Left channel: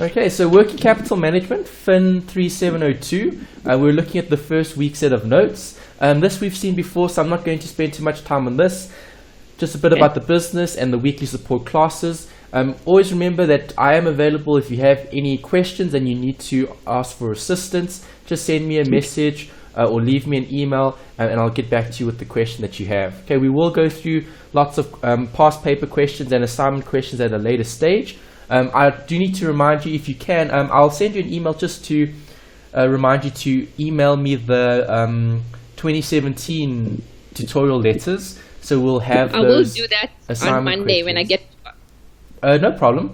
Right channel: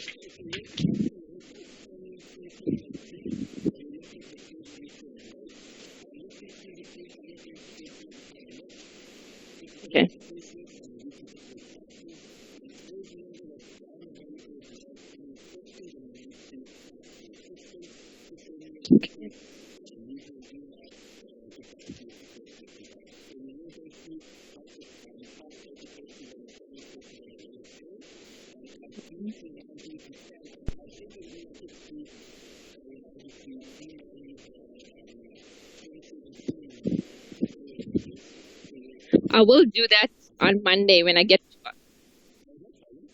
Okay, so working capital management, FIN3702. We're looking at the first week set of notes. This we've seen before, so I'm not going to spend too much time on this. Just a bit about the business and the weekly support classes. Always remember that I am available if you have any questions and you need to ask for assistance. Just send me a message or leave me an email and I'll get back to you with the question that you have. Okay, we will go through lots of past paper questions and assignment questions at a later stage. I do need to remind you, if you can, I'll send you an email just to remind you to email me the 2017 tutorial letters. So we'll have. I will do that on Monday when I get. No problem.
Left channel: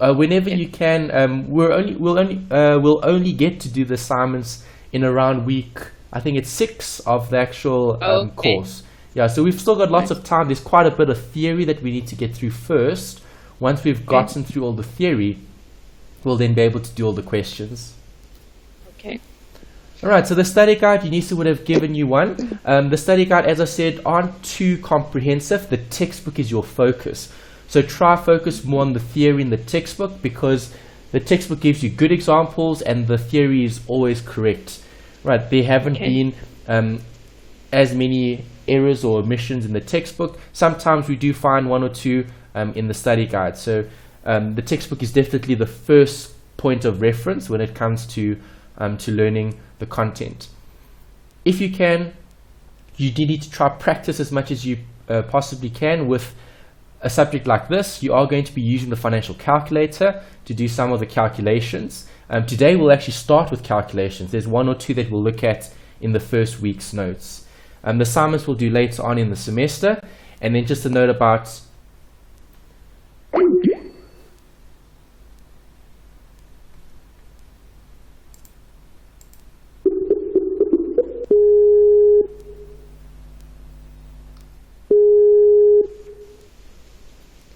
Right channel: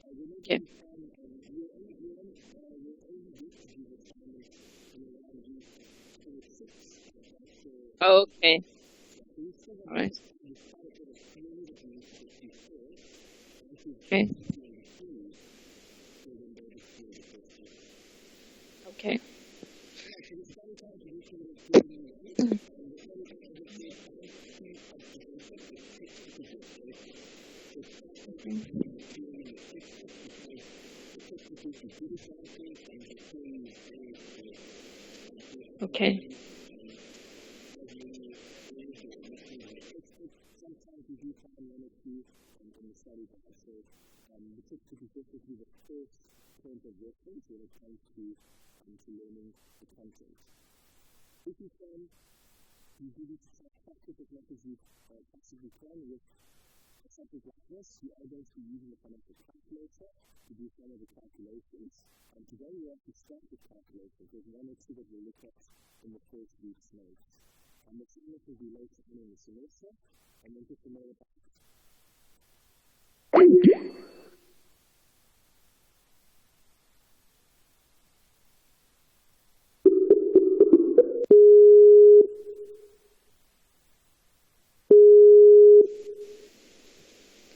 Whenever you can. We'll only get to do the assignments in around week. I think it's 6 of the actual course. Yeah. So we've still got lots of time. There's quite a bit of theory that we need to get through first. Once we've gotten through all the theory, we'll then be able to do all the questions. Okay. All right, so the study guide, Unisa would have given you one. The study guide, as I said, aren't too comprehensive. The textbook is your focus. So try focus more on the theory in the textbook, because the textbook gives you good examples and the theory is always correct. Right, there haven't been as many errors or omissions in the textbook. Sometimes we do find 1 or 2 in the study guide. So the textbook is definitely the first point of reference when it comes to learning the content. If you can, you do need to try practice as much as you possibly can with a subject like this. You are going to be using the financial calculator to do some of the calculations. Today we'll actually start with calculations. There's 1 or 2 that we'll look at in the first week's notes. The assignments we'll do later on in the semester. And then just a note about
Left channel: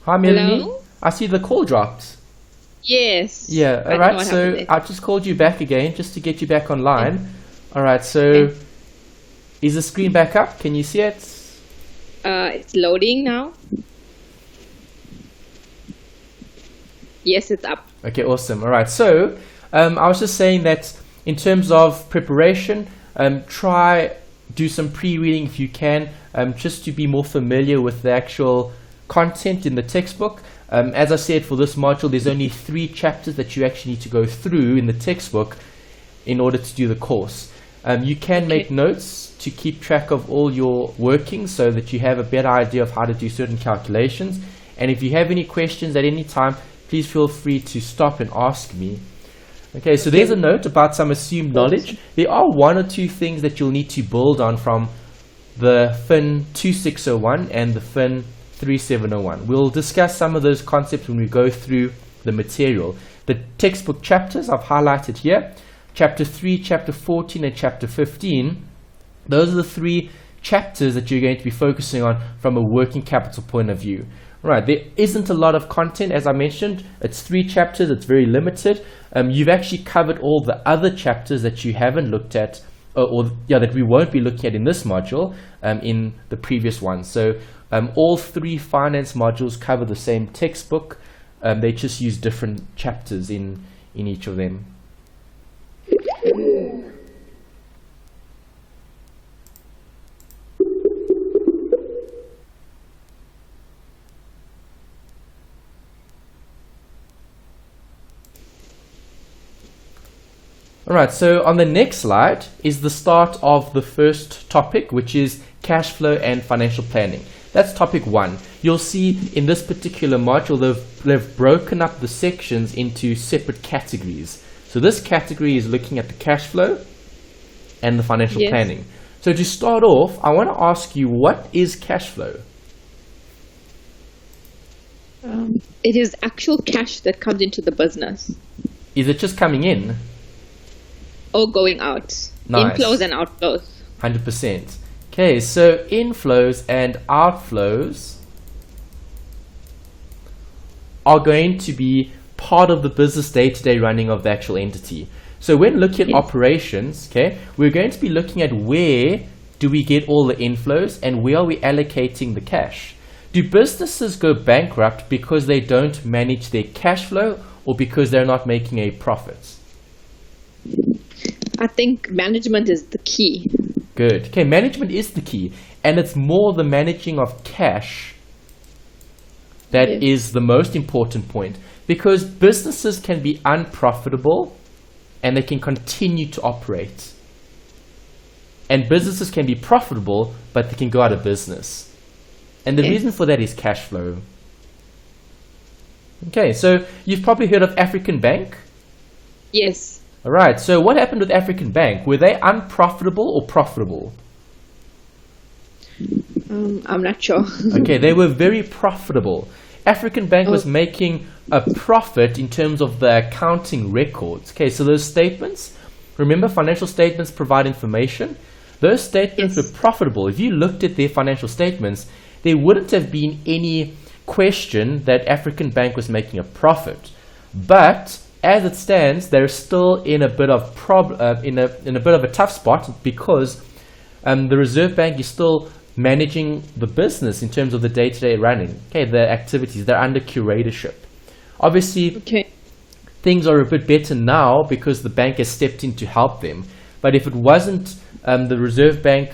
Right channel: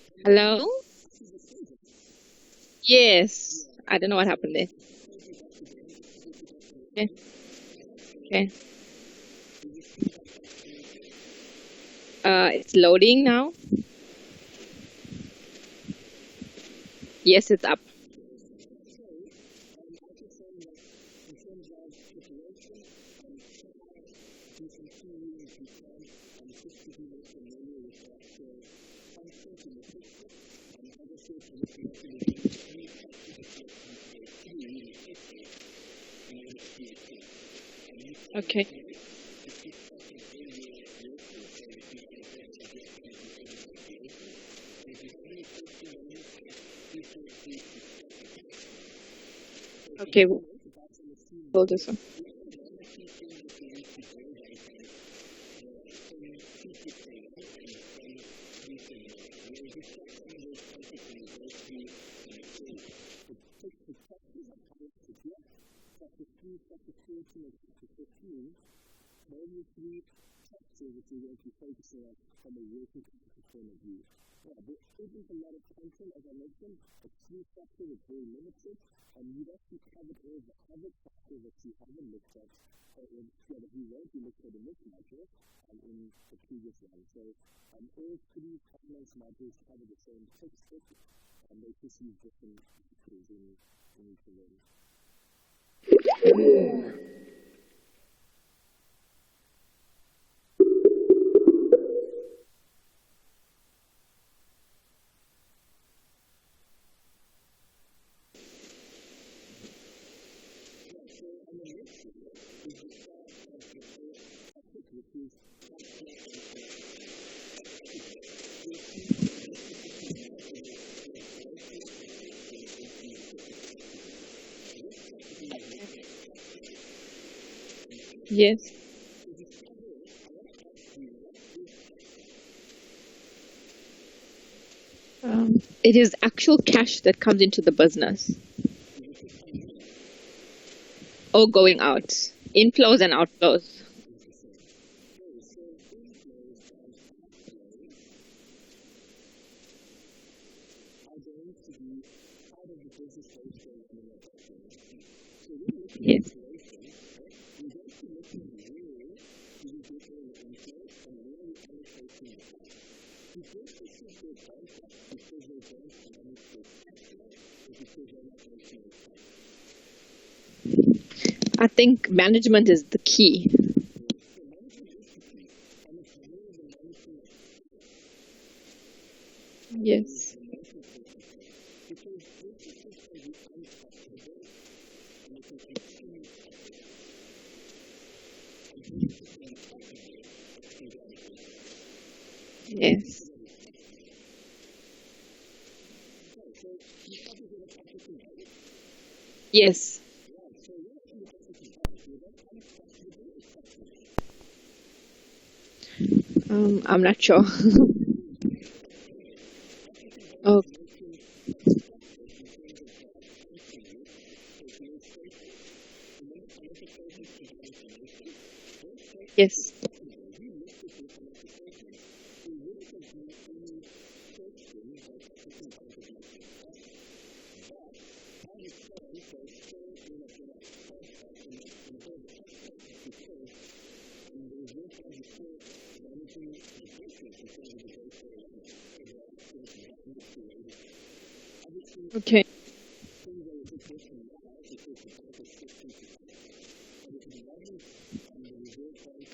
Hi, Melanie. Hello? I see the call dropped. Yes. Yeah, all right, so I just called you back again just to get you back online. All right, so is the screen back up? Can you see it? It's loading now. Yes, it's up. Okay, awesome. All right, so I was just saying that in terms of preparation, try do some pre-reading if you can, just to be more familiar with the actual content in the textbook. As I said, for this module, there's only 3 chapters that you actually need to go through in the textbook in order to do the course. You can make notes to keep track of all your workings so that you have a better idea of how to do certain calculations. And if you have any questions at any time, please feel free to stop and ask me. Okay, so there's a note about some assumed knowledge. There are 1 or 2 things that you'll need to build on from the FIN2601 and the FIN3701. We'll discuss some of those concepts when we go through the material. The textbook chapters I've highlighted here, chapter 3, chapter 14, and chapter 15. Those are the 3 chapters that you're going to be focusing on from a working capital point of view. Right, there isn't a lot of content, as I mentioned. It's 3 chapters, it's very limited. You've actually covered all the other chapters that you haven't looked at, that we won't be looking at in this module in the previous one. So all 3 finance modules cover the same textbook. They just use different chapters in each of them. Alright, so on the next slide is the start of the first topic, which is cash flow and financial planning. That's topic 1. You'll see in this particular module they've broken up the sections into separate categories. So this category is looking at the cash flow and the financial planning. So to start off, I want to ask you, what is cash flow? It is actual cash that comes into the business. Is it just coming in? Or going out. Nice. Inflows and outflows. 100%. Okay, so inflows and outflows are going to be part of the business day-to-day running of the actual entity. So when looking at operations, okay, we're going to be looking at where do we get all the inflows and where are we allocating the cash. Do businesses go bankrupt because they don't manage their cash flow, or because they're not making a profit? I think management is the key. Good. Okay, management is the key, and it's more the managing of cash that is the most important point, because businesses can be unprofitable and they can continue to operate. And businesses can be profitable, but they can go out of business. And the reason for that is cash flow. Okay, so you've probably heard of African Bank? Yes. All right, so what happened with African Bank? Were they unprofitable or profitable? I'm not sure. Okay, they were very profitable. African Bank was making a profit in terms of the accounting records. Okay, so those statements, remember financial statements provide information? Those statements were profitable. If you looked at their financial statements, there wouldn't have been any question that African Bank was making a profit. But as it stands, they're still in a bit of in a bit of a tough spot, because the Reserve Bank is still managing the business in terms of the day-to-day running. Okay, the activities, they're under curatorship. Obviously, things are a bit better now because the bank has stepped in to help them. But if it wasn't the Reserve Bank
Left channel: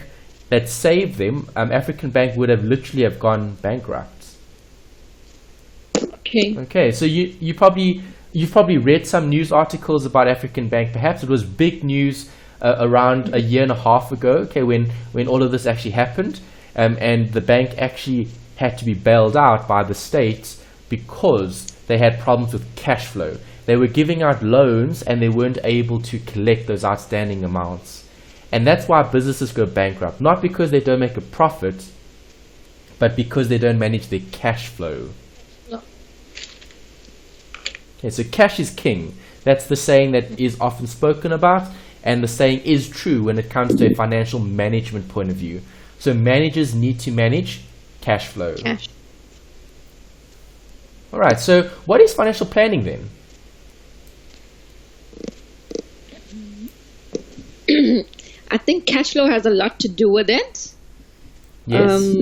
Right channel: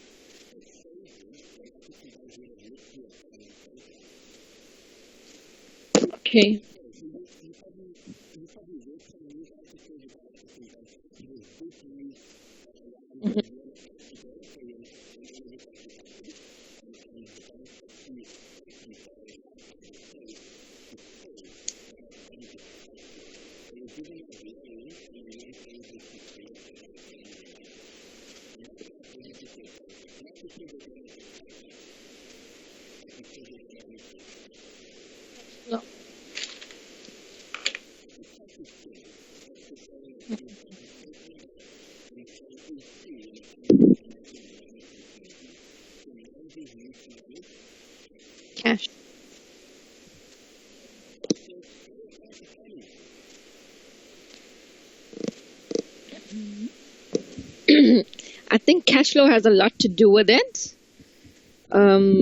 that saved them, African Bank would have literally have gone bankrupt. Okay, so you've probably read some news articles about African Bank. Perhaps it was big news around a year and a half ago, okay, when all of this actually happened, and the bank actually had to be bailed out by the state because they had problems with cash flow. They were giving out loans and they weren't able to collect those outstanding amounts. And that's why businesses go bankrupt, not because they don't make a profit, but because they don't manage their cash flow. No. Okay, so cash is king. That's the saying that is often spoken about, and the saying is true when it comes to a financial management point of view. So managers need to manage cash flow. All right, so what is financial planning then? I think cash flow has a lot to do with it. Yes.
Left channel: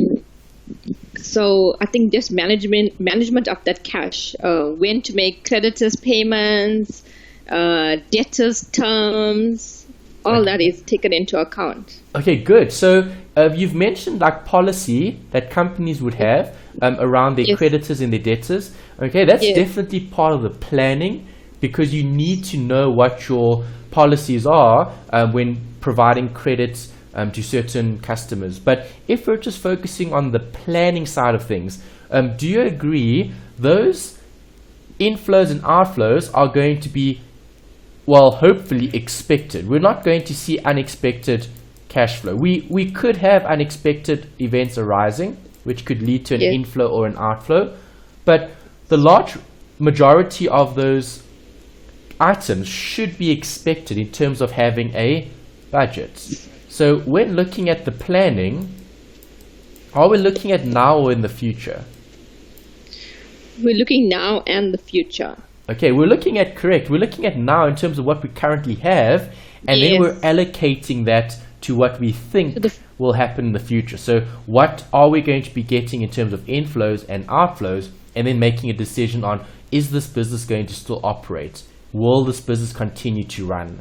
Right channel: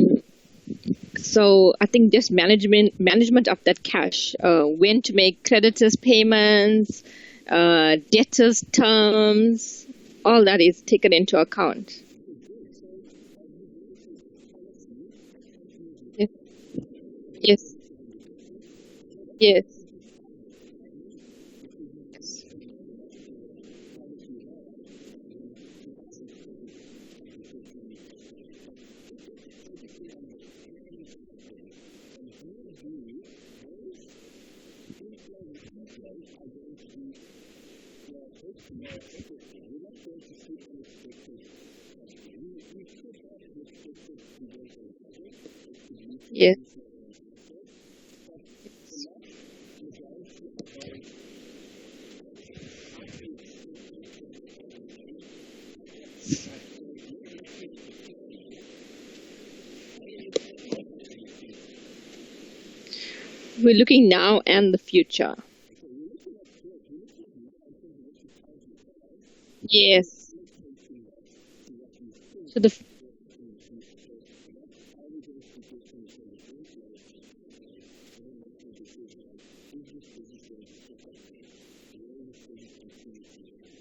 So I think just management of that cash, when to make creditors payments, debtors terms, all that is taken into account. Okay, good. So you've mentioned like policy that companies would have around their creditors and their debtors. Okay, that's definitely part of the planning, because you need to know what your policies are when providing credits to certain customers. But if we're just focusing on the planning side of things, do you agree those inflows and outflows are going to be, well, hopefully expected? We're not going to see unexpected cash flow. We could have unexpected events arising, which could lead to an inflow or an outflow, but the large majority of those items should be expected in terms of having a budget. So when looking at the planning, are we looking at now or in the future? We're looking now and the future. Okay, we're looking at now in terms of what we currently have, and then we're allocating that to what we think will happen in the future. So what are we going to be getting in terms of inflows and outflows, and then making a decision on, is this business going to still operate? Will this business continue to run?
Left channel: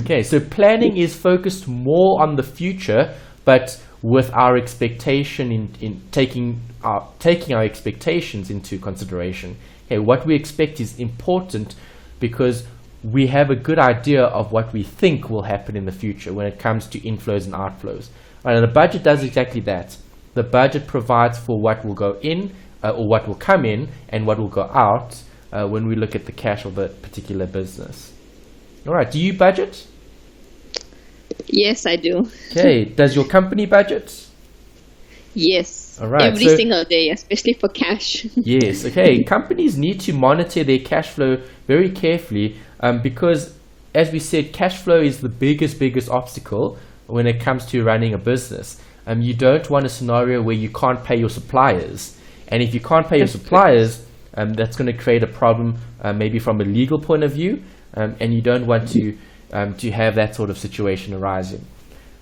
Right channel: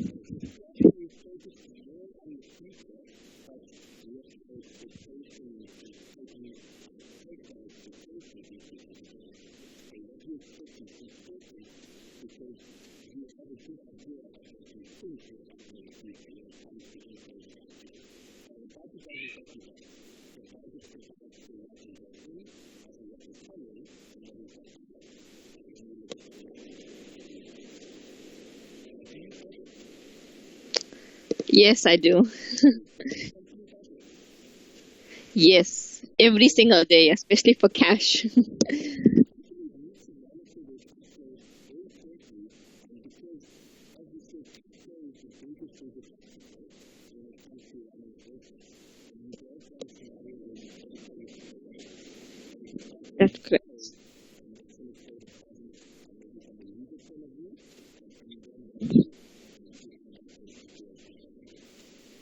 Okay, so planning is focused more on the future, but with our expectation in taking our expectations into consideration. Okay, what we expect is important because we have a good idea of what we think will happen in the future when it comes to inflows and outflows. And the budget does exactly that. The budget provides for what will go in or what will come in and what will go out when we look at the cash of a particular business. All right, do you budget? Yes, I do. Okay, does your company budget? Yes, all right, every single day, especially for cash. Yes, okay. Companies need to monitor their cash flow very carefully because, as we said, cash flow is the biggest obstacle when it comes to running a business. You don't want a scenario where you can't pay your suppliers. And if you can't pay your suppliers, that's going to create a problem maybe from a legal point of view, and you don't want to have that sort of situation arising.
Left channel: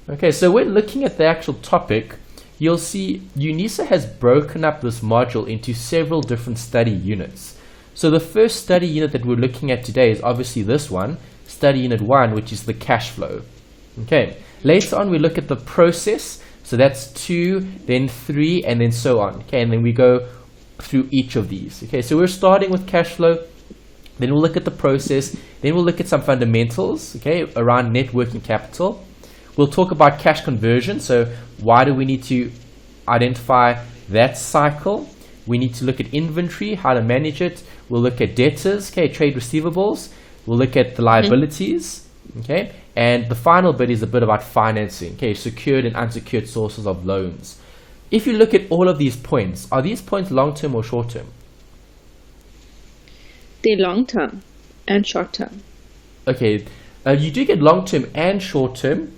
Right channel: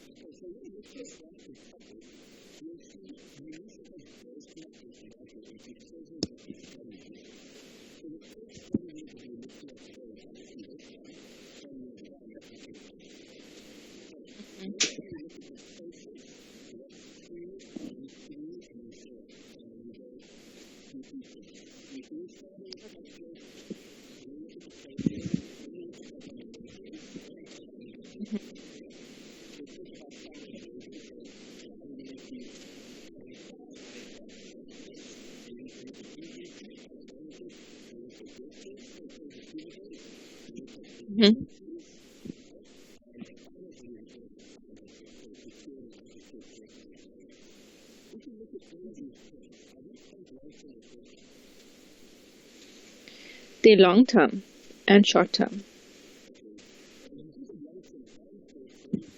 Okay, so when looking at the actual topic, you'll see UNISA has broken up this module into several different study units. So the first study unit that we're looking at today is obviously this one, study unit 1, which is the cash flow. Okay, later on we look at the process, so that's 2, then 3, and then so on. Okay, and then we go through each of these. Okay, so we're starting with cash flow, then we'll look at the process, then we'll look at some fundamentals, okay, around net working capital. We'll talk about cash conversion, so why do we need to identify that cycle? We need to look at inventory, how to manage it. We'll look at debtors, okay, trade receivables. We'll look at the liabilities, okay, and the final bit is a bit about financing, okay, secured and unsecured sources of loans. If you look at all of these points, are these points long-term or short-term? They're long-term and short-term. Okay, you do get long-term and short-term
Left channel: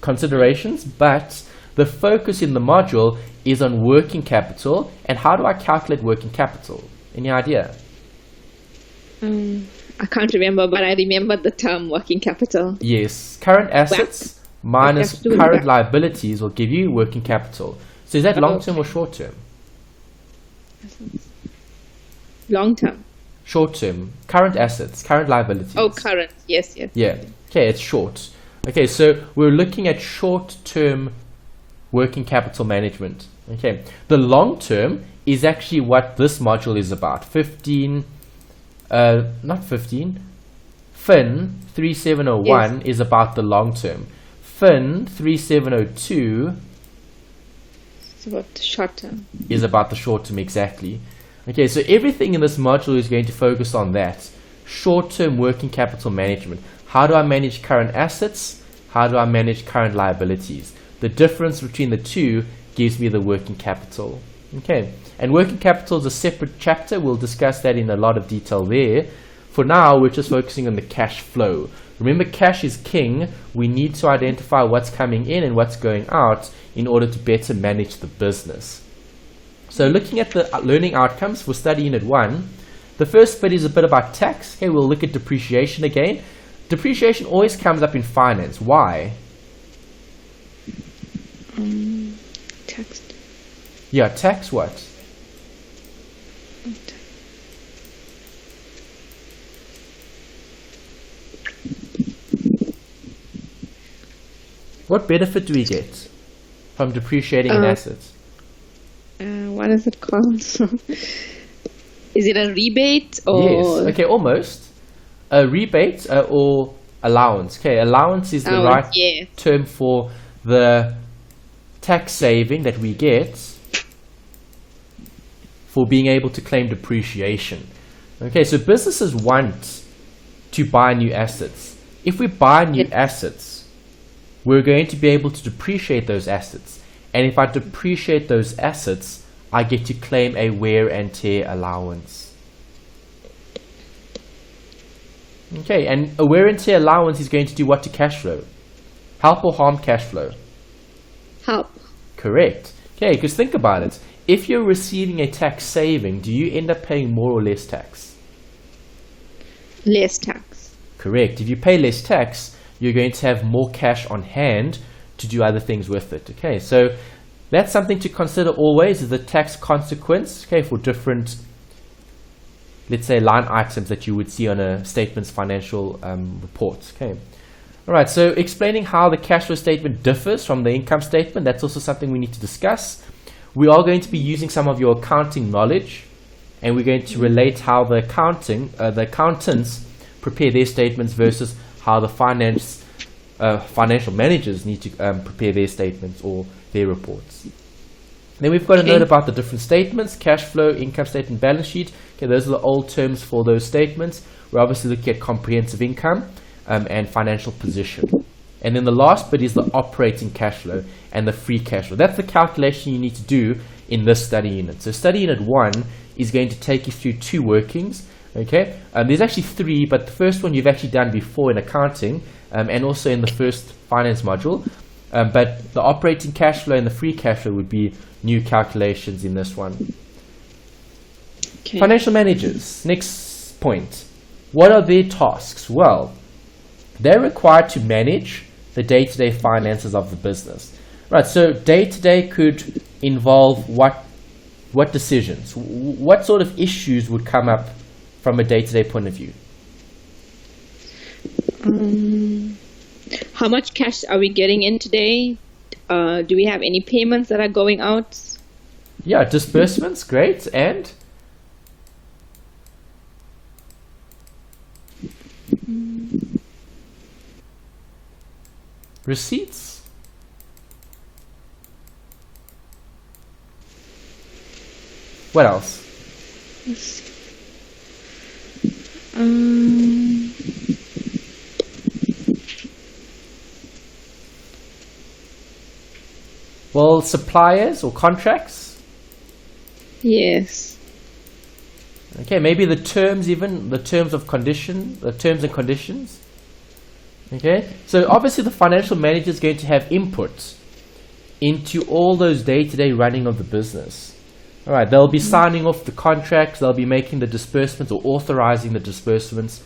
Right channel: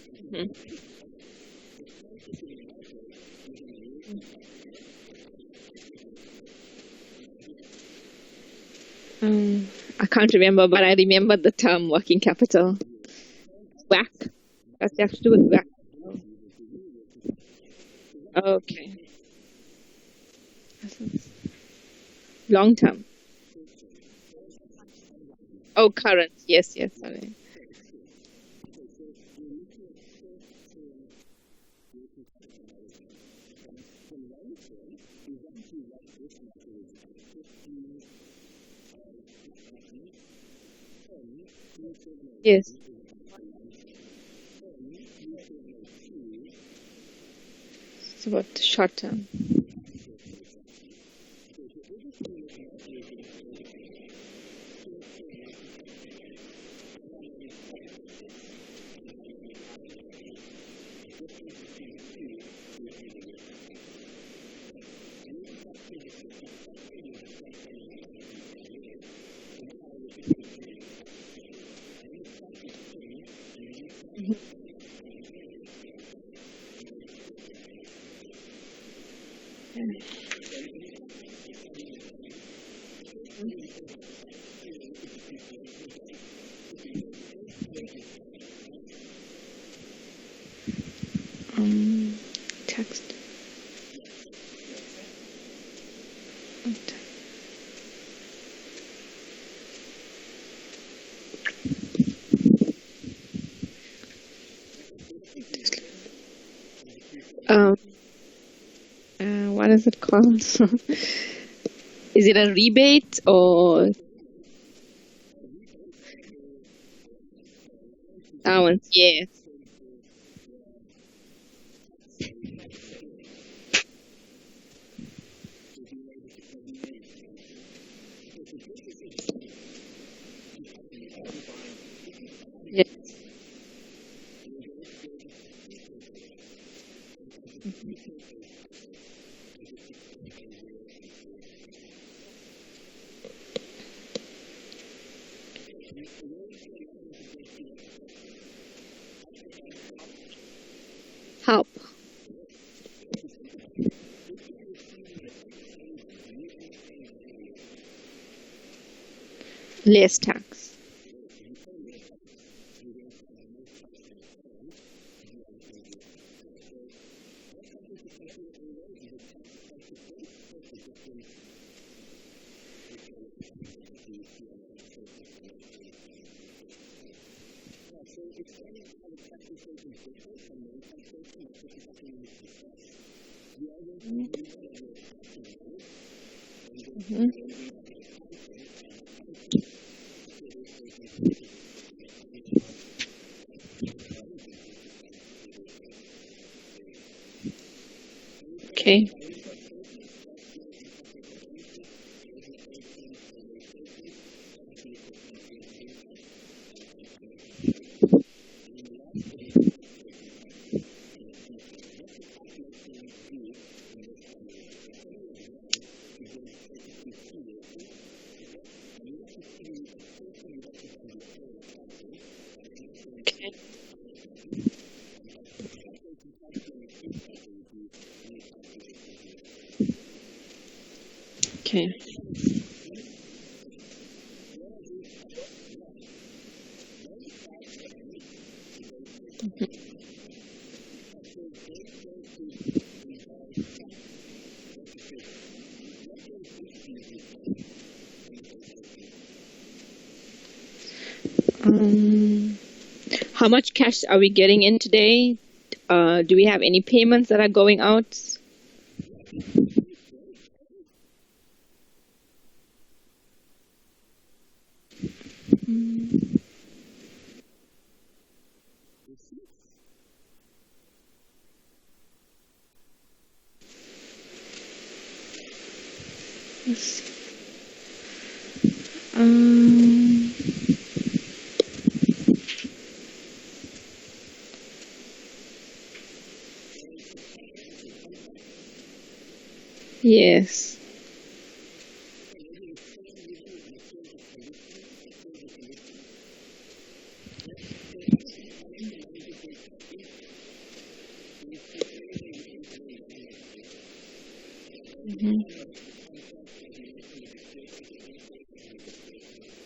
considerations, but the focus in the module is on working capital. And how do I calculate working capital? Any idea? I can't remember, but I remember the term working capital. Yes, current assets minus current liabilities will give you working capital. So is that long-term or short-term? Long-term. Short-term. Current assets, current liabilities. Oh, current. Yes, yes. Yeah. Okay, it's short. Okay, so we're looking at short-term working capital management. Okay, the long-term is actually what this module is about. FIN3701 is about the long-term. FIN3702 it's about the short-term. Is about the short-term, exactly. Okay, so everything in this module is going to focus on that. Short-term working capital management. How do I manage current assets? How do I manage current liabilities? The difference between the two gives me the working capital. Okay, and working capital is a separate chapter. We'll discuss that in a lot of detail there. For now, we're just focusing on the cash flow. Remember, cash is king. We need to identify what's coming in and what's going out in order to better manage the business. So looking at the learning outcomes for study unit 1, the first bit is a bit about tax. Okay, we'll look at depreciation again. Depreciation always comes up in finance. Why? Tax. Yeah, tax what? What benefit do we get from depreciating an asset? What is it called? Is it a rebate or? Yes. Okay, almost. A rebate or allowance. Okay, allowance is the right term for the tax saving that we get for being able to claim depreciation. Okay, so businesses want to buy new assets. If we buy new assets, we're going to be able to depreciate those assets. And if I depreciate those assets, I get to claim a wear and tear allowance. Okay, and a wear and tear allowance is going to do what to cash flow? Help or harm cash flow? Help. Correct. Okay, because think about it. If you're receiving a tax saving, do you end up paying more or less tax? Less tax. Correct. If you pay less tax, you're going to have more cash on hand to do other things with it. Okay, so that's something to consider always, is the tax consequence, okay, for different, let's say, line items that you would see on a statement's financial reports. Okay. All right, so explaining how the cash flow statement differs from the income statement, that's also something we need to discuss. We are going to be using some of your accounting knowledge, and we're going to relate how the accountants prepare their statements versus how the financial managers need to prepare their statements or their reports. Then we've got a note about the different statements: cash flow, income statement, balance sheet. Okay, those are the old terms for those statements. We're obviously looking at comprehensive income and financial position. And then the last bit is the operating cash flow and the free cash flow. That's the calculation you need to do in this study unit. So study unit 1 is going to take you through 2 workings. Okay, there's actually 3, but the first one you've actually done before in accounting and also in the first finance module. But the operating cash flow and the free cash flow would be new calculations in this one. Okay. Financial managers, next point. What are their tasks? Well, they're required to manage the day-to-day finances of the business. Right, so day-to-day could involve what decisions? What sort of issues would come up from a day-to-day point of view? How much cash are we getting in today? Do we have any payments that are going out? Yeah, disbursements, great. And? Receipts? What else? Well, suppliers or contracts? Yes. Okay, maybe the terms even, the terms and conditions. Okay, so obviously the financial manager is going to have input into all those day-to-day running of the business. All right, they'll be signing off the contracts, they'll be making the disbursements or authorizing the disbursements.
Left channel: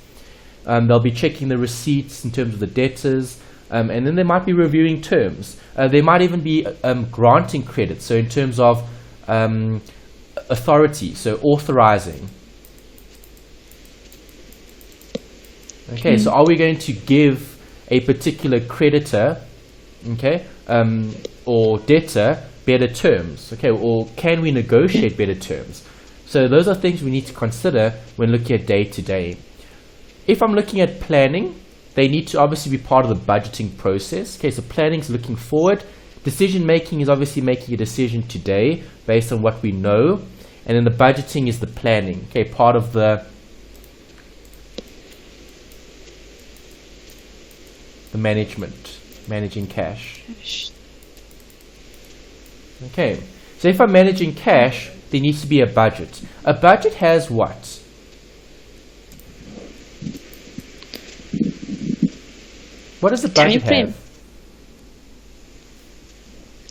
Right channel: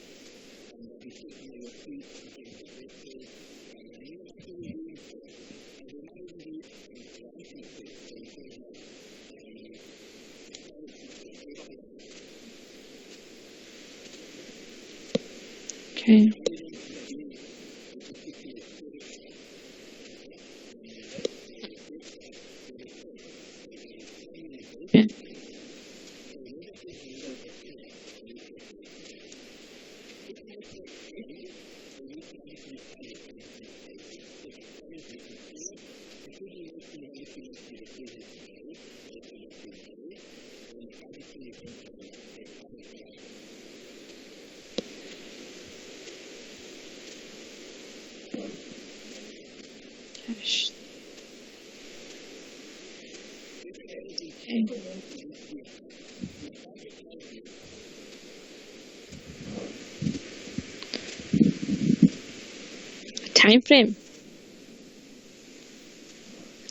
They'll be checking the receipts in terms of the debtors, and then they might be reviewing terms. They might even be granting credit, so in terms of authority, so authorizing. Okay, so are we going to give a particular creditor, okay, or debtor better terms? Okay, or can we negotiate better terms? So those are things we need to consider when looking at day-to-day. If I'm looking at planning, they need to obviously be part of the budgeting process. Okay, so planning is looking forward. Decision making is obviously making a decision today based on what we know. And then the budgeting is the planning. Okay, part of the management, managing cash. Okay, so if I'm managing cash, there needs to be a budget. A budget has what? What does a budget have?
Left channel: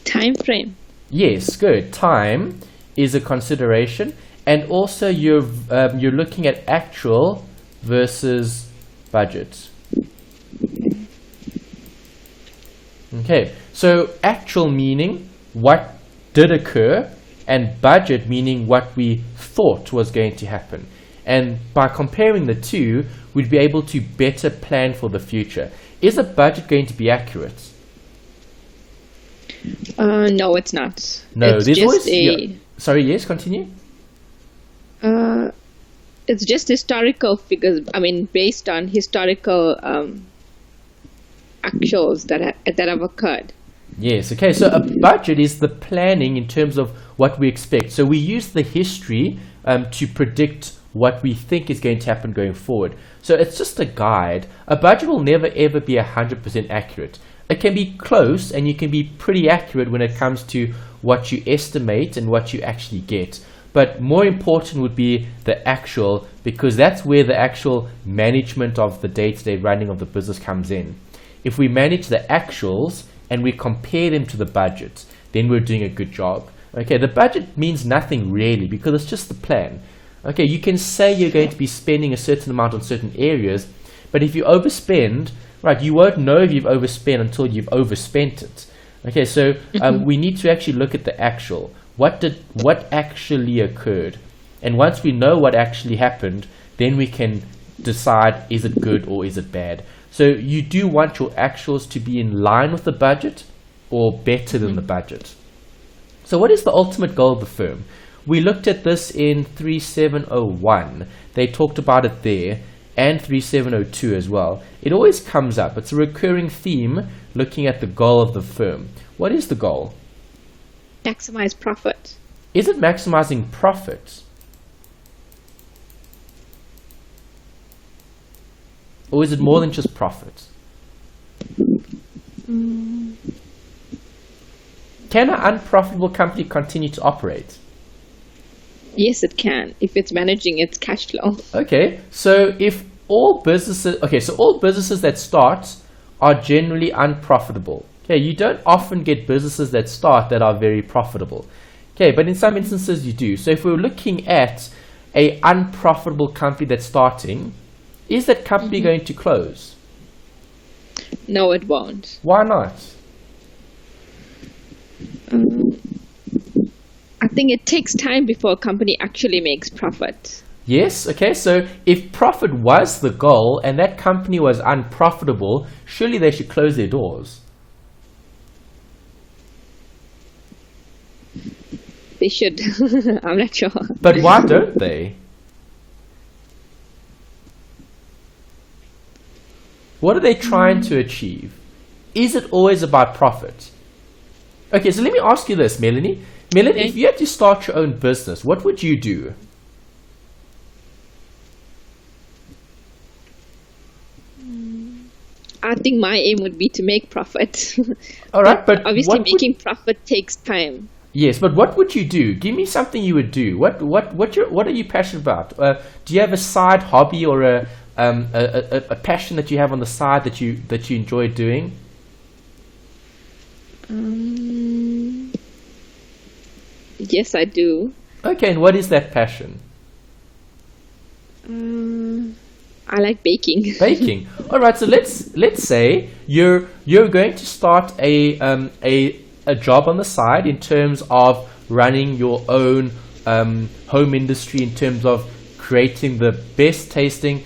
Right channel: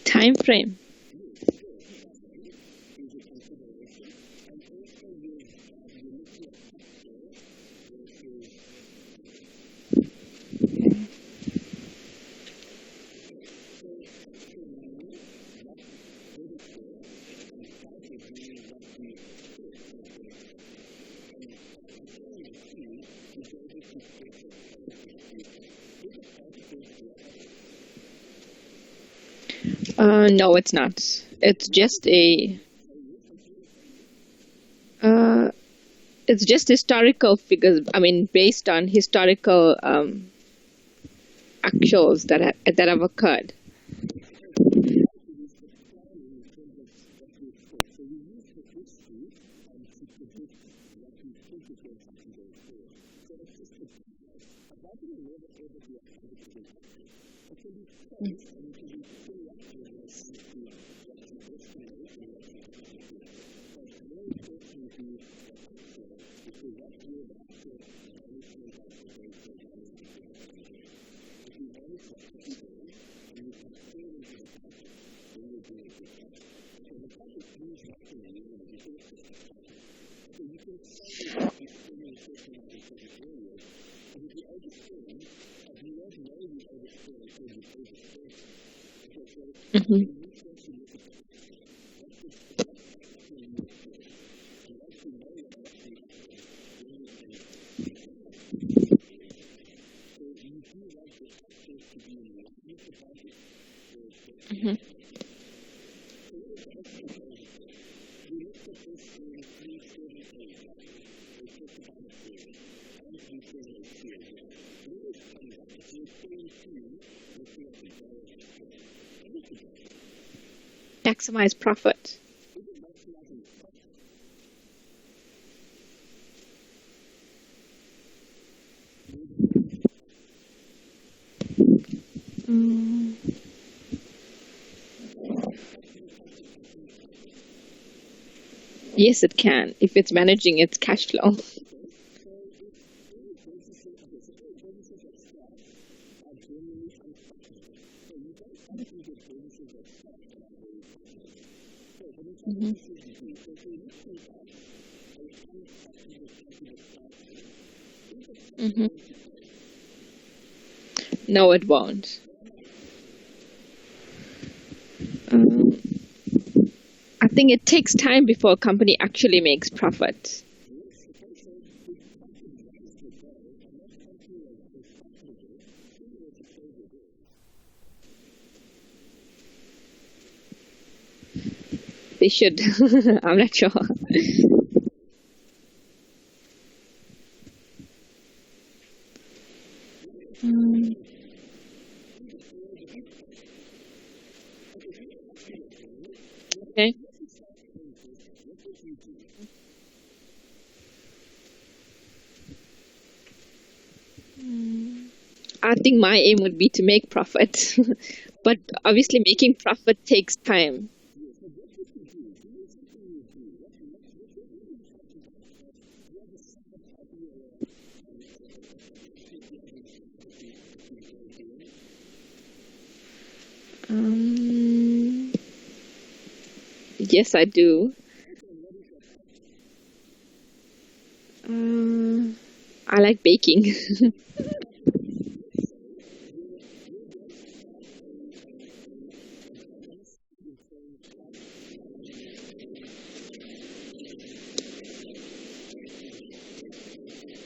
Time frame. Yes, good. Time is a consideration, and also you're looking at actual versus budget. Okay, so actual meaning what did occur, and budget meaning what we thought was going to happen. And by comparing the two, we'd be able to better plan for the future. Is a budget going to be accurate? No, it's not. No, it's just Sorry, yes, continue. It's just historical figures. I mean, based on historical actuals that have occurred. Yes, okay, so a budget is the planning in terms of what we expect. So we use the history to predict what we think is going to happen going forward. So it's just a guide. A budget will never ever be 100% accurate. It can be close, and you can be pretty accurate when it comes to what you estimate and what you actually get. But more important would be the actual, because that's where the actual management of the day-to-day running of the business comes in. If we manage the actuals and we compare them to the budget, then we're doing a good job. Okay, the budget means nothing really because it's just the plan. Okay, you can say you're going to be spending a certain amount on certain areas, but if you overspend, right, you won't know if you've overspent until you've overspent it. Okay, so we need to actually look at the actual. What actually occurred? And once we know what actually happened, then we can decide, is it good or is it bad? So you do want your actuals to be in line with the budget or better than the budget. So what is the ultimate goal of the firm? We looked at this in 3701. They talked about it there, and 3702 as well. It always comes up. It's a recurring theme looking at the goal of the firm. What is the goal? Maximize profit. Is it maximizing profit? Or is it more than just profit? Can an unprofitable company continue to operate? Yes, it can, if it's managing its cash flow. Okay, so all businesses that start are generally unprofitable. Okay, you don't often get businesses that start that are very profitable. Okay, but in some instances you do. So if we're looking at an unprofitable company that's starting, is that company going to close? No, it won't. Why not? Um, I think it takes time before a company actually makes profit. Yes, okay, so if profit was the goal and that company was unprofitable, surely they should close their doors. They should. I'm not sure. But why don't they? What are they trying to achieve? Is it always about profit? Okay, so let me ask you this, Melanie. Melanie, Okay. if you had to start your own business, what would you do? I think my aim would be to make profit. All right, but obviously what would- making profit takes time. Yes, but what would you do? Give me something you would do. What are you passionate about? Do you have a side hobby or a passion that you have on the side that you enjoy doing? Yes, I do. Okay, and what is that passion? I like baking. Baking. All right, so let's say you're going to start a job on the side in terms of running your own home industry, in terms of creating the best tasting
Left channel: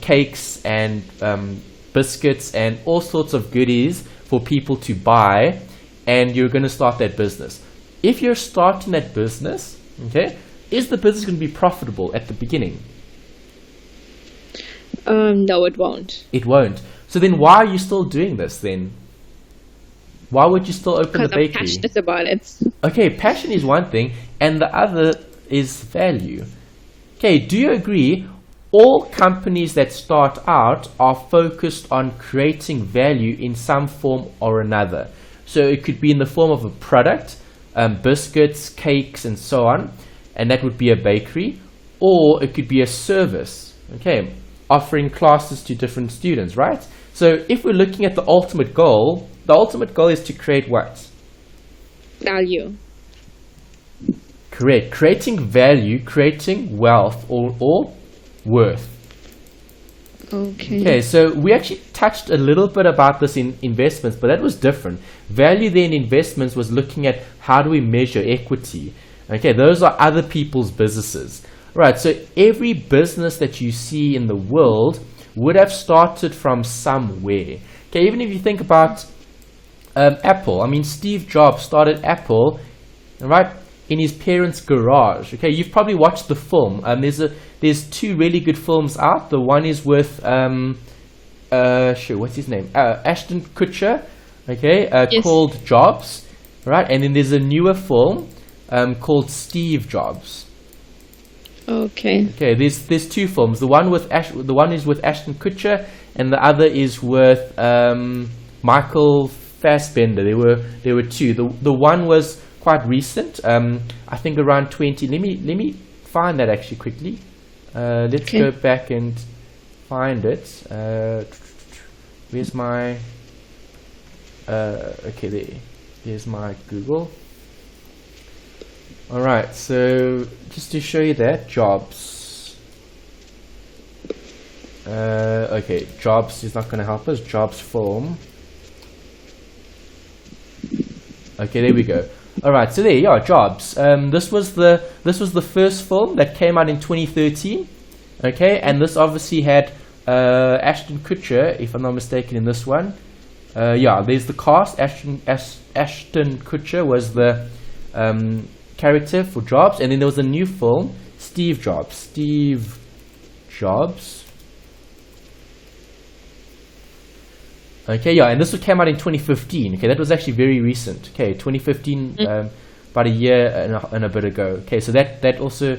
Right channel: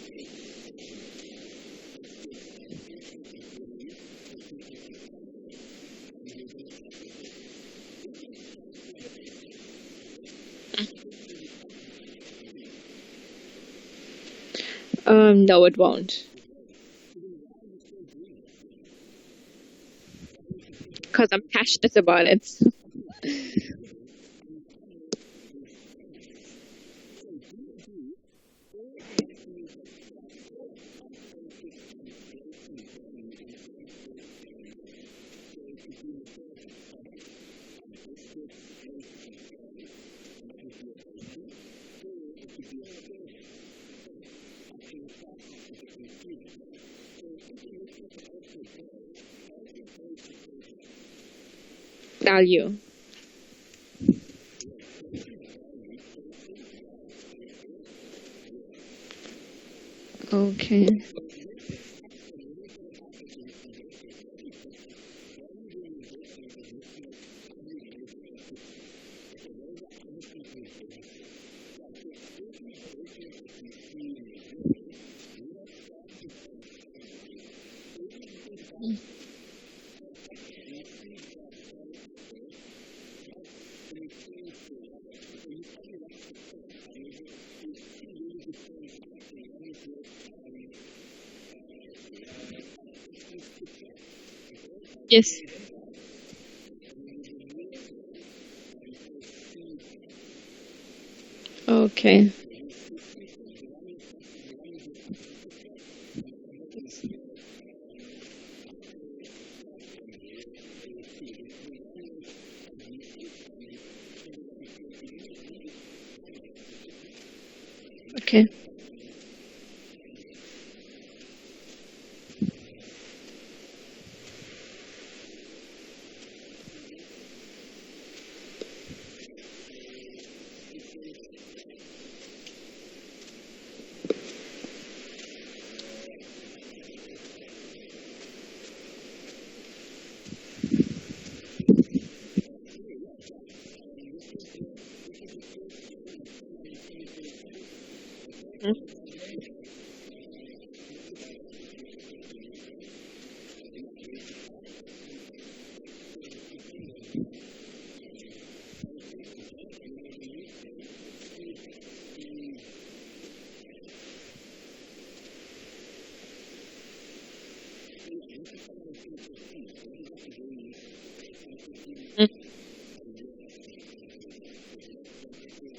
cakes and biscuits and all sorts of goodies for people to buy, and you're going to start that business. If you're starting that business, okay, is the business going to be profitable at the beginning? No, it won't. It won't. So then why are you still doing this then? Why would you still open the Because I'm bakery? passionate about it. Okay, passion is one thing, and the other is value. Okay, do you agree all companies that start out are focused on creating value in some form or another? So it could be in the form of a product, biscuits, cakes, and so on, and that would be a bakery, or it could be a service, okay, offering classes to different students, right? So if we're looking at the ultimate goal is to create what? Value. Correct. Creating value, creating wealth or worth. Okay. Okay, so we actually touched a little bit about this in investments, but that was different. Value then investments was looking at how do we measure equity. Okay, those are other people's businesses. Right, so every business that you see in the world would have started from somewhere. Okay, even if you think about Apple. I mean, Steve Jobs started Apple, right, in his parents' garage. Okay, you've probably watched the film. There's two really good films out. The one is with what's his name? Ashton Kutcher. Okay, Yes. called Jobs, right? And then there's a newer film called Steve Jobs. Okay. Okay, there's two films. The one is with Ashton Kutcher, and the other is with Michael Fassbender. There were two. The one was quite recent. I think around 20. Let me find that actually quickly. Let's Okay. go back and find it. Where's my? Okay, here's my Google. All right, so just to show you that Jobs. Okay, Jobs is not going to help us. Jobs film. Okay, there we go. All right, so there you are, Jobs. This was the first film that came out in 2013. Okay, and this obviously had Ashton Kutcher, if I'm not mistaken, in this one. Yeah, there's the cast. Ashton Kutcher was the character for Jobs, and then there was a new film, Steve Jobs. Okay, yeah, and this one came out in 2015. Okay, that was actually very recent. Okay, 2015, about a year and a bit ago. Okay, so that also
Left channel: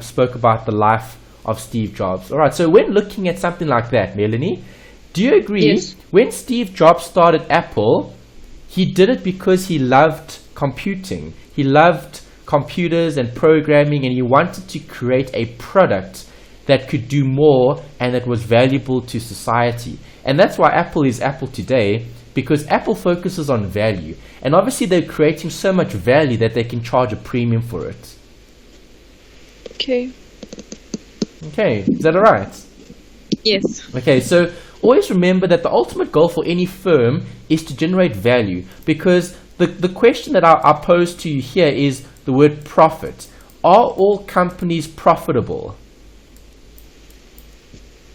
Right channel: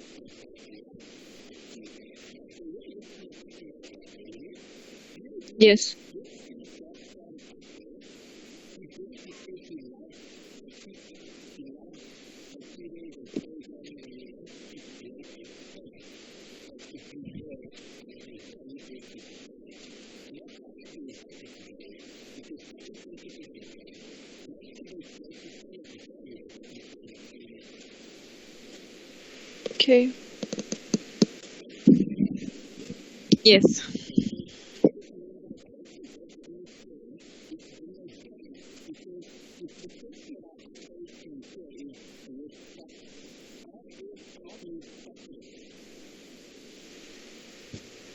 spoke about the life of Steve Jobs. All right, so when looking at something like that, Melanie, do you agree? Yes. When Steve Jobs started Apple, he did it because he loved computing. He loved computers and programming, and he wanted to create a product that could do more and that was valuable to society. And that's why Apple is Apple today, because Apple focuses on value. And obviously they're creating so much value that they can charge a premium for it. Okay. Okay, is that alright? Yes. Okay, so always remember that the ultimate goal for any firm is to generate value, because the question that I pose to you here is the word profit. Are all companies profitable?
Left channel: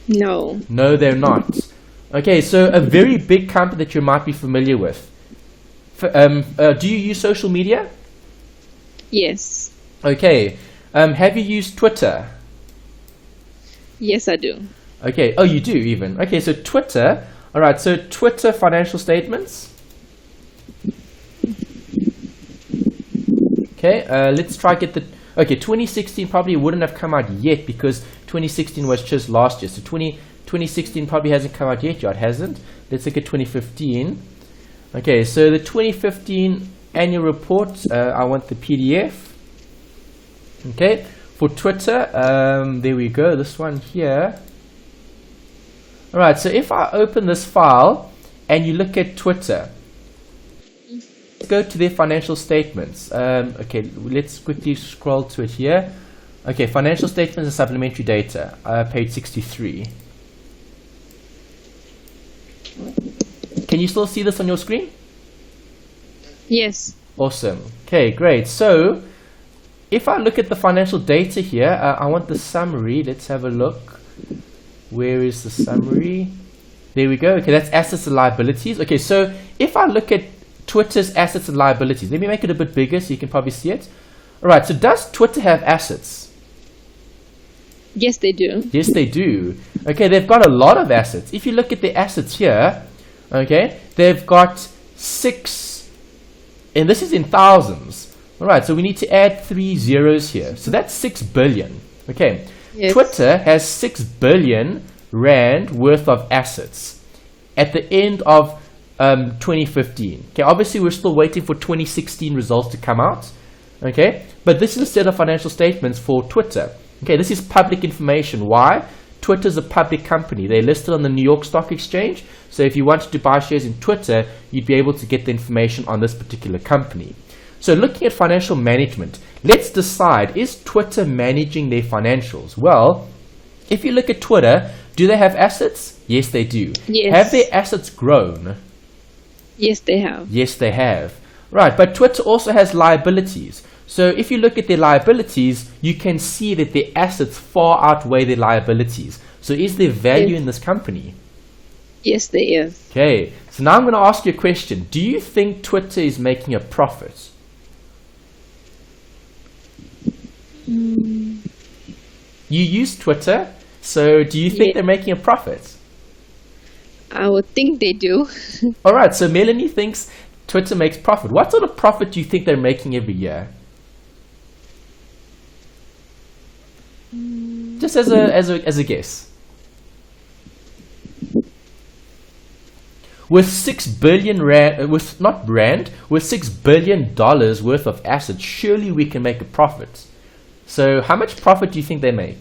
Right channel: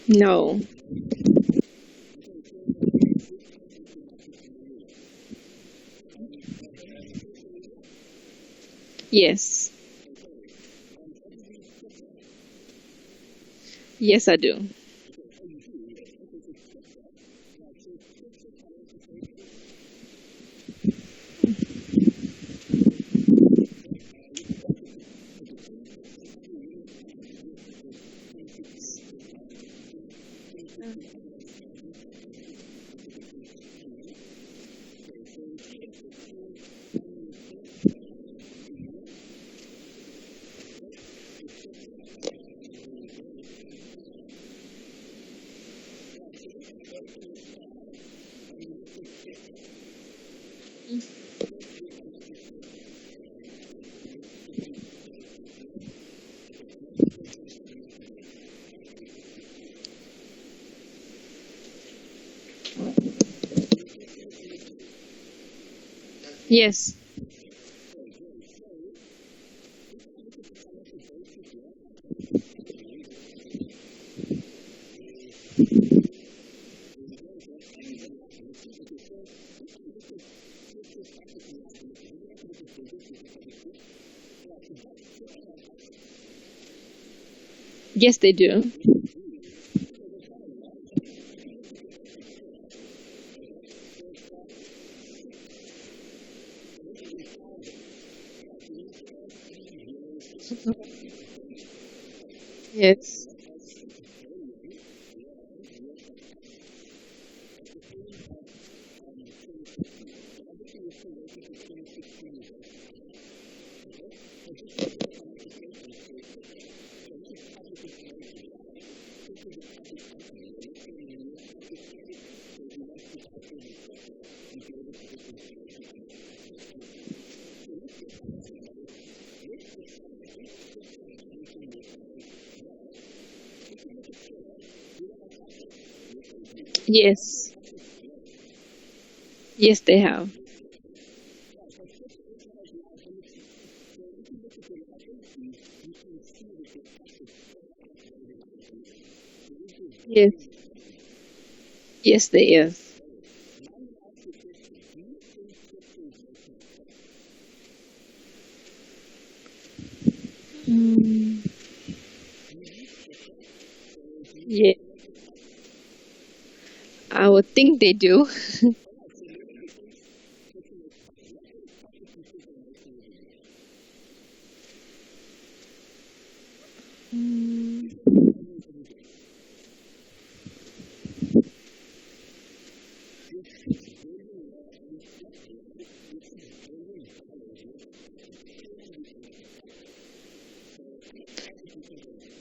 No. No, they're not. Okay, so a very big company that you might be familiar with. Do you use social media? Yes. Okay. Have you used Twitter? Yes, I do. Okay. Oh, you do even. Okay, so Twitter. All right, so Twitter financial statements. Okay, let's try get the... Okay, 2016 probably wouldn't have come out yet because 2016 was just last year. So 2016 probably hasn't come out yet, it hasn't. Let's look at 2015. Okay, so the 2015 annual report, I want the PDF. Okay, for Twitter, there we go, this one here. Alright, so if I open this file and you look at Twitter, let's go to their financial statements. Okay, let's quickly scroll to it here. Okay, financial statements and supplementary data, page 63. Can you still see this on your screen? Yes. Awesome. Okay, great. So, if I look at the financial data here, I want the summary. Let's have a look. Where is the summary? There we go. Okay, that's assets and liabilities. Okay, so if I look at Twitter's assets and liabilities, let me make it a bit bigger so you can probably see it. Alright, so does Twitter have assets? Yes, they do. Yes, they do. Okay, they've got a lot of assets. If you look at the assets here, okay, they've got 6, and this is in thousands. Alright, so we need to add 3 zeros here. So that's 6 billion. Okay, Yes. Twitter has 6 billion rand worth of assets at the end of 2015. Okay, obviously we're still waiting for 2016 results to come out. Okay, but this is a set of financial statements for Twitter. Okay, this is public information. Why? Twitter's a public company. They're listed on the New York Stock Exchange. So if you wanted to buy shares in Twitter, you'd be able to get the information on this particular company. So looking at financial management, let's decide, is Twitter managing their financials? Well, if you look at Twitter, do they have assets? Yes, they do. Yes. Have their assets grown? Yes, they have. Yes, they have. Right, but Twitter also has liabilities. So if you look at their liabilities, you can see that their assets far outweigh their liabilities. So is there value in this company? Yes, there is. Okay, so now I'm going to ask you a question. Do you think Twitter is making a profit? You use Twitter, so do you think they're making a profit? I would think they do. Alright, so Melanie thinks Twitter makes profit. What sort of profit do you think they're making every year? Just as a guess. With 6 billion rand, with $6 billion worth of assets, surely we can make a profit. So how much profit do you think they make?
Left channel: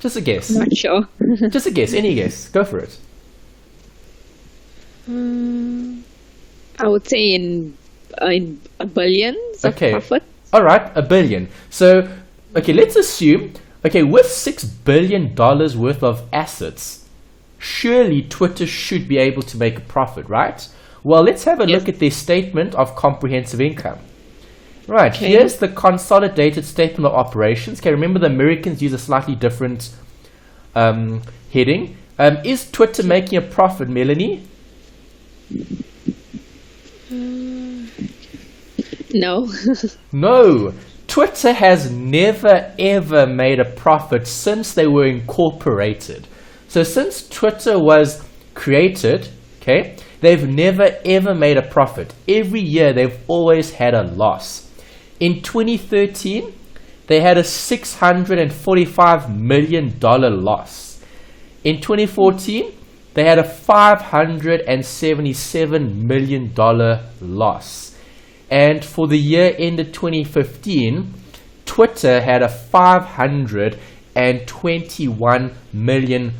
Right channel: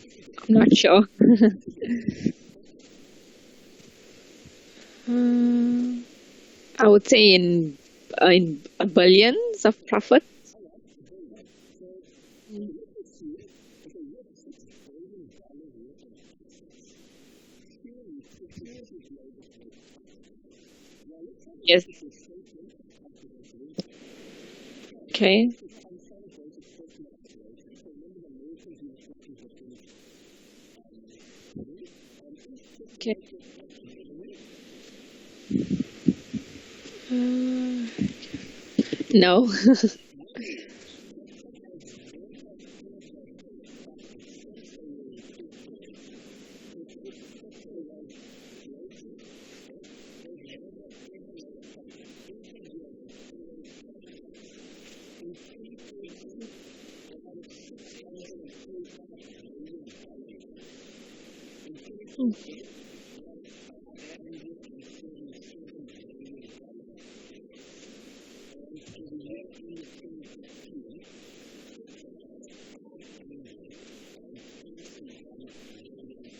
Just a guess. Not sure. Just a guess. Any guess. Go for it. I would say in billions of profit. All right, $1 billion. So, okay, let's assume, okay, with $6 billion worth of assets, surely Twitter should be able to make a profit, right? Well, let's have a look at their statement of comprehensive income. Right, here's the consolidated statement of operations. Okay, remember the Americans use a slightly different heading. Is Twitter making a profit, Melanie? No. No. Twitter has never ever made a profit since they were incorporated. So since Twitter was created, okay, they've never ever made a profit. Every year they've always had a loss. In 2013, they had a $645 million loss. In 2014, they had a $577 million loss. And for the year ended 2015, Twitter had a $521 million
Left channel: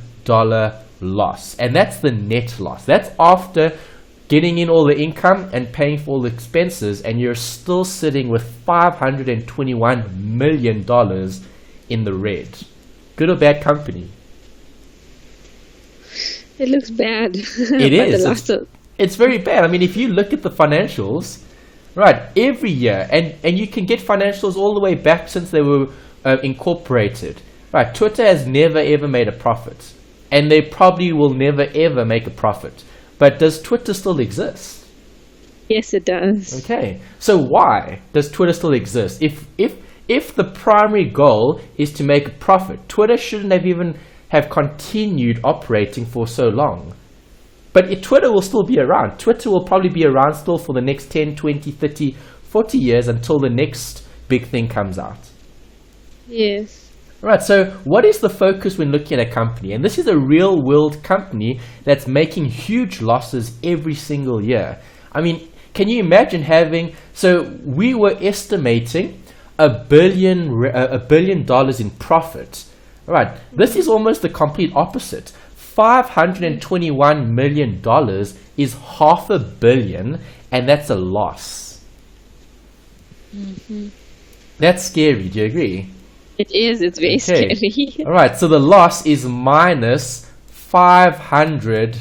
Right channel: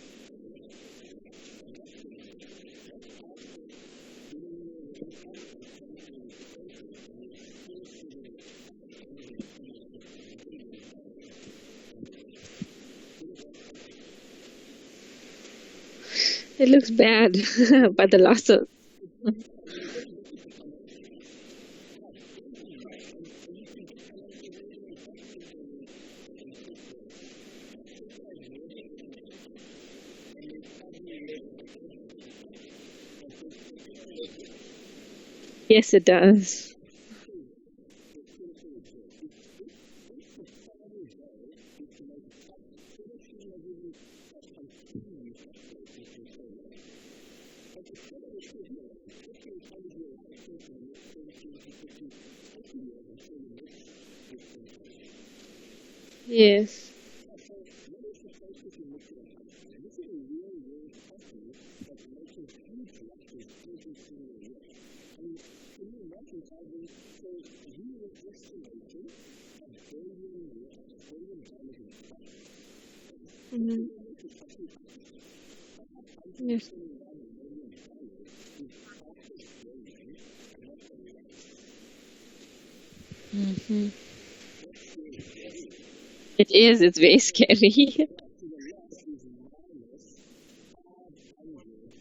loss. And that's the net loss. That's after getting in all the income and paying for all the expenses, and you're still sitting with $521 million in the red. Good or bad company? It looks bad. It But is. the losses. It's very bad. I mean, if you look at the financials, right, every year, and you can get financials all the way back since they were incorporated. Right, Twitter has never ever made a profit, and they probably will never ever make a profit. But does Twitter still exist? Yes, it does. Okay, so why does Twitter still exist? If the primary goal is to make a profit, Twitter shouldn't have continued operating for so long. But Twitter will still be around. Twitter will probably be around still for the next 10, 20, 30, 40 years until the next big thing comes out. Yes. Right, so what is the focus when looking at a company? And this is a real world company that's making huge losses every single year. I mean, can you imagine so we were estimating $1 billion in profit. Right, this is almost the complete opposite. $521 million is $500 million, and that's a loss. That's scary, do you agree? It is. It's very scary. All right, so the loss is minus 500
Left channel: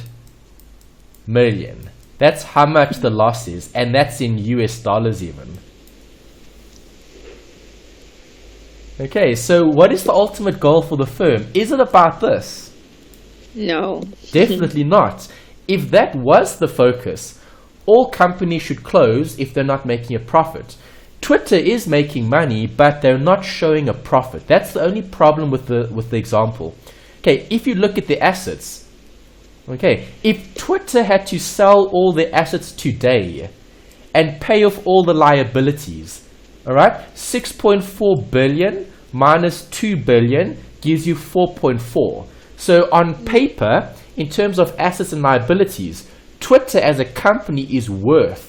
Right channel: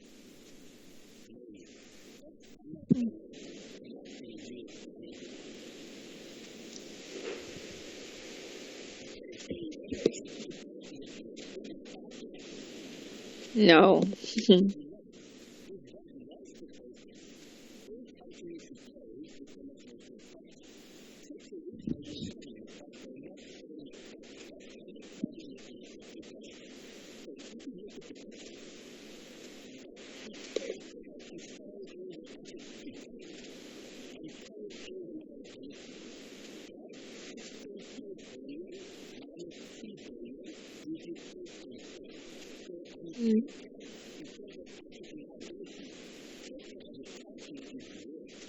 million. That's how much the loss is, and that's in US dollars even. Okay, so what is the ultimate goal for the firm? Is it about this? No. Definitely not. If that was the focus, all companies should close if they're not making a profit. Twitter is making money, but they're not showing a profit. That's the only problem with the example. Okay, if you look at the assets, okay, if Twitter had to sell all their assets today and pay off all the liabilities, all right, 6.4 billion minus 2 billion gives you 4.4. So on paper, in terms of assets and liabilities, Twitter as a company is worth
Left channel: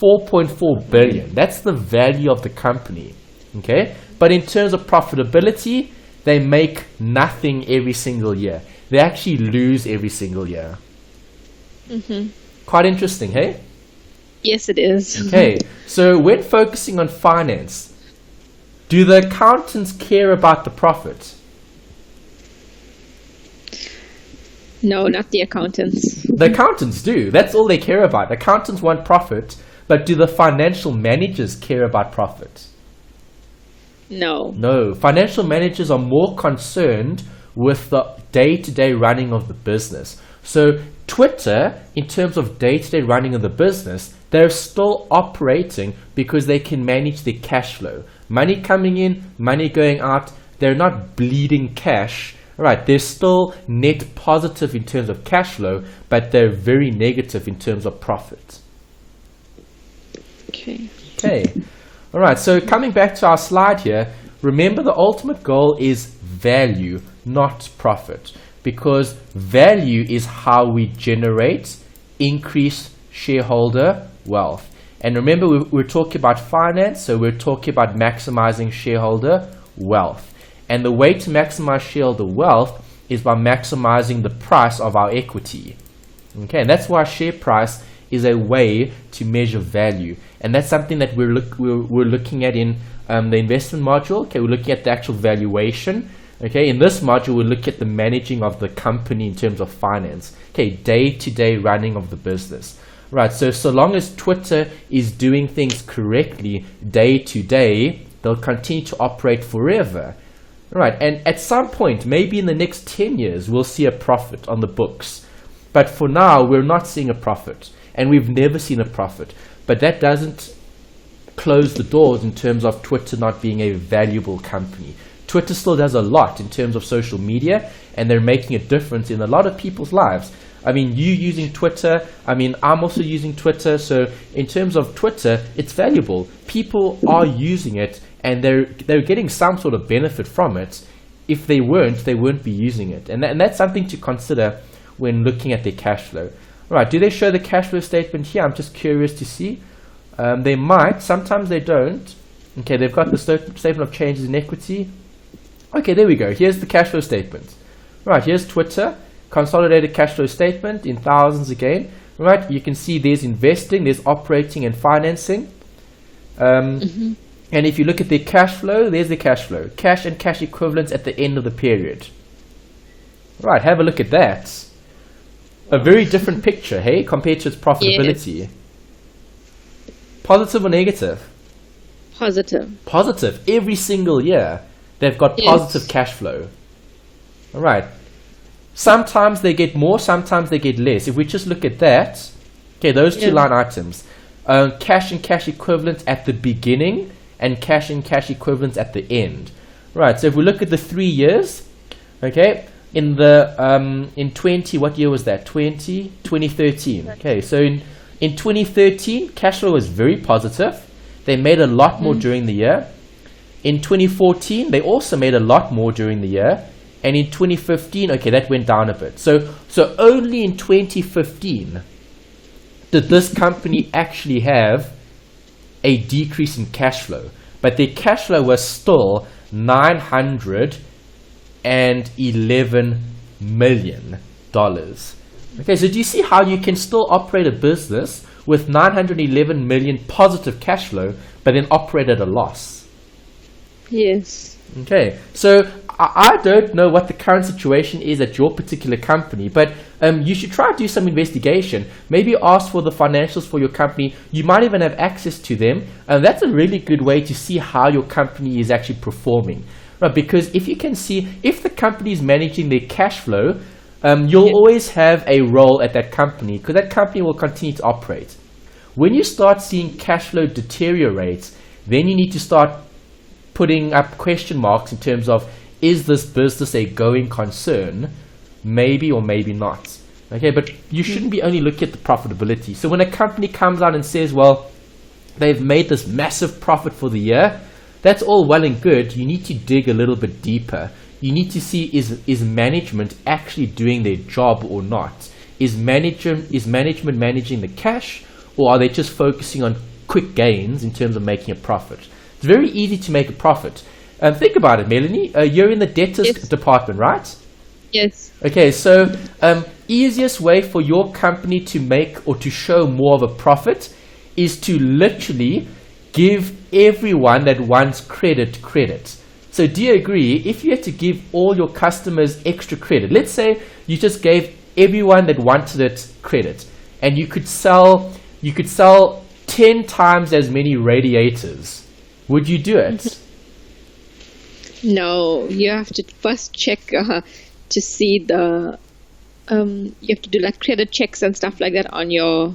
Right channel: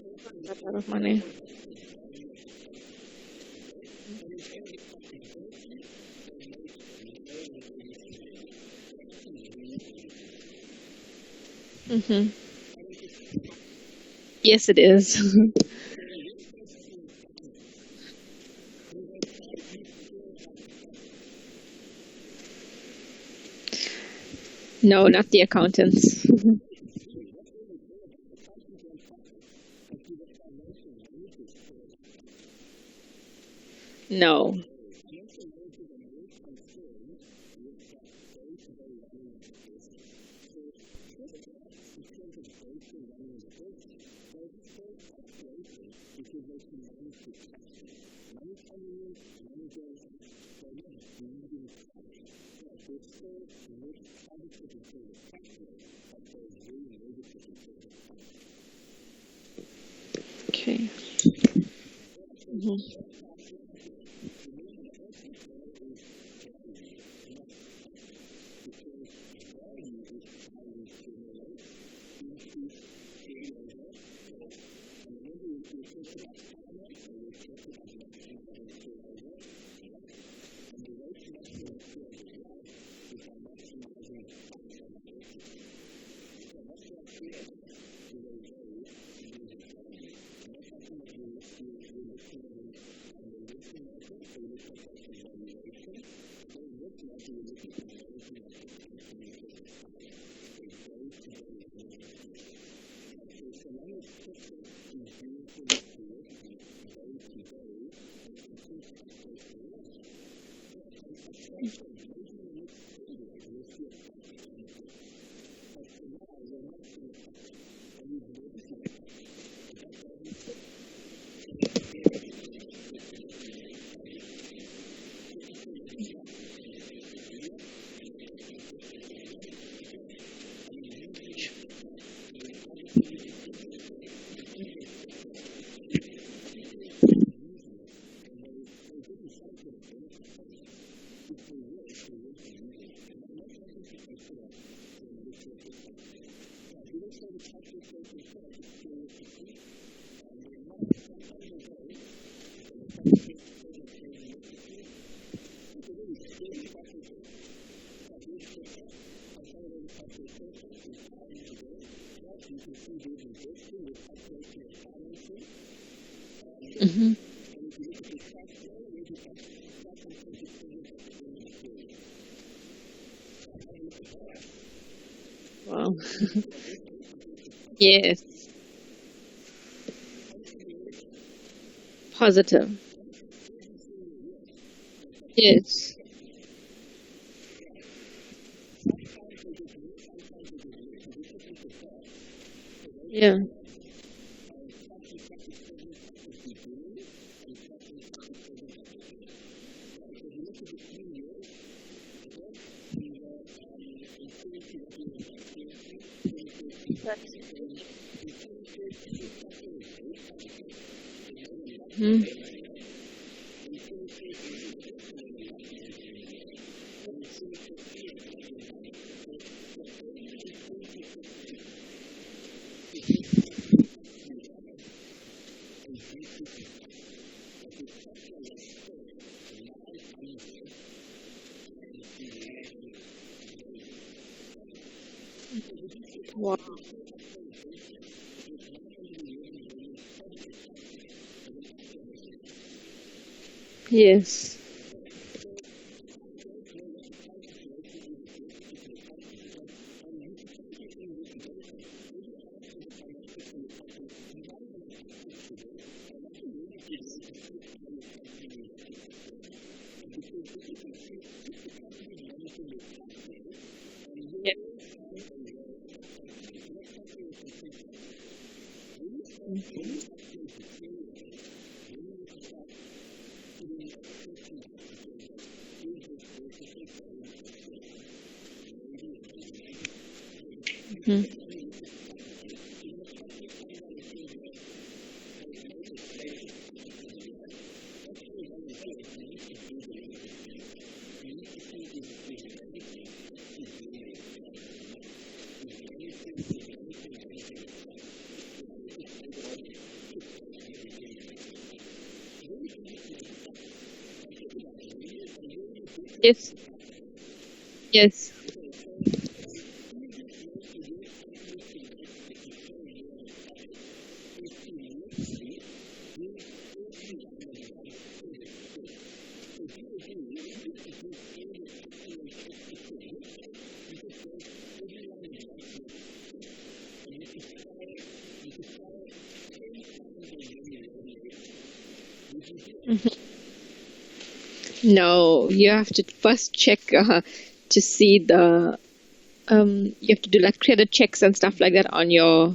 4.4 billion. That's the value of the company. Okay, but in terms of profitability, they make nothing every single year. They actually lose every single year. Quite interesting, hey? Yes, it is. Okay, so when focusing on finance, do the accountants care about the profit? No, not the accountants. The accountants do. That's all they care about. Accountants want profit, but do the financial managers care about profit? No. No. Financial managers are more concerned with the day-to-day running of the business. So Twitter, in terms of day-to-day running of the business, they're still operating because they can manage their cash flow. Money coming in, money going out. They're not bleeding cash. Right, they're still net positive in terms of cash flow, but they're very negative in terms of profit. Okay. All right, so coming back to our slide here, remember the ultimate goal is value, not profit, because value is how we generate increased shareholder wealth. And remember, we're talking about finance, so we're talking about maximizing shareholder wealth. And the way to maximize shareholder wealth is by maximizing the price of our equity. Okay, and that's why share price is a way to measure value. And that's something that we're looking at in the investment module. Okay, we're looking at the actual valuation. Okay, in this module, we'll look at the managing of the company in terms of finance. Okay, day-to-day running of the business. Right, so long as Twitter is doing things correctly day-to-day, they'll continue to operate forever. Right, and at some point, maybe in the next 10 years, we'll see a profit on the books. But for now, we're not seeing a profit, and we've never seen a profit. But that doesn't close the doors in terms of Twitter not being a valuable company. Twitter still does a lot in terms of social media, and they're making a difference in a lot of people's lives. I mean, you using Twitter, I mean, I'm also using Twitter, so in terms of Twitter, it's valuable. People are using it, and they're getting some sort of benefit from it. If they weren't, they wouldn't be using it. And that's something to consider when looking at their cash flow. All right, do they show the cash flow statement here? I'm just curious to see. They might, sometimes they don't. Okay, they've got the statement of changes in equity. Okay, there we go. Here's the cash flow statement. Right, here's Twitter, consolidated cash flow statement in thousands again. Right, you can see there's investing, there's operating and financing. And if you look at their cash flow, there's the cash flow. Cash and cash equivalents at the end of the period. Right, have a look at that. A very different picture, hey, compared to its profitability. Yes. Positive or negative? Positive. Positive. Every single year, they've got Yes. positive cash flow. All right. Sometimes they get more, sometimes they get less. If we just look at that, okay, those two line items, cash and cash equivalents at the beginning and cash and cash equivalents at the end. Right, so if we look at the 3 years, okay, in 20, what year was that? 2013. Okay, so in 2013, cash flow was very positive. They made a lot more during the year. In 2014, they also made a lot more during the year. And in 2015, okay, that went down a bit. So only in 2015 did this company actually have a decrease in cash flow. But their cash flow was still $911 million. Okay, so do you see how you can still operate a business with 911 million positive cash flow, but then operate at a loss? Yes. Okay, so I don't know what the current situation is at your particular company, but you should try to do some investigation. Maybe ask for the financials for your company. You might even have access to them, and that's a really good way to see how your company is actually performing. Right, because if you can see, if the company is managing their cash flow, you'll always have a role at that company because that company will continue to operate. When you start seeing cash flow deteriorate, then you need to start putting up question marks in terms of, is this business a going concern? Maybe or maybe not. Okay, but you shouldn't be only looking at the profitability. So when a company comes out and says, well, they've made this massive profit for the year, that's all well and good. You need to dig a little bit deeper. You need to see, is management actually doing their job or not? Is management managing the cash, or are they just focusing on quick gains in terms of making a profit? It's very easy to make a profit. Think about it, Melanie. You're in the debtors department, right? Yes. Okay, so easiest way for your company to make or to show more of a profit is to literally give everyone that wants credit. So do you agree, if you had to give all your customers extra credit, let's say you just gave everyone that wanted it credit, and you could sell 10 times as many radiators, would you do it? No, you have to first check to see the you have to do like credit checks and stuff like that on your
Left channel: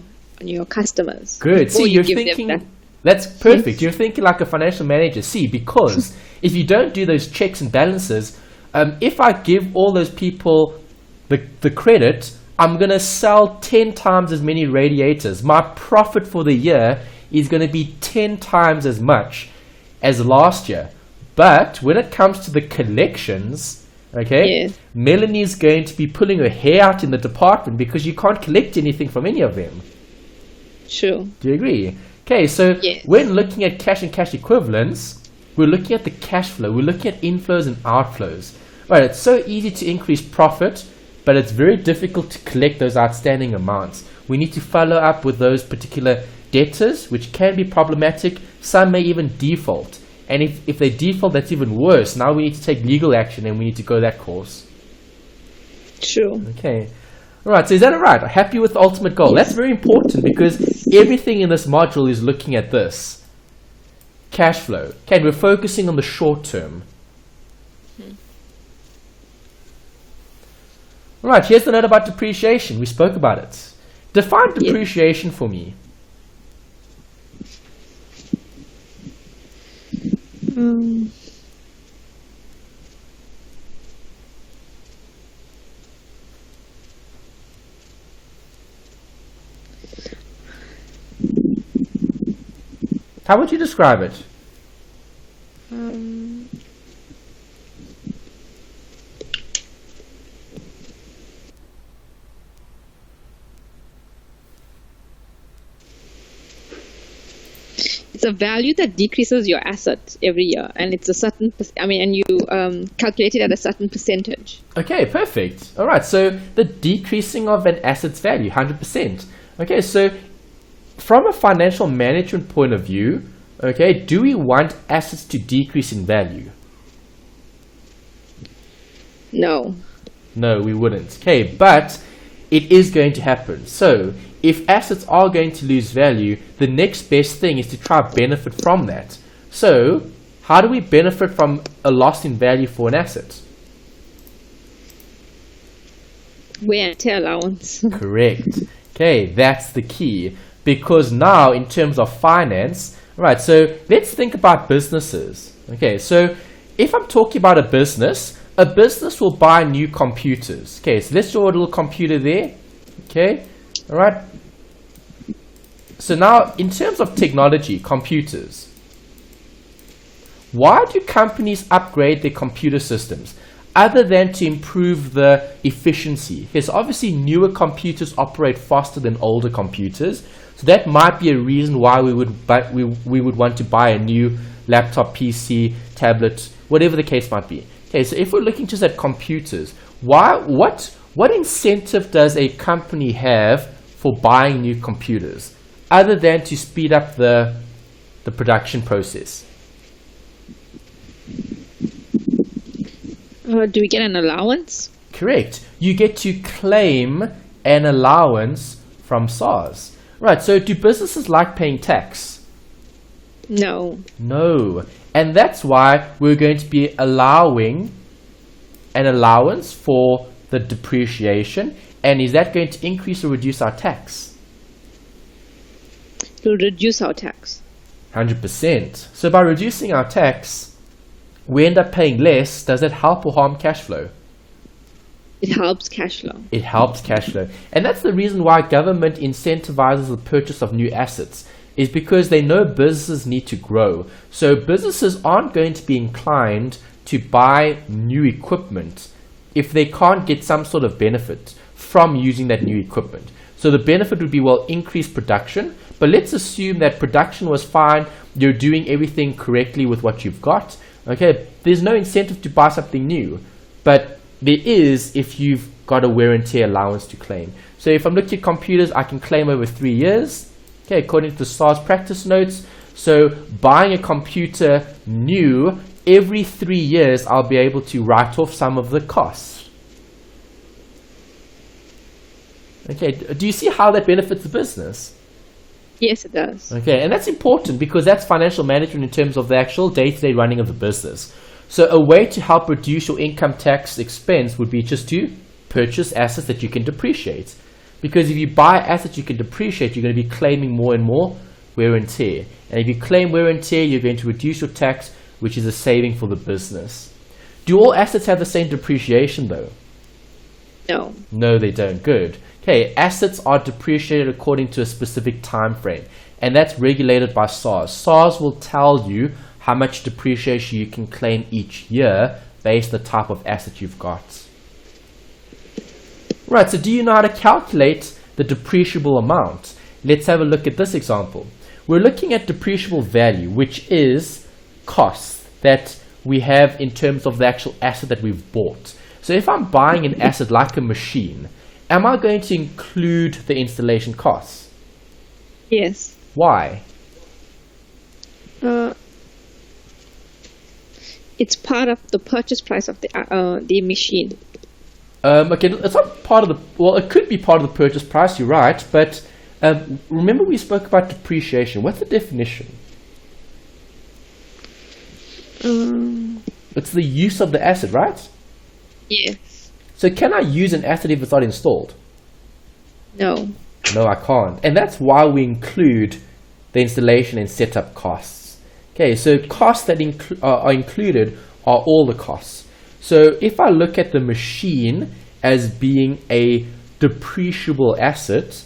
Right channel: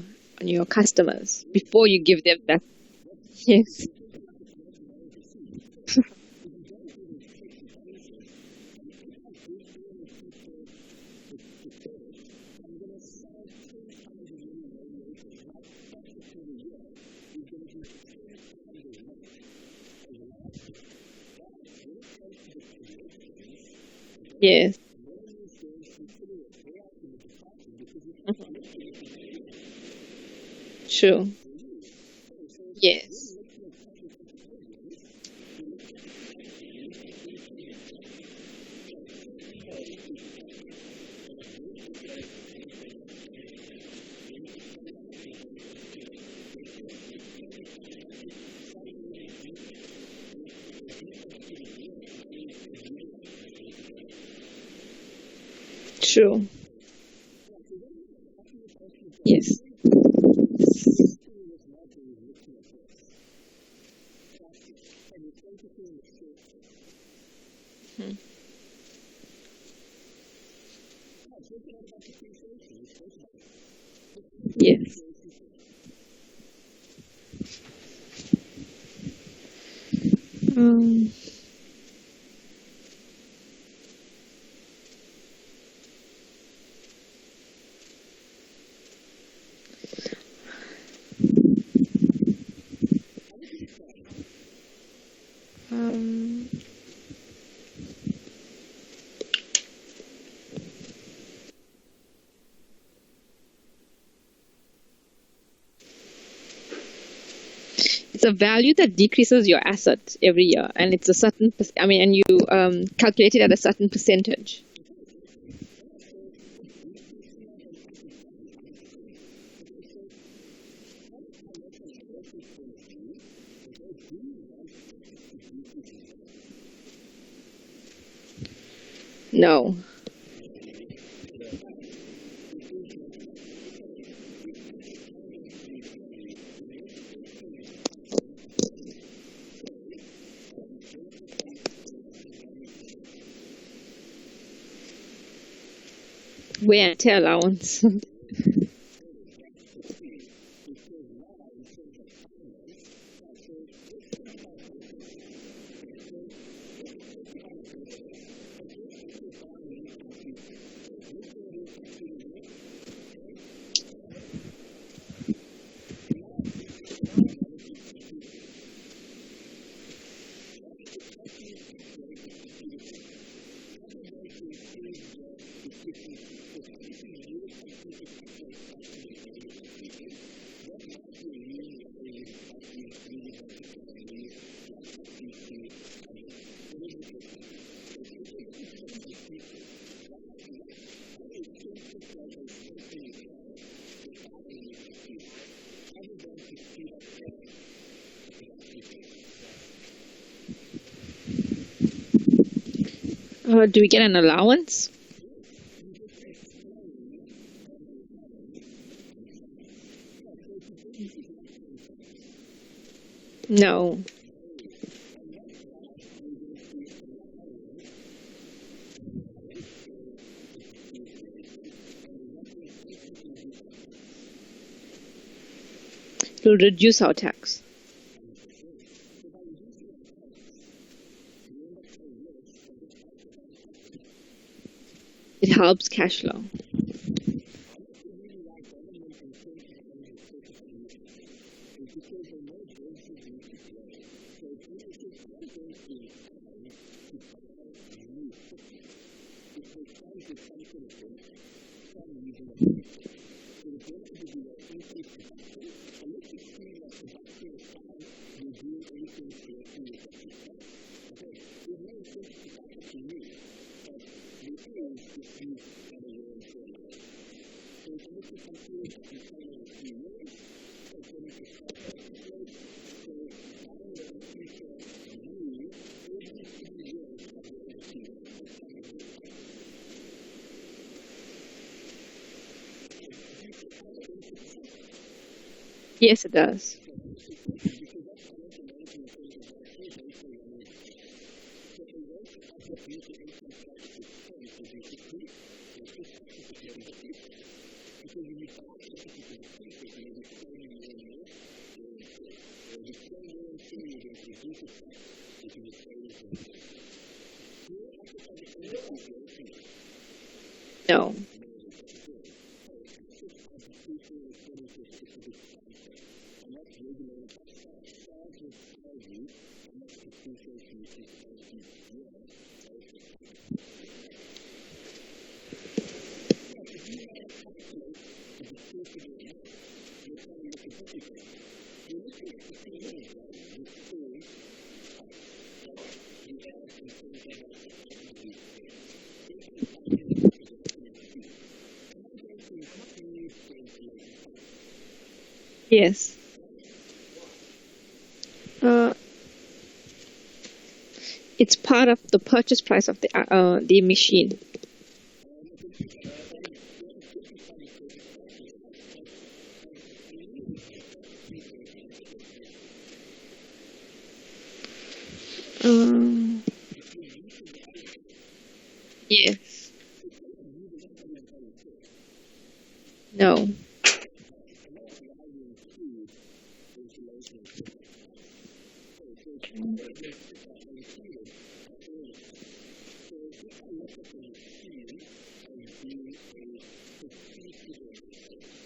customers. Good. Before See, you you're give thinking, them that. that's perfect. Yes. You're thinking like a financial manager. See, because if you don't do those checks and balances, if I give all those people the credit, I'm going to sell 10 times as many radiators. My profit for the year is going to be 10 times as much as last year. But when it comes to the collections, okay, Melanie's going to be pulling her hair out in the department because you can't collect anything from any of them. True. Do you agree? Okay, so when looking at cash and cash equivalents, we're looking at the cash flow. We're looking at inflows and outflows. Right, it's so easy to increase profit, but it's very difficult to collect those outstanding amounts. We need to follow up with those particular debtors, which can be problematic. Some may even default. And if they default, that's even worse. Now we need to take legal action and we need to go that course. True. Okay. All right, so is that all right? Happy with the ultimate goal? Yes. That's very important because everything in this module is looking at this. Cash flow. Okay, we're focusing on the short term. All right, here's the note about depreciation. We spoke about it. Define depreciation for me. How would you describe it? It's a value that decreases your asset every year, and it's a certain. And you calculate it at a certain percentage. Okay, perfect. All right, so the decreasing of an asset's value, 100%. Okay, so from a financial management point of view, okay, do we want assets to decrease in value? No. No, we wouldn't. Okay, but it is going to happen. So if assets are going to lose value, the next best thing is to try to benefit from that. So how do we benefit from a loss in value for an asset? Wear and tear allowance. Correct. Okay, that's the key. Because now, in terms of finance, right, so let's think about businesses. Okay, so if I'm talking about a business will buy new computers. Okay, so let's draw a little computer there. Okay, all right. So now, in terms of technology, computers, why do companies upgrade their computer systems? Other than to improve the efficiency. Because obviously newer computers operate faster than older computers. So that might be a reason why we would want to buy a new laptop, PC, tablet, whatever the case might be. Okay, so if we're looking just at computers, what incentive does a company have for buying new computers other than to speed up the production process? Do we get an allowance? Correct. You get to claim an allowance from SARS. Right, so do businesses like paying tax? No. No. And that's why we're going to be allowing an allowance for the depreciation. And is that going to increase or reduce our tax? It will reduce our tax. 100%. So by reducing our tax, we end up paying less. Does that help or harm cash flow? It helps cash flow. It helps cash flow. And that's the reason why government incentivizes the purchase of new assets, is because they know businesses need to grow. So businesses aren't going to be inclined to buy new equipment if they can't get some sort of benefit from using that new equipment. So the benefit would be, well, increased production. But let's assume that production was fine. You're doing everything correctly with what you've got. Okay, there's no incentive to buy something new, but there is if you've got a wear and tear allowance to claim. So if I'm looking at computers, I can claim over 3 years, okay, according to the SARS practice notes. So buying a computer new, every 3 years, I'll be able to write off some of the costs. Okay, do you see how that benefits the business? Yes, it does. Okay, and that's important because that's financial management in terms of the actual day-to-day running of the business. So a way to help reduce your income tax expense would be just to purchase assets that you can depreciate. Because if you buy assets you can depreciate, you're going to be claiming more and more wear and tear. And if you claim wear and tear, you're going to reduce your tax, which is a saving for the business. Do all assets have the same depreciation though? No. No, they don't. Good. Okay, assets are depreciated according to a specific time frame, and that's regulated by SARS. SARS will tell you how much depreciation you can claim each year based on the type of asset you've got. Right, so do you know how to calculate the depreciable amount? Let's have a look at this example. We're looking at depreciable value, which is costs that we have in terms of the actual asset that we've bought. So if I'm buying an asset like a machine, am I going to include the installation costs? Yes. Why? It's part of the purchase price of the machine. Okay, it's not part of the, well, it could be part of the purchase price, you're right, but remember we spoke about depreciation. What's the definition? It's the use of the asset, right? Yes. So can I use an asset if it's not installed? No. No, I can't. And that's why we include the installation and setup costs. Okay, so costs that are included are all the costs. So if I look at the machine as being a depreciable asset,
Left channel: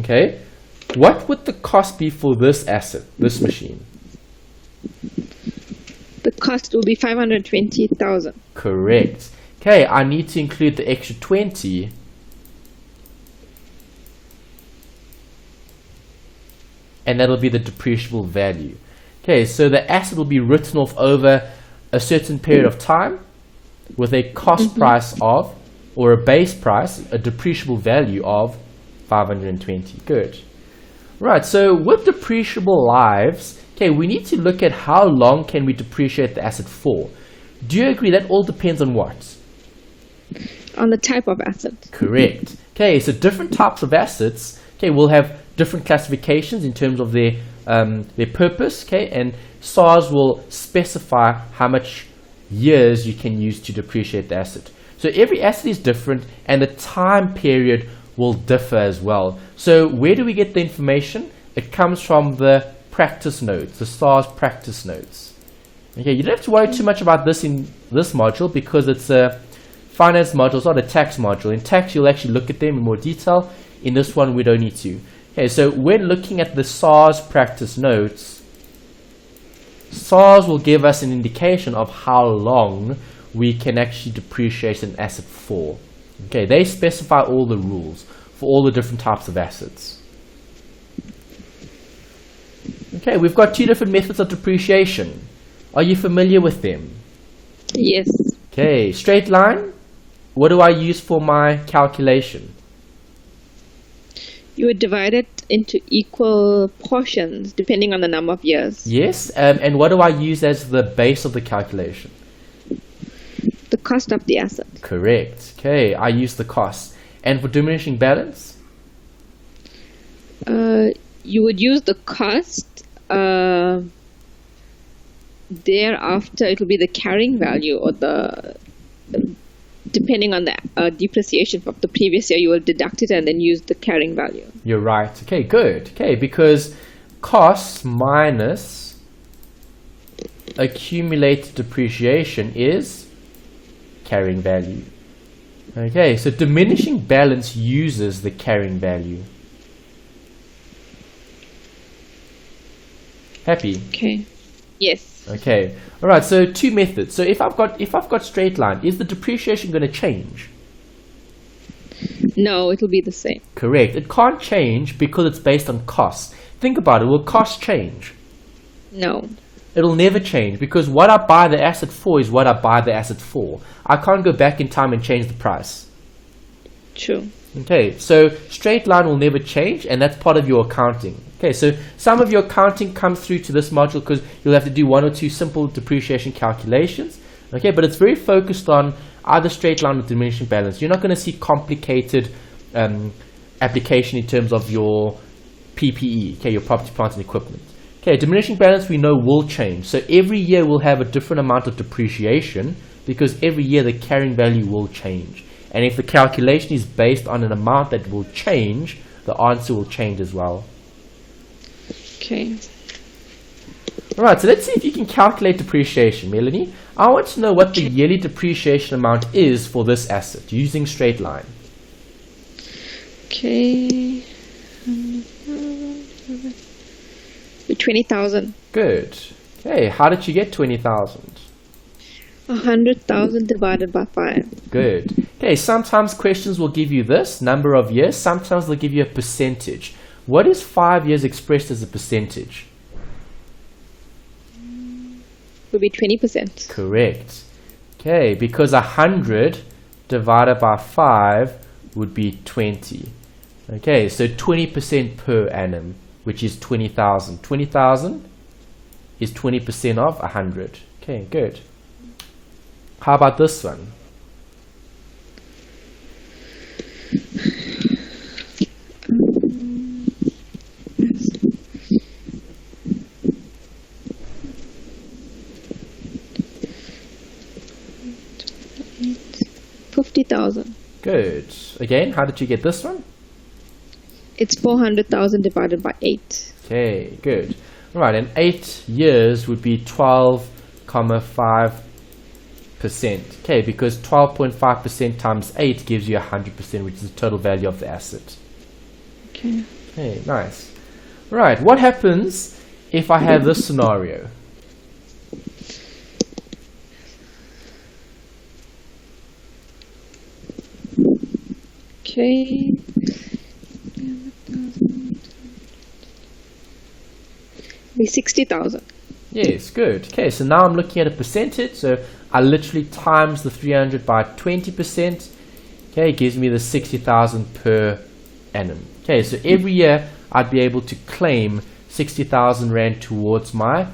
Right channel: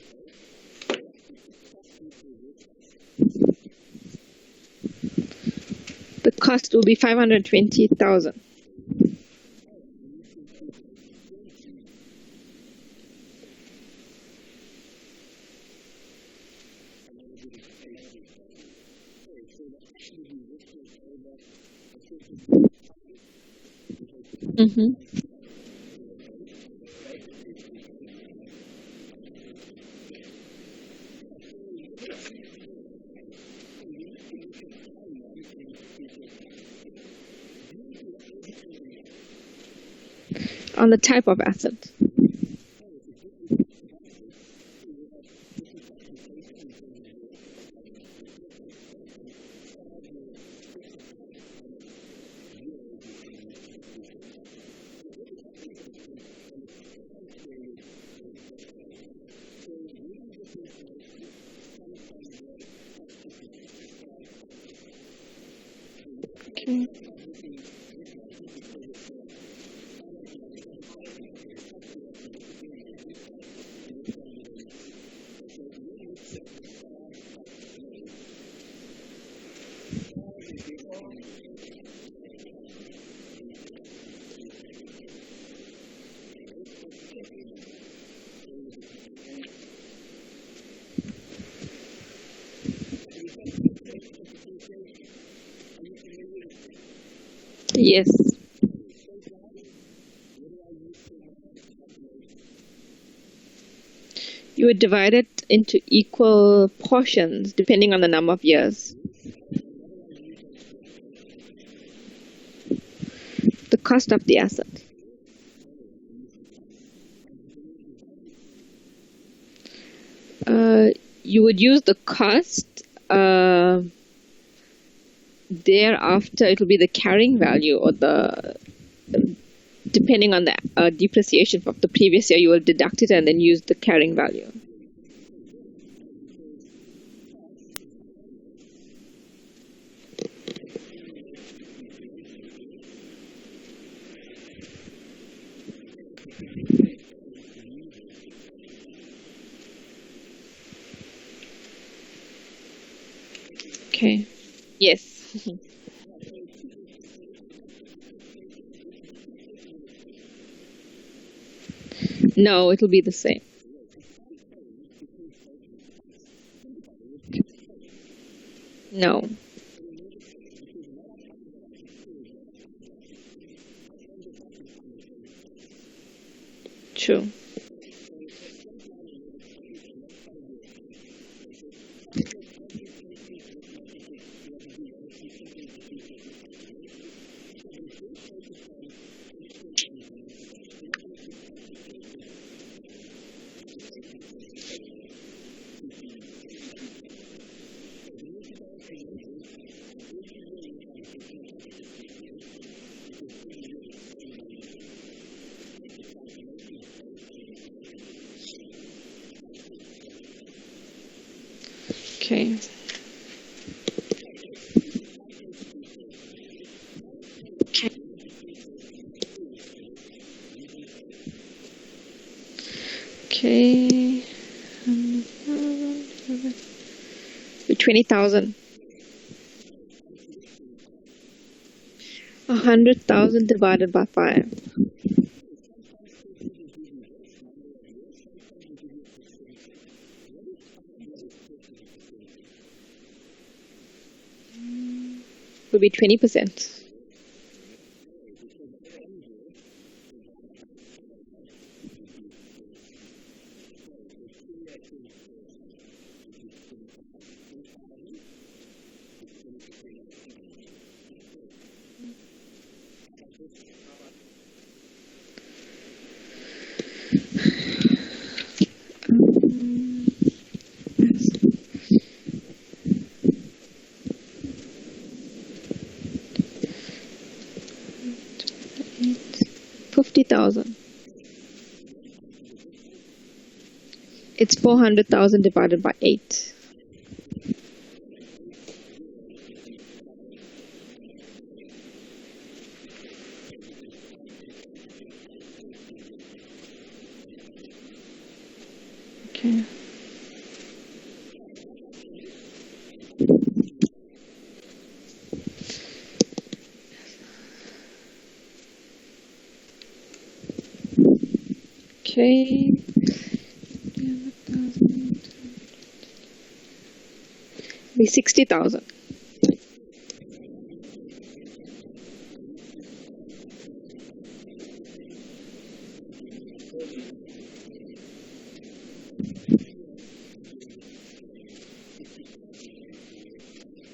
okay, what would the cost be for this asset, this machine? The cost will be 520,000. Correct. Okay, I need to include the extra 20. And that'll be the depreciable value. Okay, so the asset will be written off over a certain period of time with a cost price of, or a base price, a depreciable value of 520. Good. Right, so with depreciable lives, okay, we need to look at how long can we depreciate the asset for. Do you agree that all depends on what? On the type of asset. Correct. Okay, so different types of assets, okay, will have different classifications in terms of their purpose, okay, and SARS will specify how much years you can use to depreciate the asset. So every asset is different, and the time period will differ as well. So where do we get the information? It comes from the practice notes, the SARS practice notes. Okay, you don't have to worry too much about this in this module because it's a finance module, it's not a tax module. In tax, you'll actually look at them in more detail. In this one, we don't need to. Okay, so when looking at the SARS practice notes, SARS will give us an indication of how long we can actually depreciate an asset for. Okay, they specify all the rules for all the different types of assets. Okay, we've got two different methods of depreciation. Are you familiar with them? Yes. Okay, straight line. What do I use for my calculation? You would divide it into equal portions depending on the number of years. Yes, and what do I use as the base of the calculation? The cost of the asset. Correct. Okay, I use the cost. And for diminishing balance? You would use the cost. Thereafter, it will be the carrying value, or depending on the depreciation of the previous year, you will deduct it and then use the carrying value. You're right. Okay, good. Okay, because costs minus accumulated depreciation is carrying value. Okay, so diminishing balance uses the carrying value. Happy? Okay. Yes. Okay. All right. So two methods. So if I've got straight line, is the depreciation going to change? No, it will be the same. Correct. It can't change because it's based on costs. Think about it. Will costs change? No. It'll never change because what I buy the asset for is what I buy the asset for. I can't go back in time and change the price. True. Okay. So straight line will never change, and that's part of your accounting. Okay, so some of your accounting comes through to this module because you'll have to do one or two simple depreciation calculations. Okay, but it's very focused on either straight line or diminishing balance. You're not going to see complicated application in terms of your PPE, okay, your property, plant, and equipment. Okay, diminishing balance we know will change. So every year we'll have a different amount of depreciation because every year the carrying value will change. And if the calculation is based on an amount that will change, the answer will change as well. Okay. Alright, so let's see if you can calculate depreciation, Melanie. I want to know what the yearly depreciation amount is for this asset using straight line. Okay. 20,000. Good. Okay, how did you get 20,000? 100,000 divided by 5. Good. Okay, sometimes questions will give you this, number of years. Sometimes they'll give you a percentage. What is 5 years expressed as a percentage? Will be 20%. Correct. Okay, because 100 divided by 5 would be 20. Okay, so 20% per annum, which is 20,000. 20,000 is 20% of 100. Okay, good. How about this one? $50,000. Good. Again, how did you get this one? It's 400,000 divided by 8. Okay, good. Right, and 8 years would be 12.5%. Okay, because 12.5% times 8 gives you 100%, which is the total value of the asset. Okay. Okay, nice. Right, what happens if I have this scenario? Okay. Be 60,000. Yes, good. Okay, so now I'm looking at a percentage. So I literally times the 300 by 20%. Okay, it gives me the 60,000 per annum. Okay, so every year I'd be able to claim 60,000 Rand towards my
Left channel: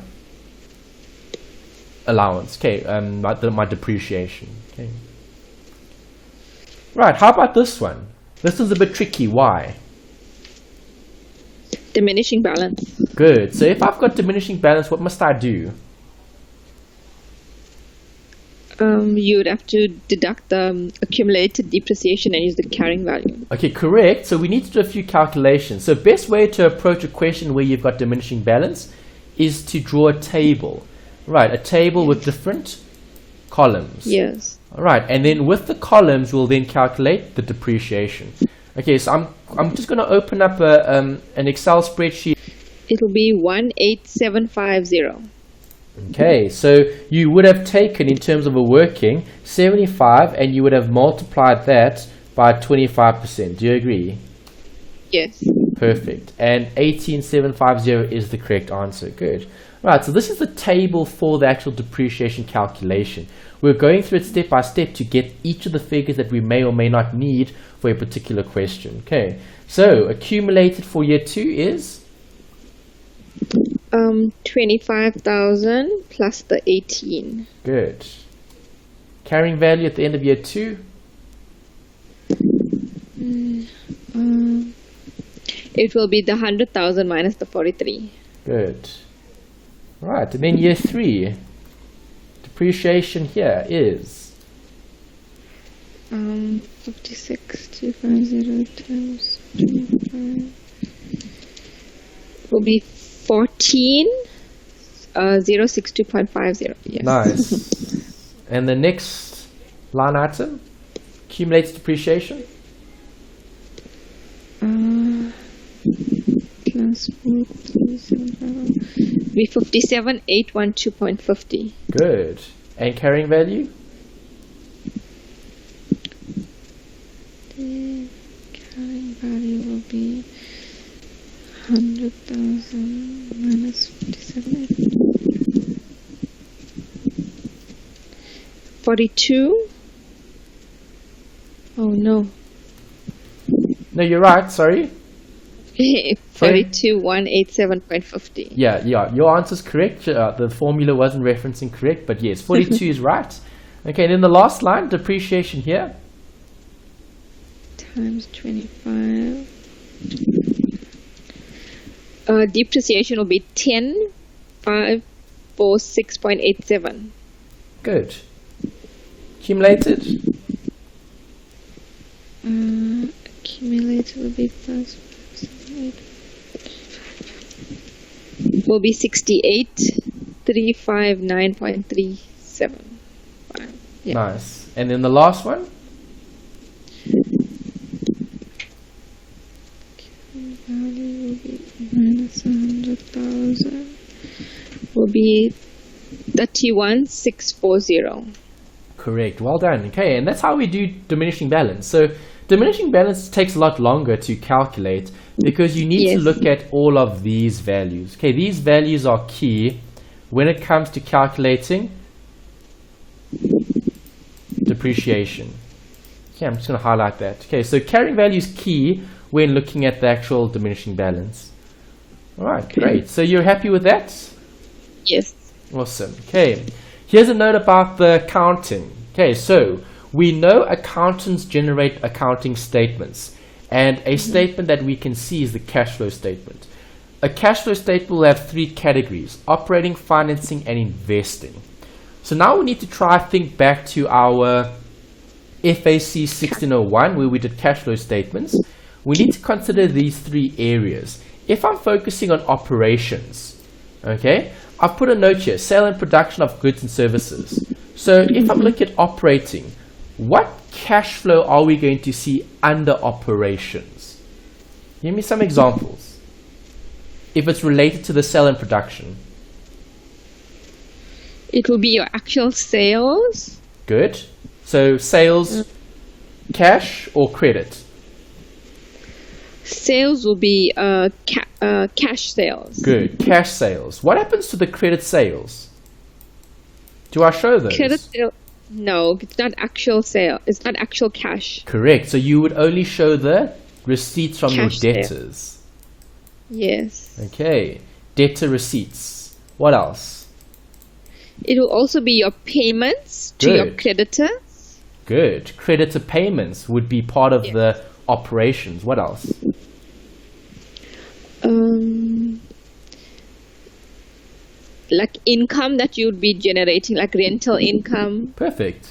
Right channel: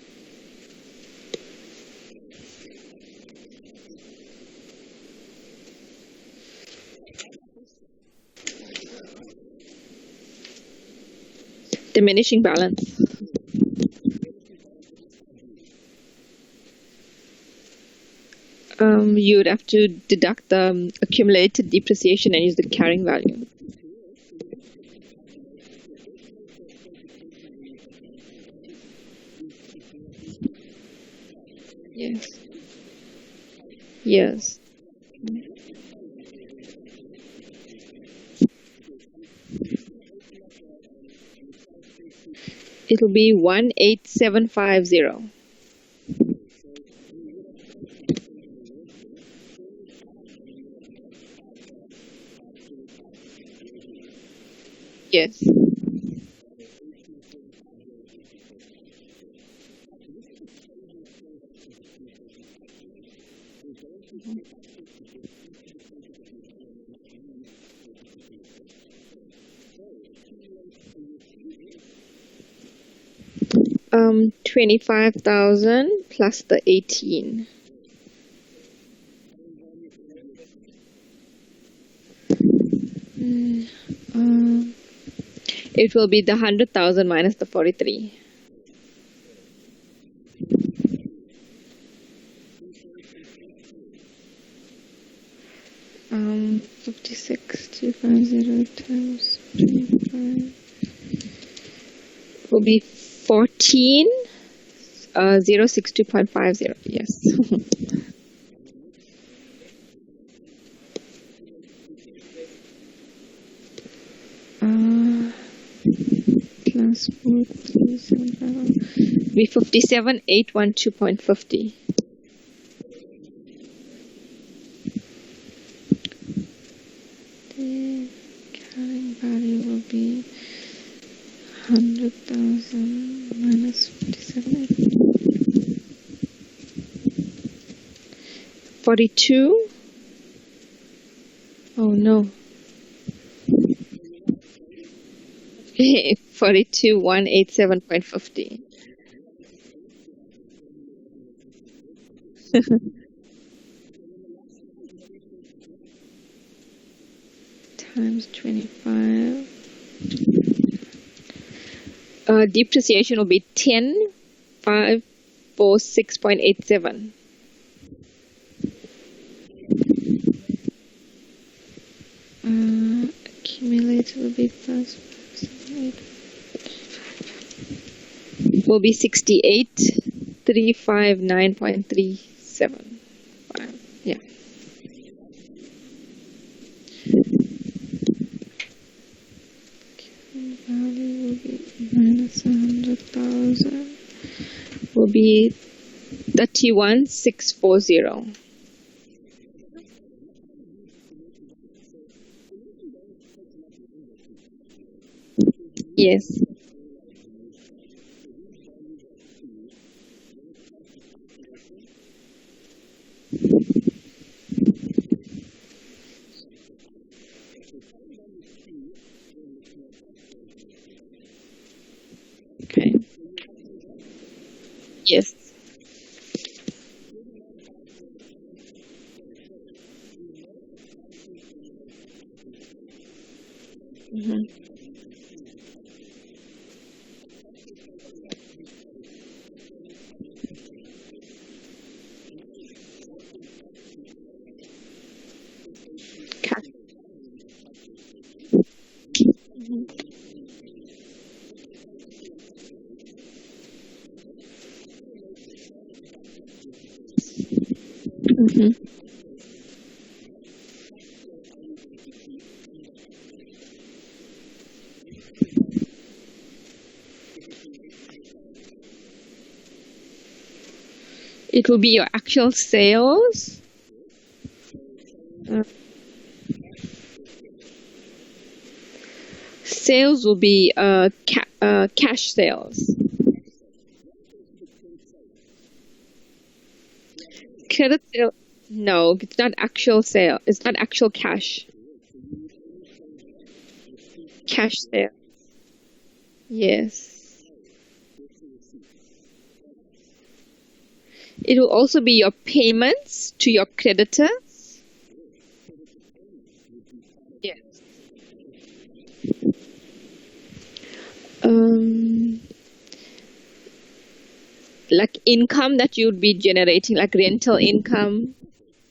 allowance. Okay, my depreciation. Okay. Right, how about this one? This one's a bit tricky. Why? Diminishing balance. Good. So if I've got diminishing balance, what must I do? You would have to deduct the accumulated depreciation and use the carrying value. Okay, correct. So we need to do a few calculations. So best way to approach a question where you've got diminishing balance is to draw a table. Right, a table with different columns. Yes. All right, and then with the columns, we'll then calculate the depreciation. Okay, so I'm just going to open up an Excel spreadsheet. It'll be 18750. Okay, so you would have taken, in terms of a working, 75, and you would have multiplied that by 25%. Do you agree? Yes. Perfect. And 18750 is the correct answer. Good. Right, so this is the table for the actual depreciation calculation. We're going through it step by step to get each of the figures that we may or may not need for a particular question. Okay, so accumulated for year 2 is? 25,000 plus the 18. Good. Carrying value at the end of year 2? It will be the 100,000 minus the 43. Good. Right, and then year 3, depreciation here is? 56,250 times 25 will be 14,062.50. Yes. Nice. And the next line item, accumulated depreciation? Plus 4,375 be 57,812.50. Good. And carrying value? The carrying value will be 100,000 minus 57. 42. Oh no. No, you're right, sorry. 42,187.50. Yeah, your answer's correct. The formula wasn't referencing correct, but yes, 42 is right. Okay, then the last line, depreciation here. Times 25. Depreciation will be 10,546.87. Good. Accumulated. Accumulated will be plus 8. Will be 68,359.37. Yeah. Nice. And then the last one? Value will be minus 100,000. Will be 31,640. Correct. Well done. Okay, and that's how we do diminishing balance. So diminishing balance takes a lot longer to calculate because you need to look at all of these values. Okay, these values are key when it comes to calculating depreciation. Okay, I'm just going to highlight that. Okay, so carrying value is key when looking at the actual diminishing balance. All right, great. So you're happy with that? Yes. Awesome. Okay, here's a note about the accounting. Okay, so we know accountants generate accounting statements, and a statement that we can see is the cash flow statement. A cash flow statement will have 3 categories: operating, financing, and investing. So now we need to try to think back to our FAC 1601 where we did cash flow statements. We need to consider these 3 areas. If I'm focusing on operations, okay, I've put a note here: sale and production of goods and services. So if I'm looking at operating, what cash flow are we going to see under operations? Give me some examples. If it's related to the sale and production. It will be your actual sales. Good. So sales, cash or credit? Sales will be cash sales. Good. Cash sales. What happens to the credit sales? Do I show those? Credit sale. No, it's not actual sale. It's not actual cash. Correct. So you would only show the receipts from Cash your sale. debtors. Yes. Okay. Debtor receipts. What else? It will also be your payments to your Good. creditors. Good. Creditor payments would be part of the operations. What else? Like income that you'd be generating, like rental income. Perfect.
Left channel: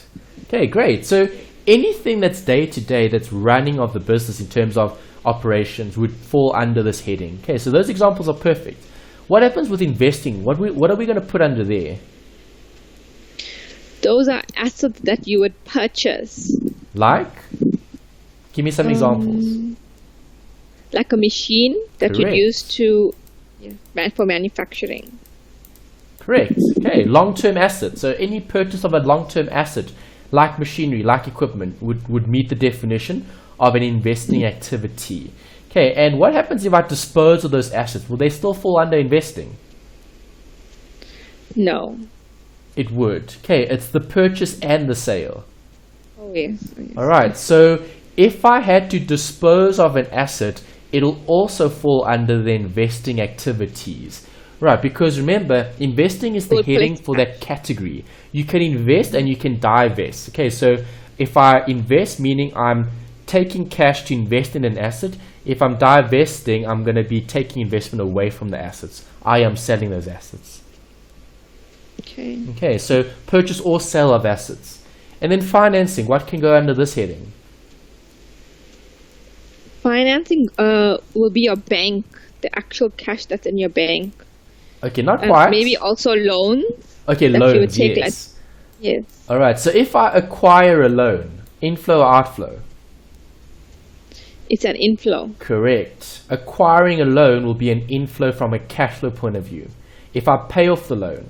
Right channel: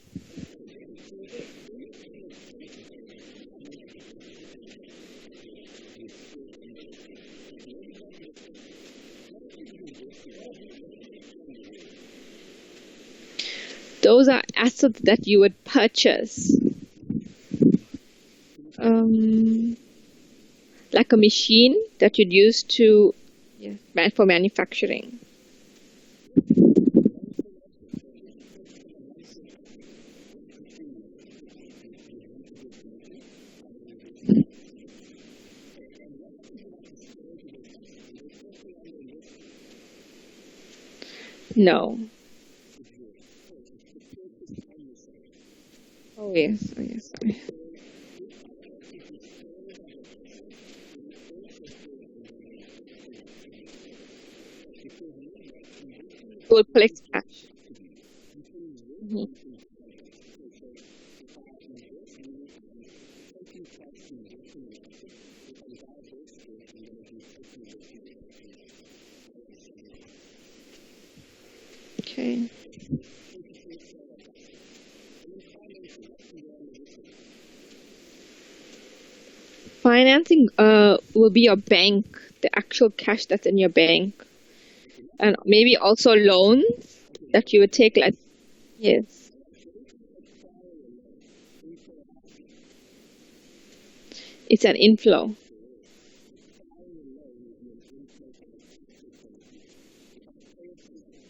Okay, great. So anything that's day to day that's running of the business in terms of operations would fall under this heading. Okay, so those examples are perfect. What happens with investing? What are we going to put under there? Those are assets that you would purchase. Like? Give me some examples. Like a machine that you'd Correct. use to for manufacturing. Correct. Okay, long-term asset. So any purchase of a long-term asset, like machinery, like equipment, would meet the definition of an investing activity. Okay, and what happens if I dispose of those assets? Will they still fall under investing? No. It would. Okay, it's the purchase and the sale. Oh yes. Oh, yes. All right, so if I had to dispose of an asset, it'll also fall under the investing activities. Right, because remember, investing is the We'll heading collect for that cash. category. You can invest and you can divest. Okay, so if I invest, meaning I'm taking cash to invest in an asset. If I'm divesting, I'm going to be taking investment away from the assets. I am selling those assets. Okay. Okay, so purchase or sale of assets. And then financing, what can go under this heading? Financing will be your bank, the actual cash that's in your bank. Okay, not And quite. maybe also loans. Okay, that loans, you would take, yes. Yes. All right, so if I acquire a loan, inflow or outflow? It's an inflow. Correct. Acquiring a loan will be an inflow from a cash flow point of view. If I pay off the loan,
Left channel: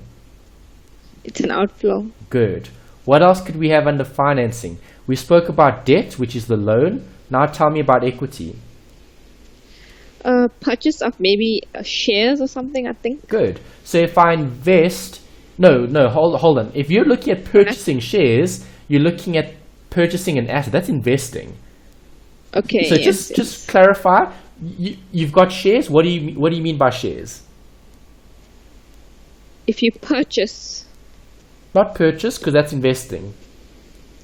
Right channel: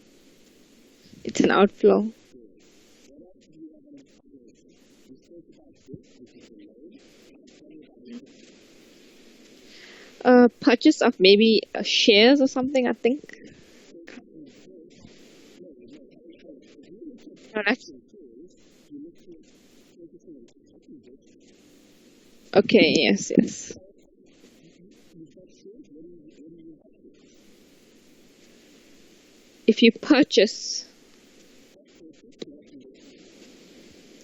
It's an outflow. good. What else could we have under financing? We spoke about debt, which is the loan. Now tell me about equity. Purchase of maybe shares or something, I think. Good. So if I invest, hold on. If you're looking at purchasing shares, you're looking at purchasing an asset. That's investing. Okay, So yes. just clarify. You've got shares. What do you mean by shares? If you purchase. Not purchase, because that's investing.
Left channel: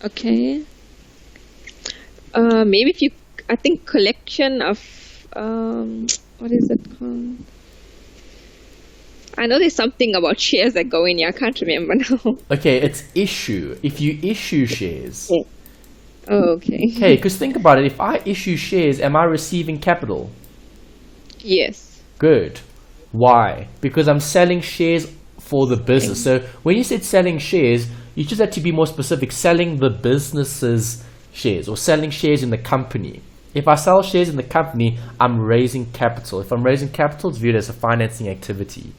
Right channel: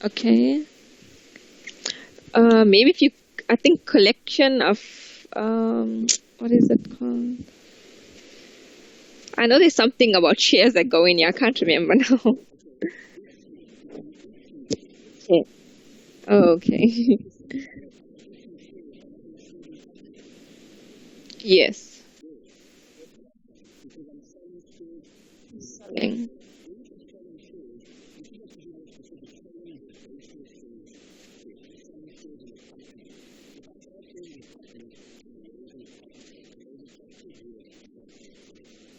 Okay. Maybe if you, I think collection of, what is it called? I know there's something about shares that go in here. I can't remember now. Okay, it's issue. If you issue shares. Yeah. Oh, okay. Okay, because think about it. If I issue shares, am I receiving capital? Yes. Good. Why? Because I'm selling shares for the business. So when you said selling shares, you just had to be more specific. Selling the business's shares or selling shares in the company. If I sell shares in the company, I'm raising capital. If I'm raising capital, it's viewed as a financing activity.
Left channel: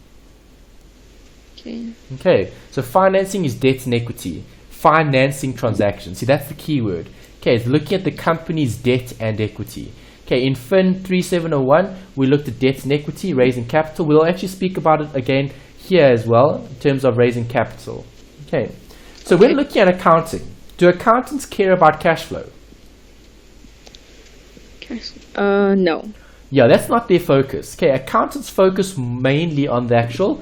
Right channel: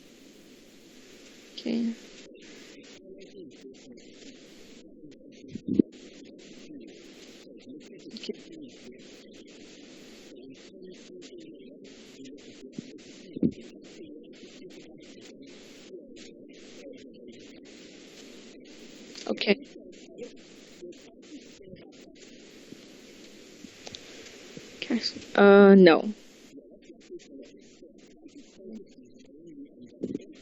Okay. Okay, so financing is debt and equity. Financing transactions. See, that's the key word. Okay, it's looking at the company's debt and equity. Okay, in FIN3701, we looked at debt and equity, raising capital. We'll actually speak about it again here as well, in terms of raising capital. Okay, so Okay. we're looking at accounting. Do accountants care about cash flow? Cash. No. Yeah, that's not their focus. Okay, accountants focus mainly on the actual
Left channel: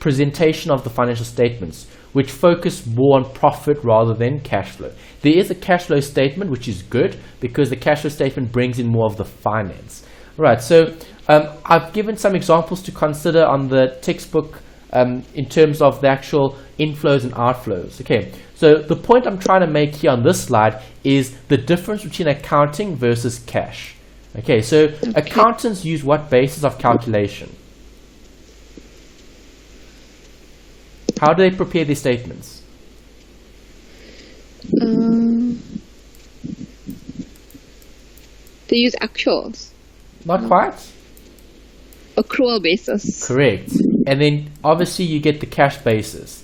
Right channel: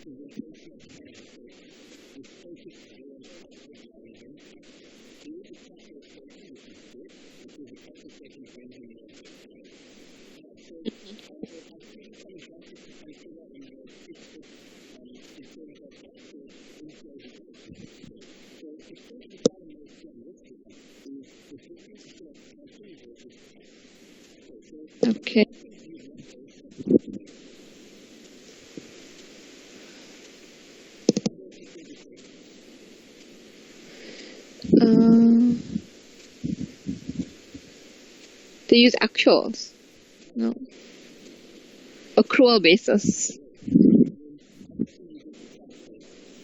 presentation of the financial statements, which focus more on profit rather than cash flow. There is a cash flow statement, which is good because the cash flow statement brings in more of the finance. Right, so I've given some examples to consider on the textbook in terms of the actual inflows and outflows. Okay, so the point I'm trying to make here on this slide is the difference between accounting versus cash. Okay, so accountants use what basis of calculation? How do they prepare their statements? They use actuals. Not quite. Accrual basis. Correct. And then obviously you get the cash basis.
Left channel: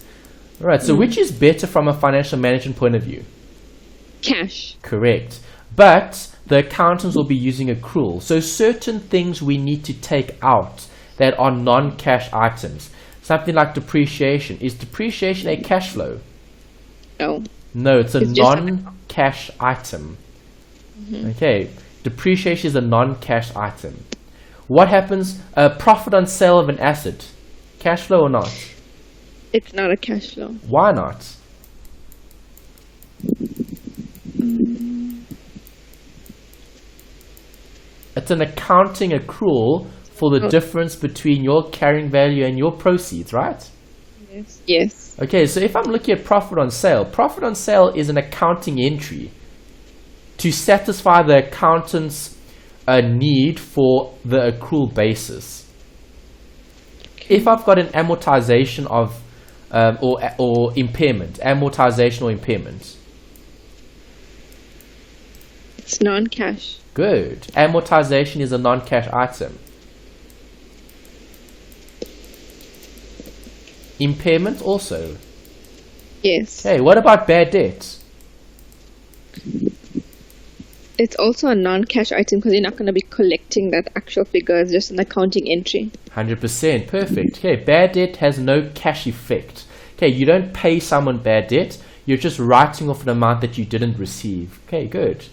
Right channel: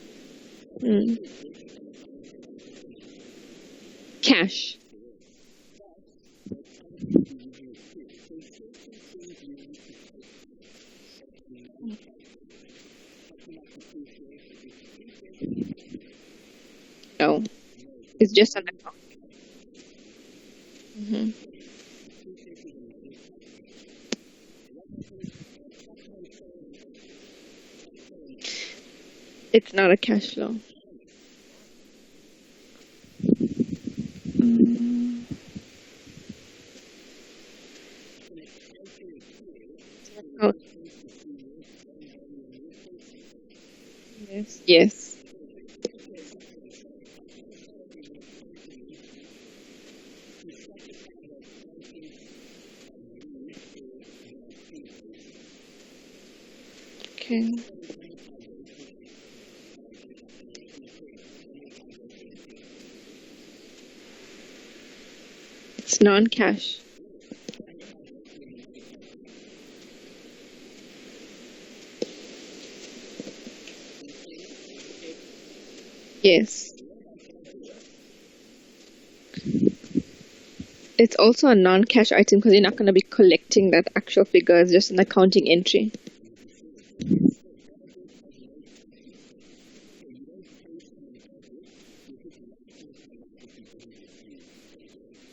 Right, so which is better from a financial management point of view? Cash. Correct. But the accountants will be using accrual. So certain things we need to take out that are non-cash items. Something like depreciation. Is depreciation a cash flow? No. No, it's a It's just non-cash item. Okay, depreciation is a non-cash item. What happens? Profit on sale of an asset. Cash flow or not? It's not a cash flow. Why not? It's an accounting accrual for the difference between your carrying value and your proceeds, right? Yes. Yes. Okay, so if I'm looking at profit on sale is an accounting entry to satisfy the accountant's need for the accrual basis. Okay. If I've got an amortization of or impairment, amortization or impairment. It's non-cash. Good. Amortization is a non-cash item. Impairment also. Yes. Okay, what about bad debt? It's also a non-cash item because you're not going to be collecting that actual figure. It's just an accounting entry. 100%. Perfect. Okay, bad debt has no cash effect. Okay, you don't pay someone bad debt. You're just writing off an amount that you didn't receive. Okay, good.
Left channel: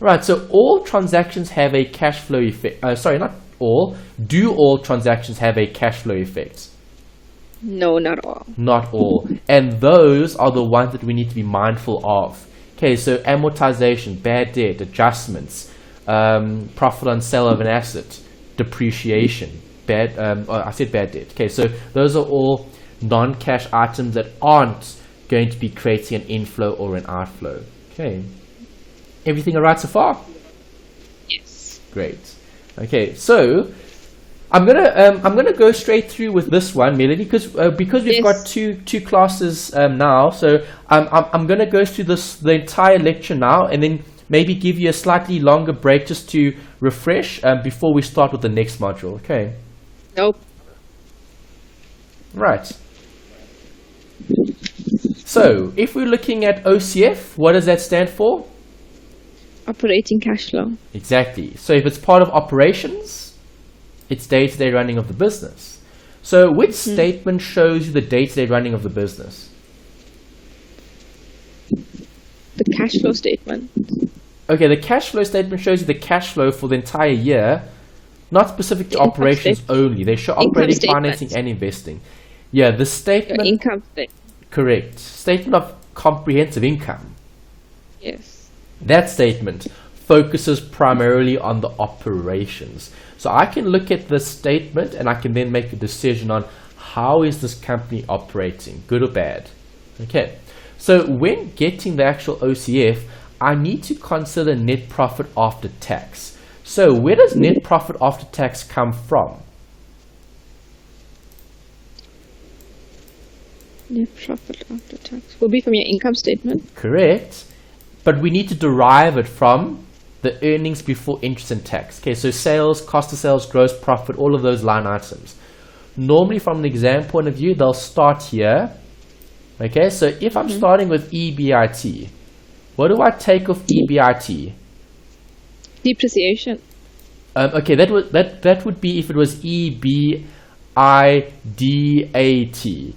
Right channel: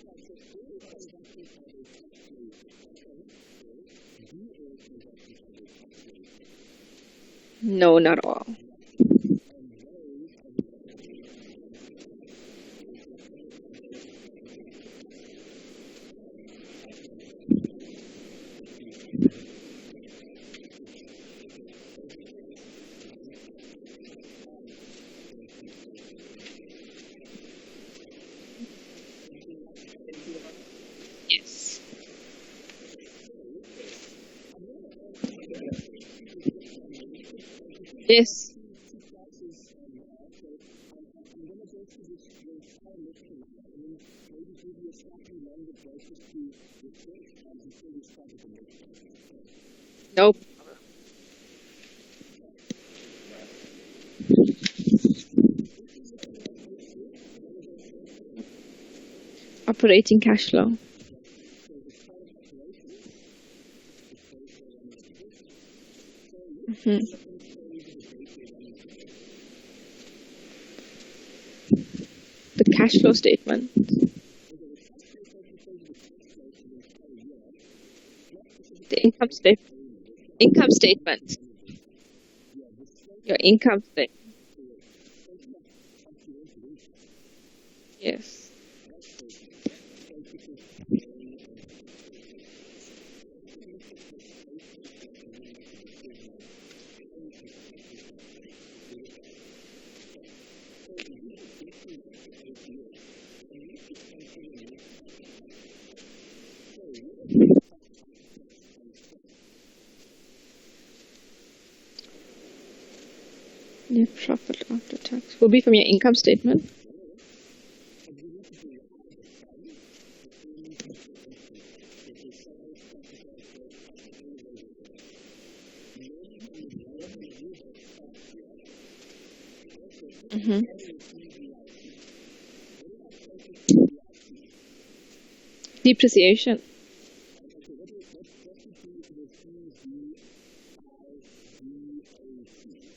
Right, so all transactions have a cash flow effect. Sorry, not all. Do all transactions have a cash flow effect? No, not all. Not all. And those are the ones that we need to be mindful of. Okay, so amortization, bad debt, adjustments, profit on sale of an asset, depreciation, I said bad debt. Okay, so those are all non-cash items that aren't going to be creating an inflow or an outflow. Okay, everything all right so far? Yes. Great. Okay, so I'm gonna go straight through with this one, Melody, because we've got two classes now. So I'm gonna go through the entire lecture now, and then maybe give you a slightly longer break just to refresh before we start with the next module. Okay. Nope. Right. So if we're looking at OCF, what does that stand for? Operating cash flow. Exactly. So if it's part of operations, it's day-to-day running of the business. So which statement shows you the day-to-day running of the business? The cash flow statement. Okay, the cash flow statement shows you the cash flow for the entire year, not specific to operations only. They show operating, financing, and investing. Yeah, the statement... Your income statement. Correct. Statement of comprehensive income. Yes. That statement focuses primarily on the operations. So I can look at the statement and I can then make a decision on how is this company operating, good or bad. Okay, so when getting the actual OCF, I need to consider net profit after tax. So where does net profit after tax come from? Net profit after tax will be from your income statement. Correct, but we need to derive it from the earnings before interest and tax. Okay, so sales, cost of sales, gross profit, all of those line items. Normally from an exam point of view, they'll start here. Okay, so if I'm starting with EBIT, what do I take off EBIT? Depreciation. Okay, that would be if it was EBIDAT.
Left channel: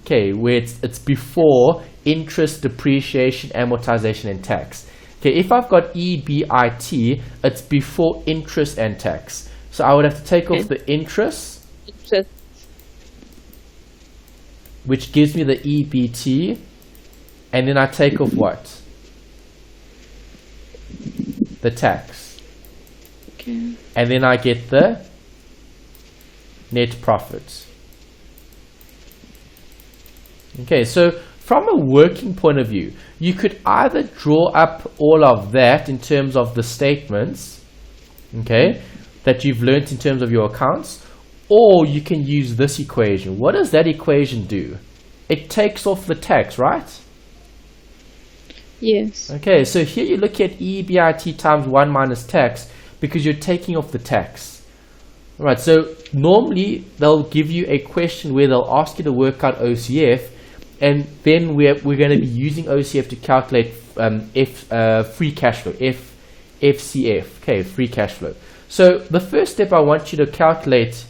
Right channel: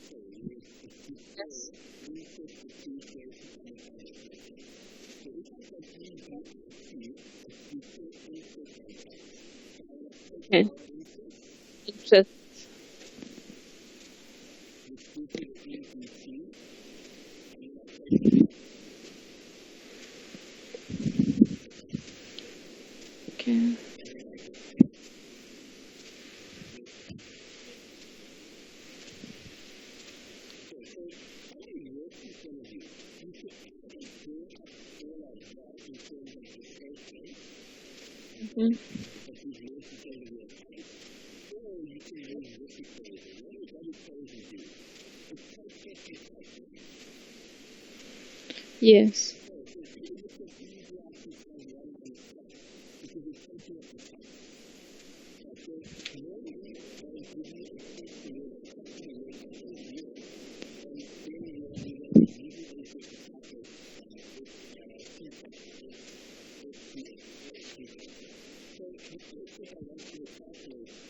Okay, where it's before interest, depreciation, amortization, and tax. Okay, if I've got EBIT, it's before interest and tax. So I would have to take off the interest, which gives me the EBT, and then I take off what? The tax. Okay. And then I get the net profit. Okay, so from a working point of view, you could either draw up all of that in terms of the statements, okay, that you've learnt in terms of your accounts, or you can use this equation. What does that equation do? It takes off the tax, right? Yes. Okay, so here you look at EBIT times 1 minus tax because you're taking off the tax. Right, so normally they'll give you a question where they'll ask you to work out OCF, and then we're going to be using OCF to calculate free cash flow, FCF, okay, free cash flow. So the first step I want you to calculate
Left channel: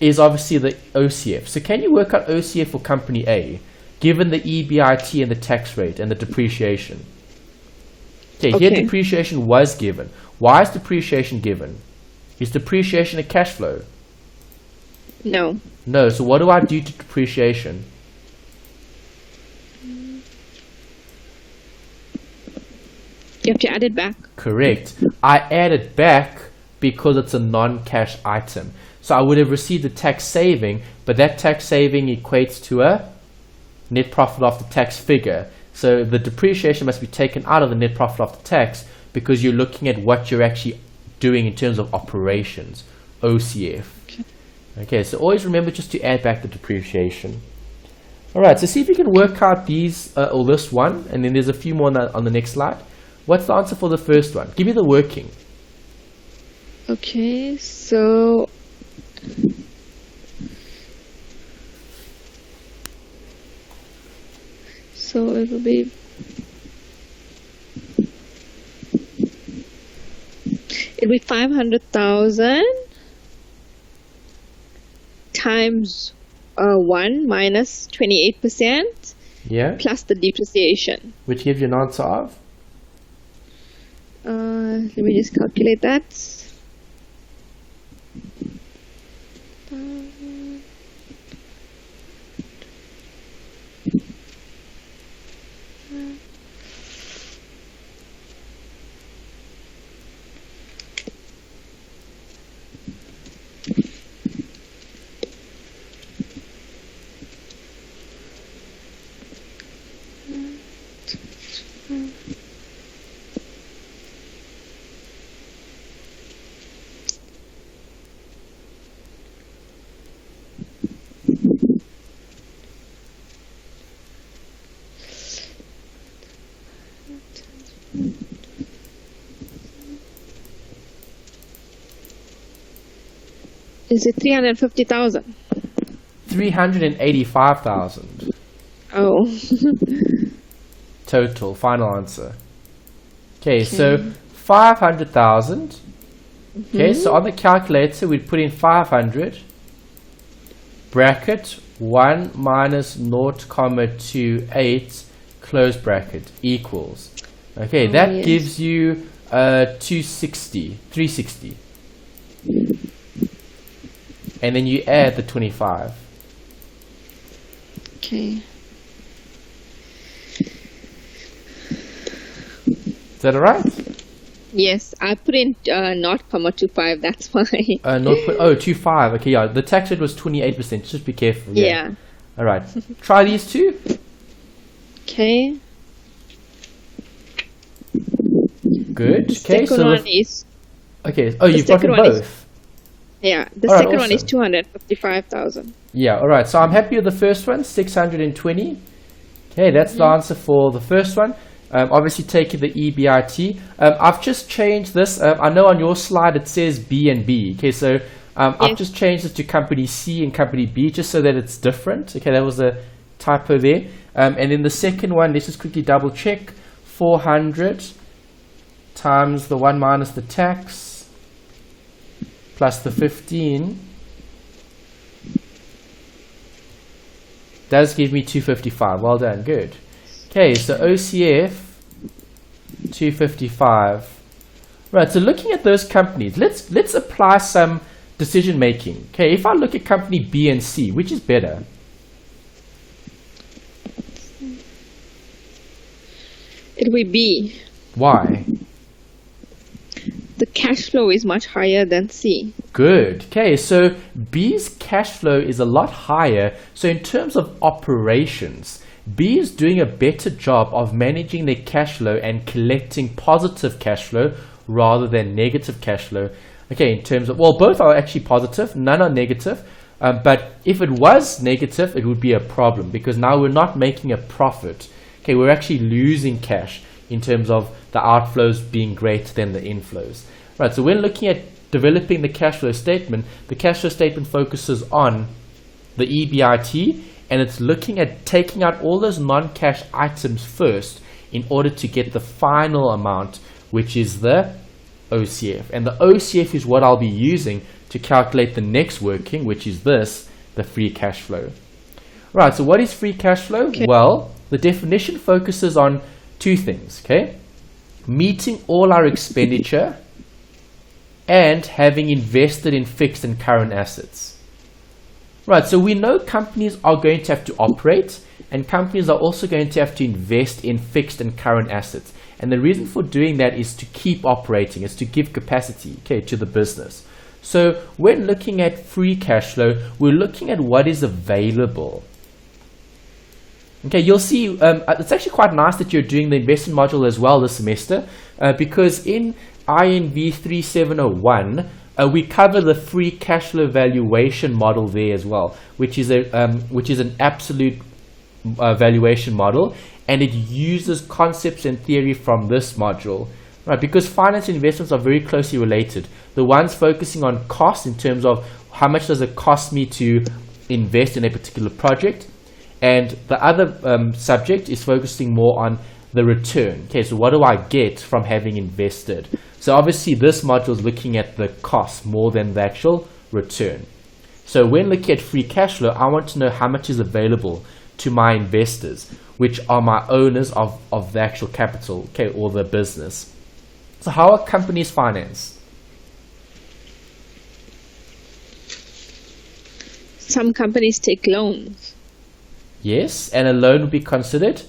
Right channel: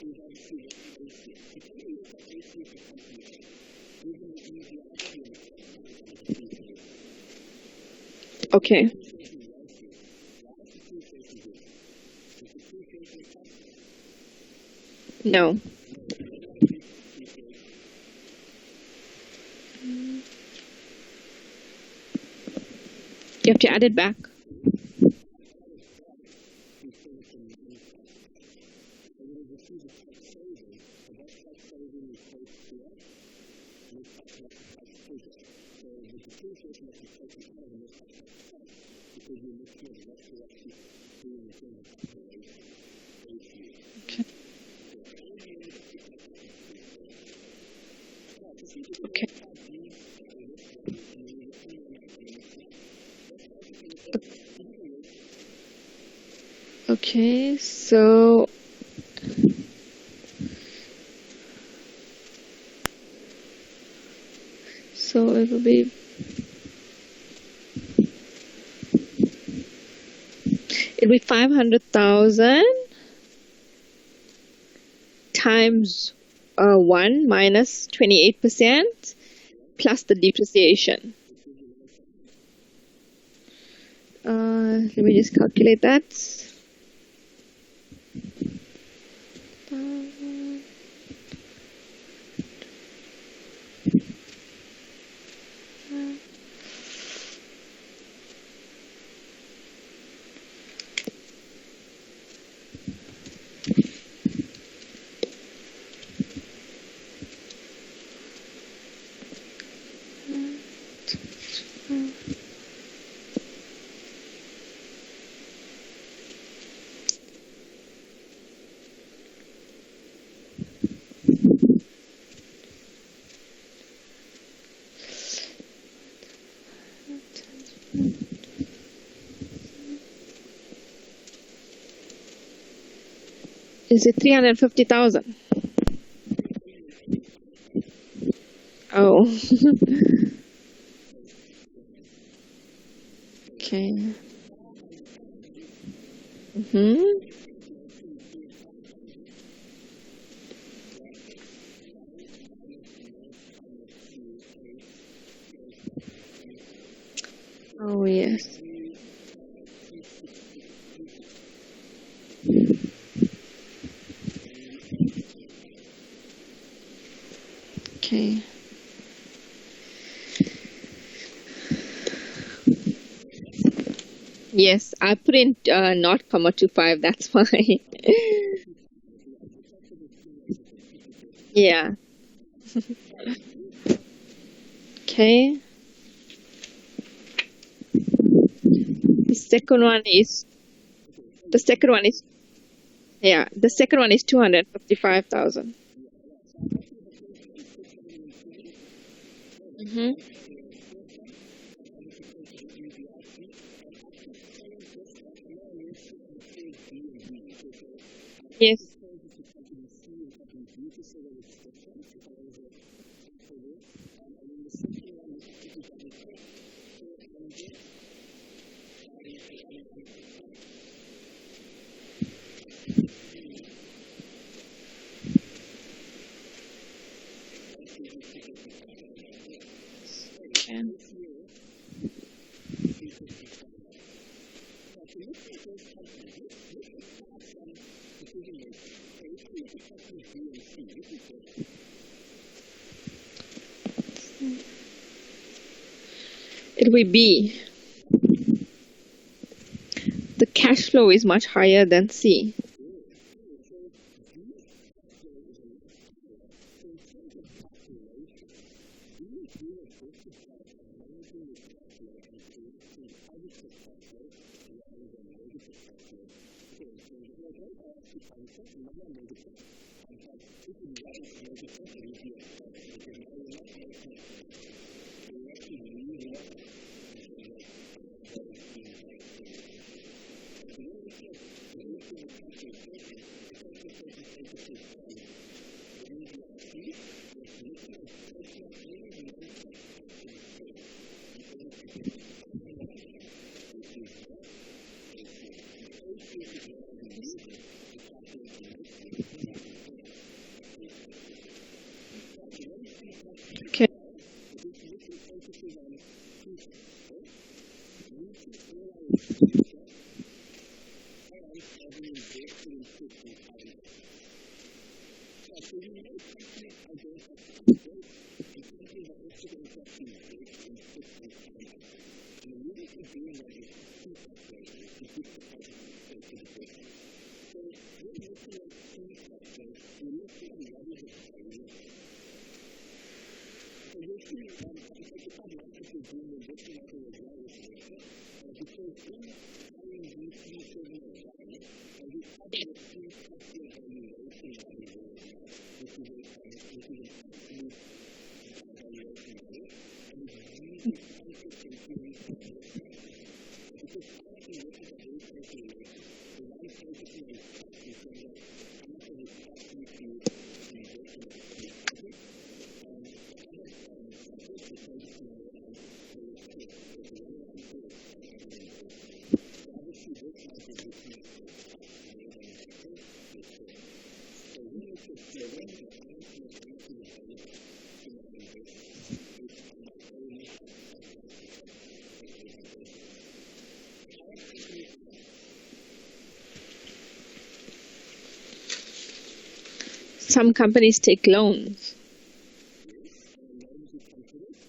is obviously the OCF. So can you work out OCF for company A, given the EBIT and the tax rate and the depreciation? Okay, here depreciation was given. Why is depreciation given? Is depreciation a cash flow? No. No, so what do I do to depreciation? You have to add it back. Correct. I add it back because it's a non-cash item. So I would have received a tax saving, but that tax saving equates to a net profit after tax figure. So the depreciation must be taken out of the net profit after tax because you're looking at what you're actually doing in terms of operations, OCF. Okay, so always remember just to add back the depreciation. All right, so see if you can work out these or this one, and then there's a few more on the next slide. What's the answer for the first one? Give me the working. Okay, so it will be it'll be 500,000 times 1 minus 28%, yeah, plus the depreciation, which gives you an answer of. Let me just calculate that. Is it 350,000? 385,000 Oh. total. Final answer. Okay, so 500,000. Okay, so on the calculator we'd put in 500 bracket 1 minus 0.28 close bracket equals. Okay, that gives you 360. And then you add the 25. Okay. Is that alright? Yes, I put in 0.25, that's why. 0.25. Okay, yeah. The tax rate was 28%. Just be careful. Yeah. Alright. Try these two. Okay. Good. The second one is... Okay. Oh, you've got them both. Yeah, the second one is 255,000. Yeah, alright. So I'm happy with the first one, 620. Okay, that's the answer for the first one. Obviously taking the EBIT. I've just changed this. I know on your slide it says B and B. Okay, so I've just changed it to company C and company B just so that it's different. Okay, that was a typo there. And then the second one, let's just quickly double check. 400 times the 1 minus the tax plus the 15 does give me 255. Well done, good. Okay, so OCF 255. Right, so looking at those companies, let's apply some decision making. Okay, if I look at company B and C, which is better? It will be. Why? The cash flow is much higher than C. Good. Okay, so B's cash flow is a lot higher. So in terms of operations, B is doing a better job of managing their cash flow and collecting positive cash flow rather than negative cash flow. Okay, in terms of, well, both are actually positive, none are negative. But if it was negative, it would be a problem because now we're not making a profit. Okay, we're actually losing cash in terms of the outflows being greater than the inflows. Right, so when looking at developing the cash flow statement, the cash flow statement focuses on the EBIT and it's looking at taking out all those non-cash items first in order to get the final amount, which is the OCF. And the OCF is what I'll be using to calculate the next working, which is this, the free cash flow. Right, so what is free cash flow? Okay. Well, the definition focuses on two things, okay? Meeting all our expenditure and having invested in fixed and current assets. Right, so we know companies are going to have to operate and companies are also going to have to invest in fixed and current assets. And the reason for doing that is to keep operating, is to give capacity, okay, to the business. So when looking at free cash flow, we're looking at what is available. Okay, you'll see it's actually quite nice that you're doing the investment module as well this semester, because in FIN3701 we cover the free cash flow valuation model there as well, which is an absolute valuation model, and it uses concepts and theory from this module, right? Because finance and investments are very closely related. The one's focusing on cost in terms of how much does it cost me to invest in a particular project, and the other subject is focusing more on the return. Okay, so what do I get from having invested? So obviously this module is looking at the cost more than the actual return. So when looking at free cash flow, I want to know how much is available to my investors, which are my owners of the actual capital, okay, or the business. So how are companies financed? Some companies take loans. Yes, and a loan would be considered?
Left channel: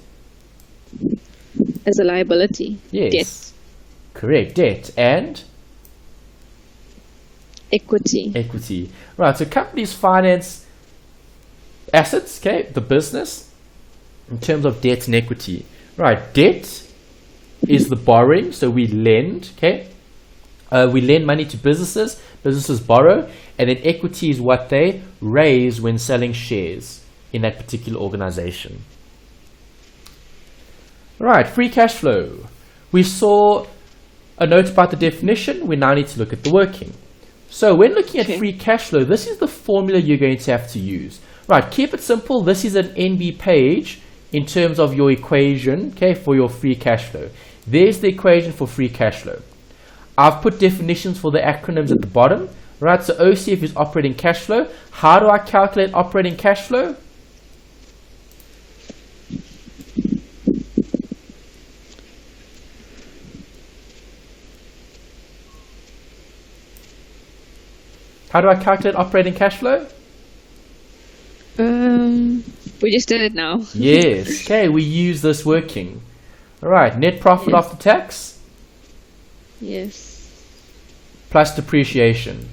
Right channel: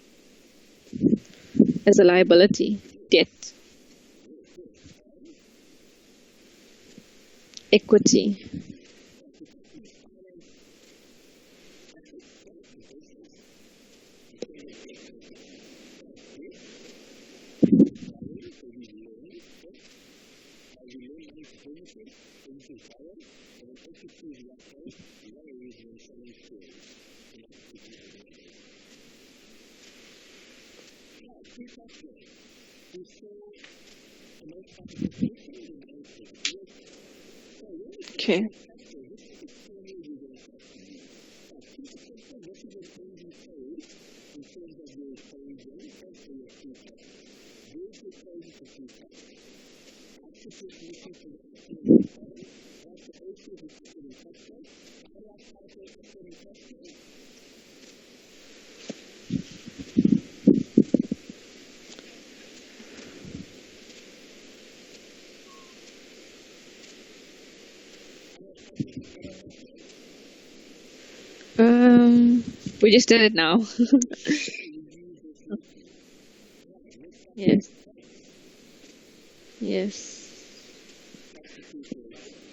As a liability. Yes. Debt. Correct, debt. And? Equity. Equity. Right, so companies finance assets, okay, the business, in terms of debt and equity. Right, debt is the borrowing, so we lend, okay? We lend money to businesses, businesses borrow, and then equity is what they raise when selling shares in that particular organization. Right, free cash flow. We saw a note about the definition. We now need to look at the working. So when looking at free cash flow, this is the formula you're going to have to use. Right, keep it simple. This is an NB page in terms of your equation, okay, for your free cash flow. There's the equation for free cash flow. I've put definitions for the acronyms at the bottom. Right, so OCF is operating cash flow. How do I calculate operating cash flow? How do I calculate operating cash flow? We just did it now. Yes. Okay, we use this working. All right, net profit after tax? Yes. Plus depreciation.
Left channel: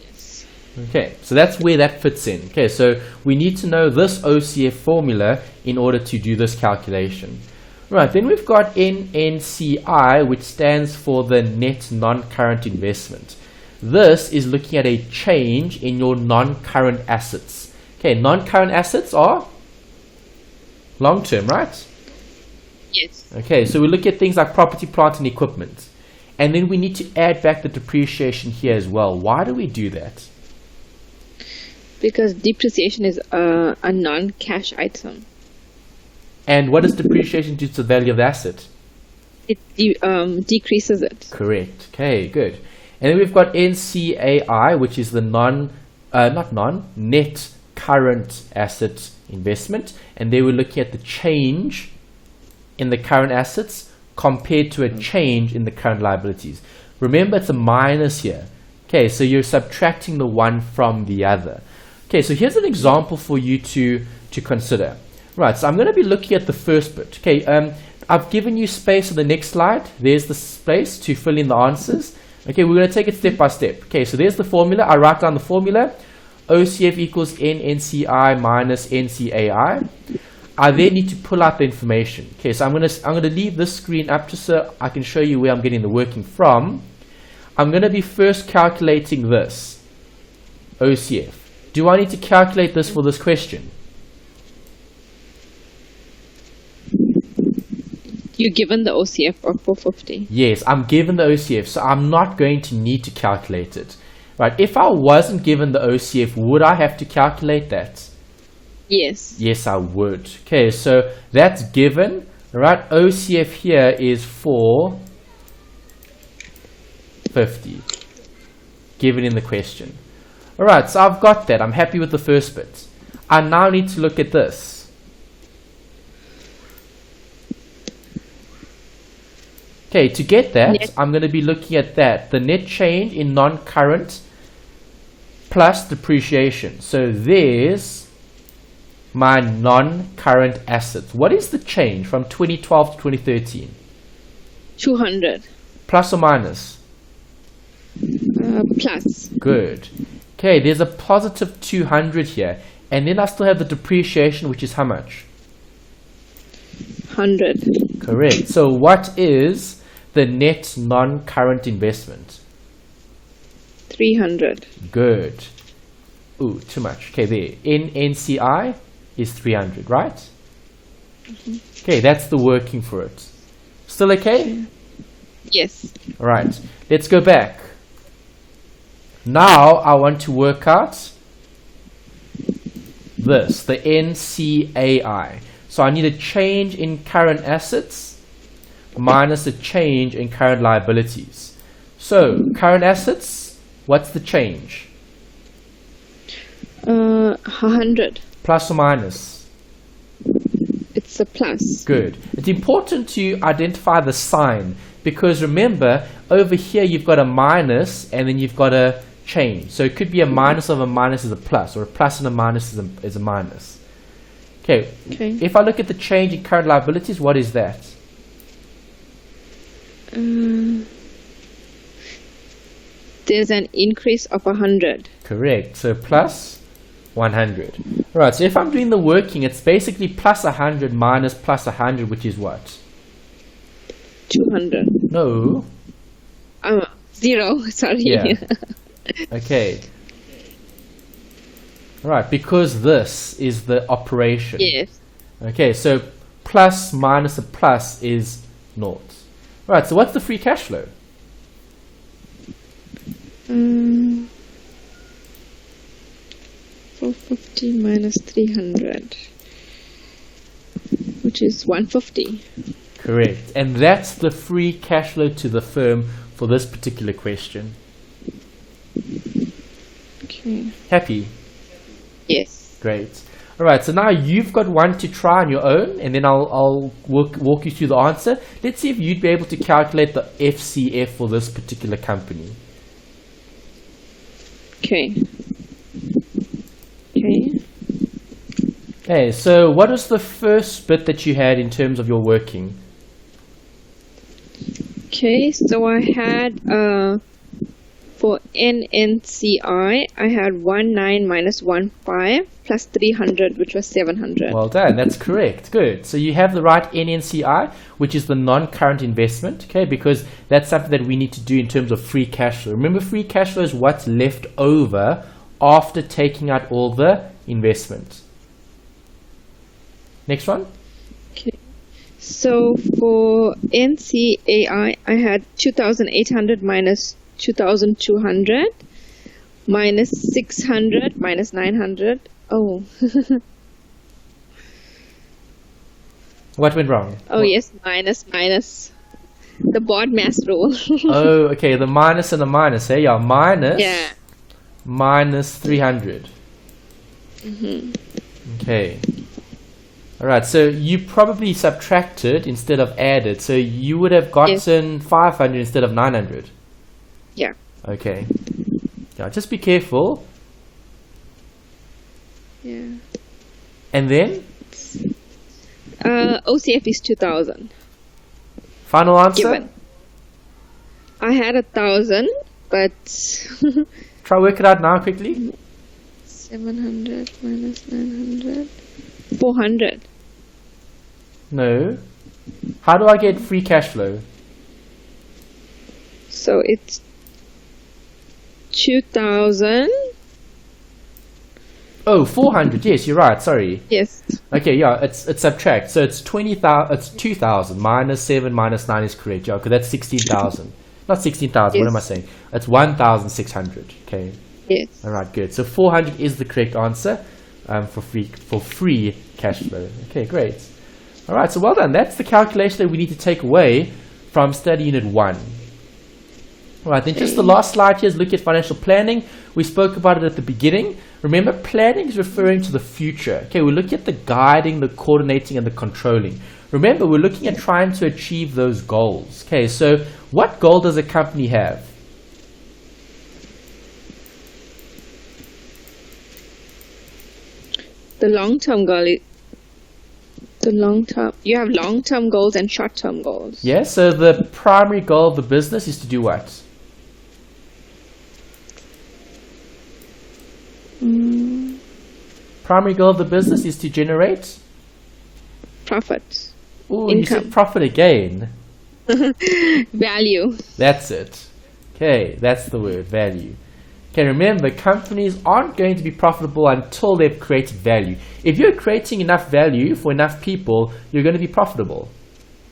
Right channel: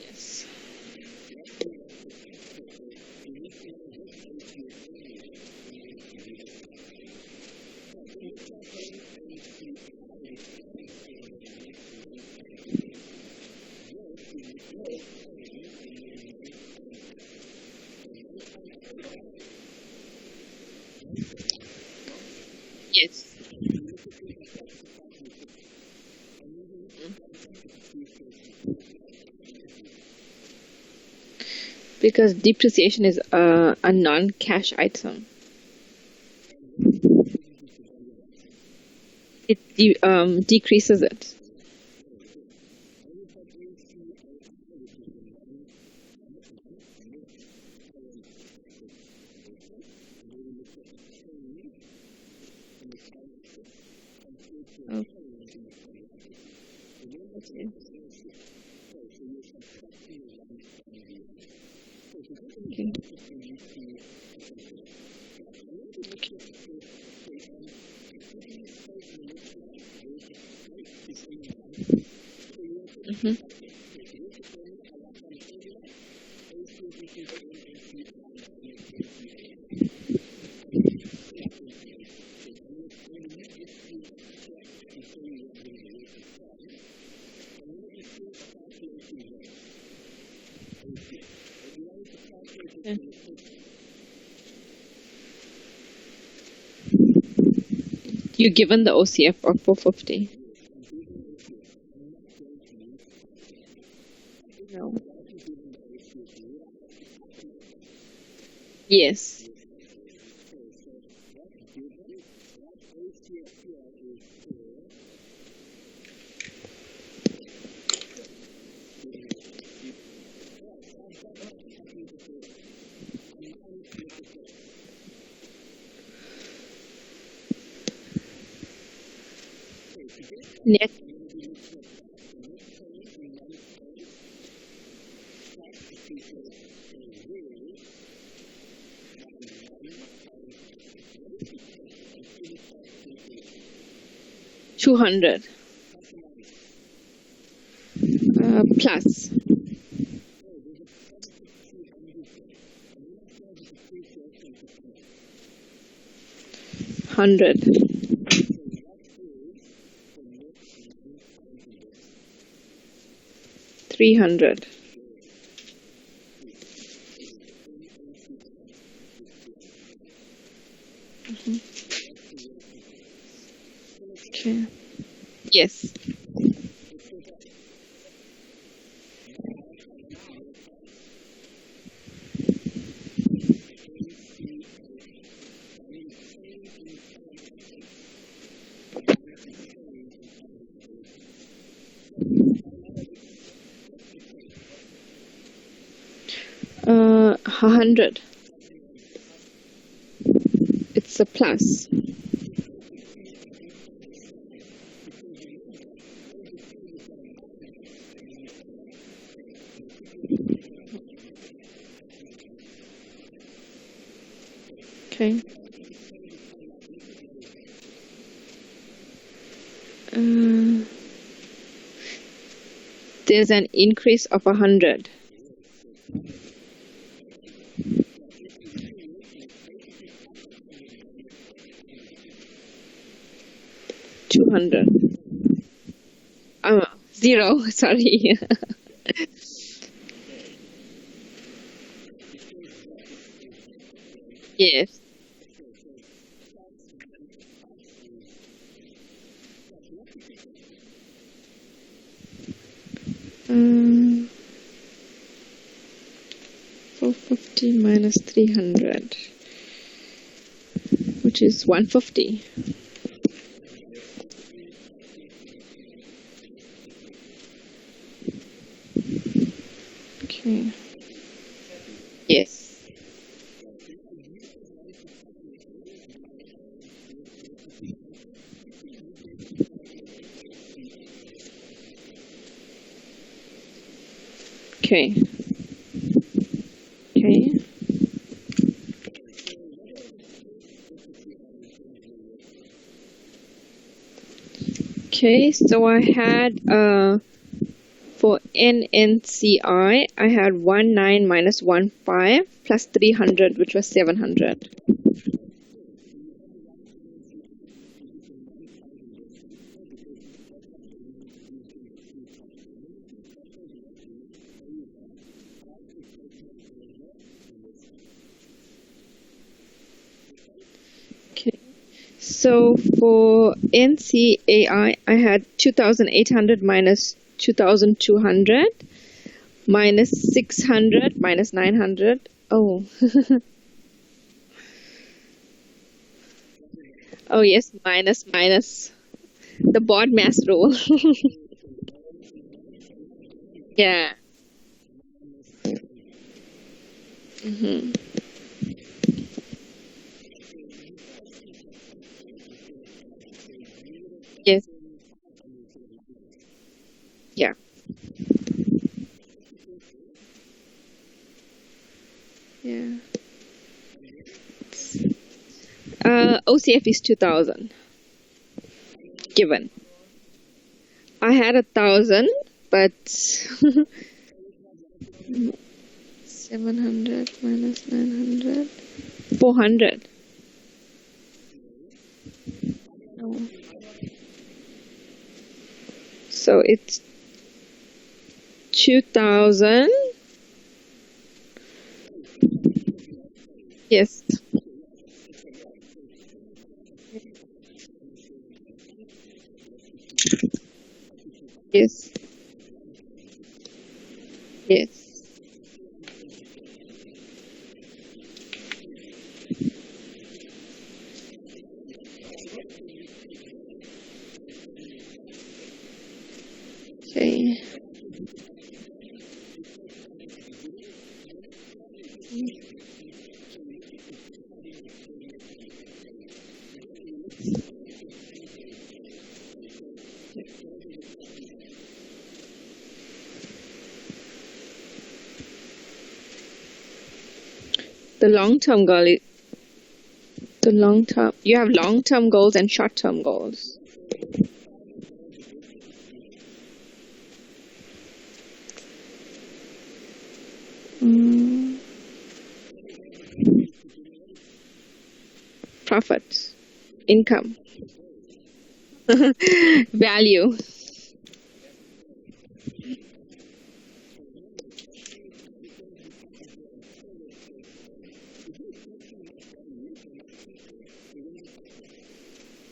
Yes. Okay, so that's where that fits in. Okay, so we need to know this OCF formula in order to do this calculation. Right, then we've got NNCI, which stands for the net non-current investment. This is looking at a change in your non-current assets. Okay, non-current assets are long-term, right? Yes. Okay, so we look at things like property, plant, and equipment. And then we need to add back the depreciation here as well. Why do we do that? Because depreciation is a non-cash item. And what does depreciation do to the value of the asset? It decreases it. Correct. Okay, good. And then we've got NCAI, which is the net current asset investment. And they were looking at the change in the current assets compared to a change in the current liabilities. Remember, it's a minus here. Okay, so you're subtracting the one from the other. Okay, so here's an example for you to consider. Right, so I'm going to be looking at the first bit. Okay, I've given you space on the next slide. There's the space to fill in the answers. Okay, we're going to take it step by step. Okay, so there's the formula. I write down the formula. OCF equals NNCI minus NCAI. I then need to pull out the information. Okay, so I'm gonna leave this screen up just so I can show you where I'm getting the working from. I'm going to be first calculating this OCF. Do I need to calculate this for this question? You're given the OCF of 450. Yes, I'm given the OCF, so I'm not going to need to calculate it. Right, if I wasn't given the OCF, would I have to calculate that? Yes. Yes, I would. Okay, so that's given. Right, OCF here is 450. Given in the question. Alright, so I've got that. I'm happy with the first bit. I now need to look at this. Okay, to get that, I'm going to be looking at that. The net change in non-current plus depreciation. So there's my non-current assets. What is the change from 2012 to 2013? 200. Plus or minus? Plus. Good. Okay, there's a positive 200 here. And then I still have the depreciation, which is how much? 100. Correct. So what is the net non-current investment? 300. Good. Ooh, too much. Okay, there. NNCI is 300, right? Okay, that's the working for it. Still okay? Yes. All right. Let's go back. Now I want to work out this, the NCAI. So I need a change in current assets minus a change in current liabilities. So current assets, what's the change? 100. Plus or minus? It's a plus. Good. It's important to identify the sign because remember, over here you've got a minus and then you've got a change. So it could be a minus of a minus is a plus, or a plus and a minus is a minus. Okay. If I look at the change in current liabilities, what is that? There's an increase of 100. Correct. So plus 100. Alright, so if I'm doing the working, it's basically plus 100 minus plus 100, which is what? 200. No. 0. Sorry. Yeah. Okay. Right, because this is the operation. Yes. Okay, so plus minus a plus is naught. Right, so what's the free cash flow? 450 minus 300, which is 150. Correct. And that's the free cash flow to the firm for this particular question. Okay. Happy? Yes. Great. All right, so now you've got one to try on your own, and then I'll walk you through the answer. Let's see if you'd be able to calculate the FCF for this particular company. Okay. Okay, so what was the first bit that you had in terms of your working? Okay, so I had for NNCI, I had 19 minus 15 plus 300, which was 700. Well done, that's correct. Good. So you have the right NNCI, which is the non-current investment, okay, because that's something that we need to do in terms of free cash flow. Remember, free cash flow is what's left over after taking out all the investment. Next one. Okay. So for NCAI, I had 2,800 minus 2,200 minus 600 minus 900. Oh. What went wrong? Oh, yes, minus. The board mass rule. Oh, okay, the minus and the minus, eh? Yeah, minus. Yeah. Minus 300. Okay. All right, so you probably subtracted instead of added. So you would have gotten 500 instead of 900. Yeah. Okay. Yeah, just be careful. Yeah. And then? OCF is 2,000. Final answer? Given. I had 1,000, but... Try work it out now quickly. 700 minus 900. 400. No. How do I get free cash flow? So it's 2,000. Oh, 400. Yes, you're right. Sorry. Yes. Okay, yeah, it's subtract. So it's 20,000. It's 2,000 minus 7 minus 9 is correct. Yeah, because that's 16,000. Not 16,000. Yes. What am I saying? It's 1,600. Okay. Yes. All right. Good. So 400 is the correct answer for free cash flow. Okay. Great. All right. So well done. That's the calculation that we need to take away from study unit 1. All right. Then just the last slide here is look at financial planning. We spoke about it at the beginning. Remember, planning is referring to the future. Okay, we're looking at the guiding, the coordinating, and the controlling. Remember, we're looking at trying to achieve those goals. Okay, so what goal does a company have? The long-term goal is The long-term, you have long-term goals and short-term goals. Yeah, so the primary goal of the business is to do what? Primary goal of the business is to generate? Profit. Ooh, Income. You said profit again. Value. That's it. Okay, that's the word, value. Okay, remember, companies aren't going to be profitable until they've created value. If you're creating enough value for enough people, you're going to be profitable.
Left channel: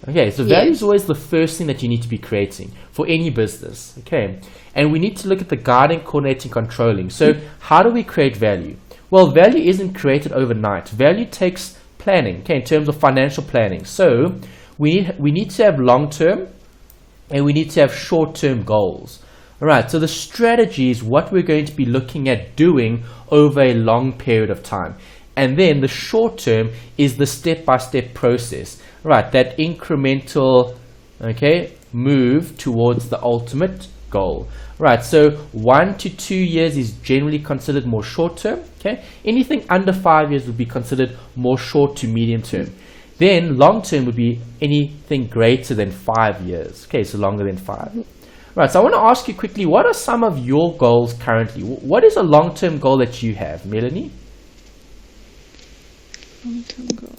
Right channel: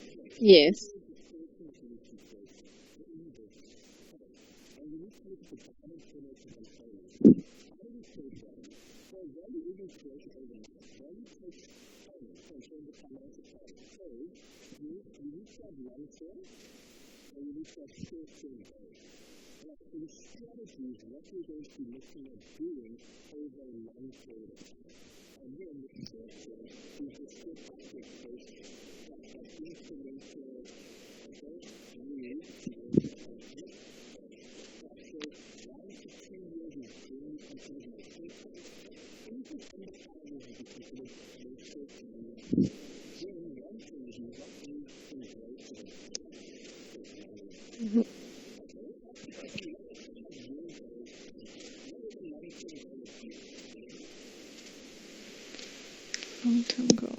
Okay, so value is always the first thing that you need to be creating for any business. Okay, and we need to look at the guiding, coordinating, controlling. So how do we create value? Well, value isn't created overnight. Value takes planning, okay, in terms of financial planning. So we need to have long-term and we need to have short-term goals. All right, so the strategy is what we're going to be looking at doing over a long period of time. And then the short term is the step-by-step process, right? That incremental, okay, move towards the ultimate goal. Right, so 1 to 2 years is generally considered more short term, okay? Anything under 5 years would be considered more short to medium term. Then long term would be anything greater than 5 years, okay, so longer than 5. Right, so I want to ask you quickly, what are some of your goals currently? What is a long-term goal that you have, Melanie? Long-term goal.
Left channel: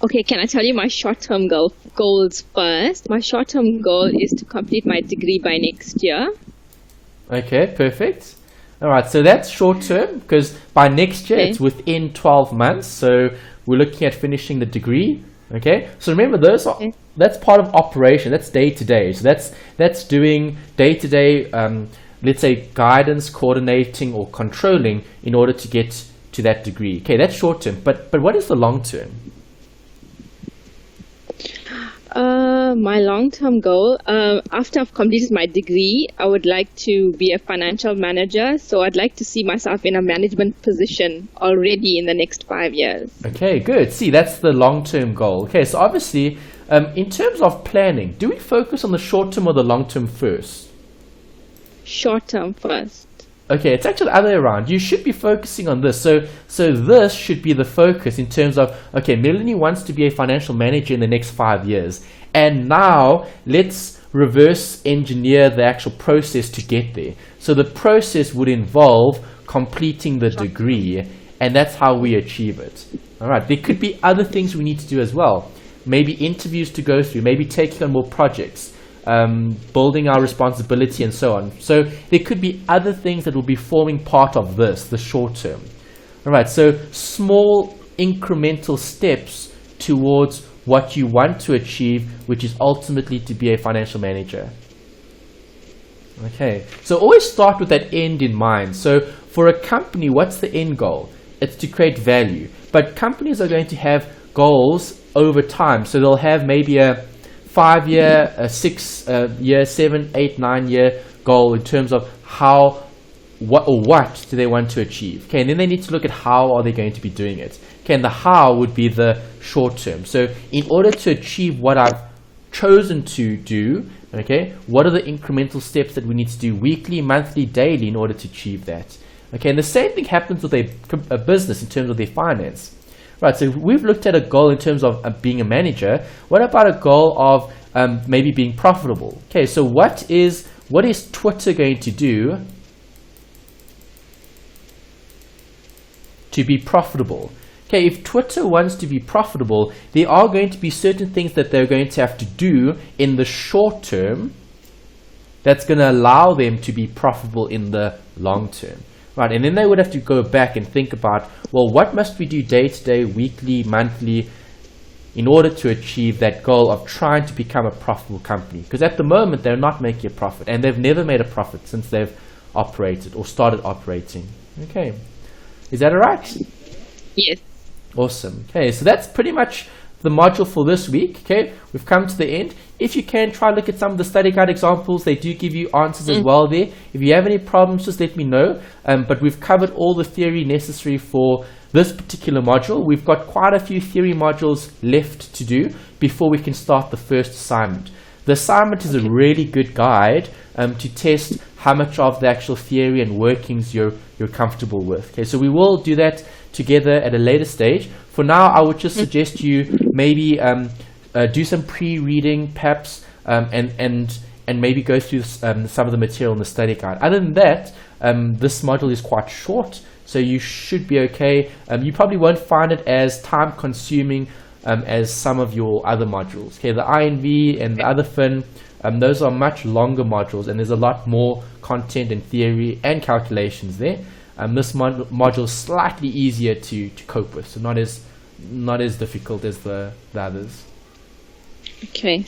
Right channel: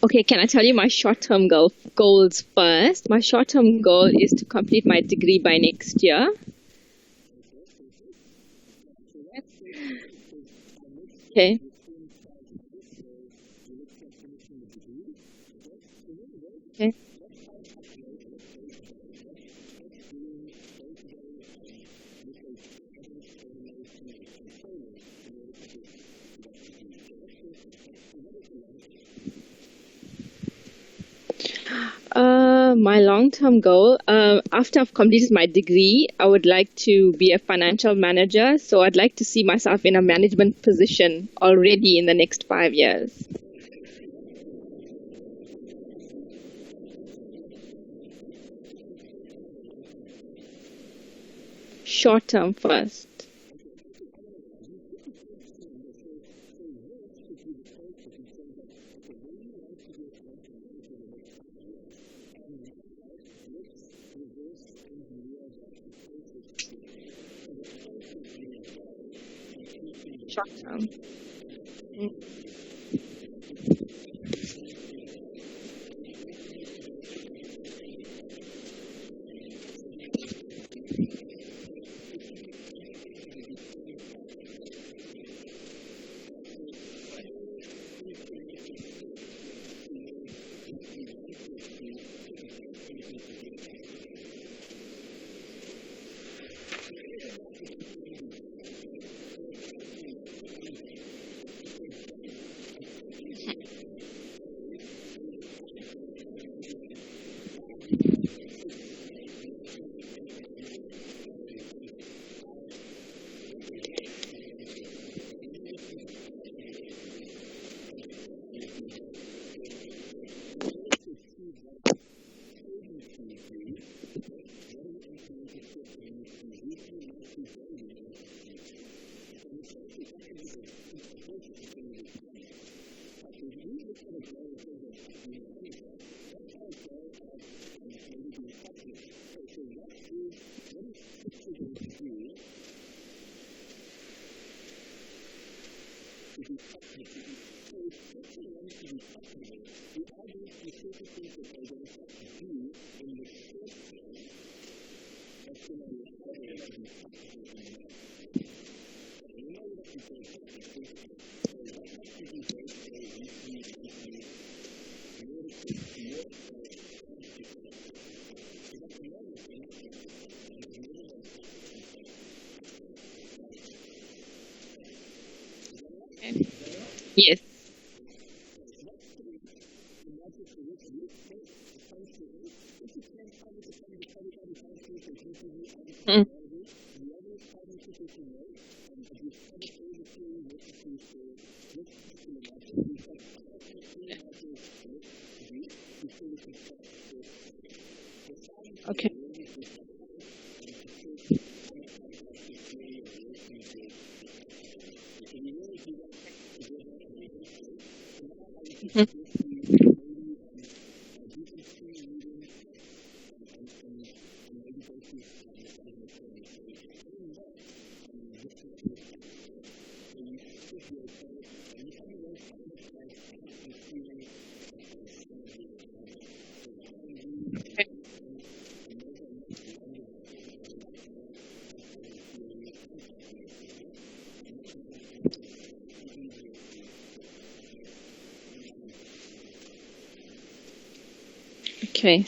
Okay, can I tell you my short-term goals first? My short-term goal is to complete my degree by next year. Okay, perfect. All right, so that's short term because by next year it's within 12 months. So we're looking at finishing the degree. Okay, so remember that's part of operation. That's day to day. So that's doing day to day. Let's say guidance, coordinating, or controlling in order to get to that degree. Okay, that's short term. But what is the long term? My long-term goal, after I've completed my degree, I would like to be a financial manager. So I'd like to see myself in a management position already in the next 5 years. Okay, good. See, that's the long-term goal. Okay, so obviously, in terms of planning, do we focus on the short-term or the long-term first? Short-term first. Okay, it's actually the other way around. You should be focusing on this. So this should be the focus in terms of, okay, Melanie wants to be a financial manager in the next 5 years. And now let's reverse engineer the actual process to get there. So the process would involve completing the degree, and that's how we achieve it. All right, there could be other things we need to do as well. Maybe interviews to go through, maybe taking on more projects. Building our responsibility and so on. So there could be other things that will be forming part of this, the short term. All right, so small incremental steps towards what you want to achieve, which is ultimately to be a financial manager. Okay, so always start with that end in mind. So for a company, what's the end goal? It's to create value. But companies are going to have goals over time. So they'll have maybe a 5 year, a 6 year, 7, 8, 9 year goal in terms of what do they want to achieve. Okay, and then they need to look at how are they going to be doing it. Okay, and the how would be the short term. So in order to achieve what I've chosen to do, okay, what are the incremental steps that we need to do weekly, monthly, daily in order to achieve that? Okay, and the same thing happens with a business in terms of their finance. Right, so we've looked at a goal in terms of being a manager. What about a goal of maybe being profitable? Okay, so what is Twitter going to do to be profitable? Okay, if Twitter wants to be profitable, there are going to be certain things that they're going to have to do in the short term that's going to allow them to be profitable in the long term. Right, and then they would have to go back and think about, well, what must we do day to day, weekly, monthly, in order to achieve that goal of trying to become a profitable company? Because at the moment, they're not making a profit, and they've never made a profit since they've operated or started operating. Okay, is that all right? Yes. Awesome. Okay, so that's pretty much the module for this week. Okay, we've come to the end. If you can, try look at some of the study guide examples. They do give you answers as well there. If you have any problems, just let me know. But we've covered all the theory necessary for this particular module. We've got quite a few theory modules left to do. before we can start the first assignment. The assignment is a really good guide to test how much of the actual theory and workings you're comfortable with. Okay, so we will do that together at a later stage. For now, I would just suggest you maybe do some pre-reading, perhaps, and maybe go through some of the material in the study guide. Other than that, this module is quite short, so you should be okay. You probably won't find it as time-consuming as some of your other modules. Okay, the INV and the other FIN, those are much longer modules, and there's a lot more content and theory and calculations there. This module is slightly easier to cope with, so not as difficult as the others. Okay.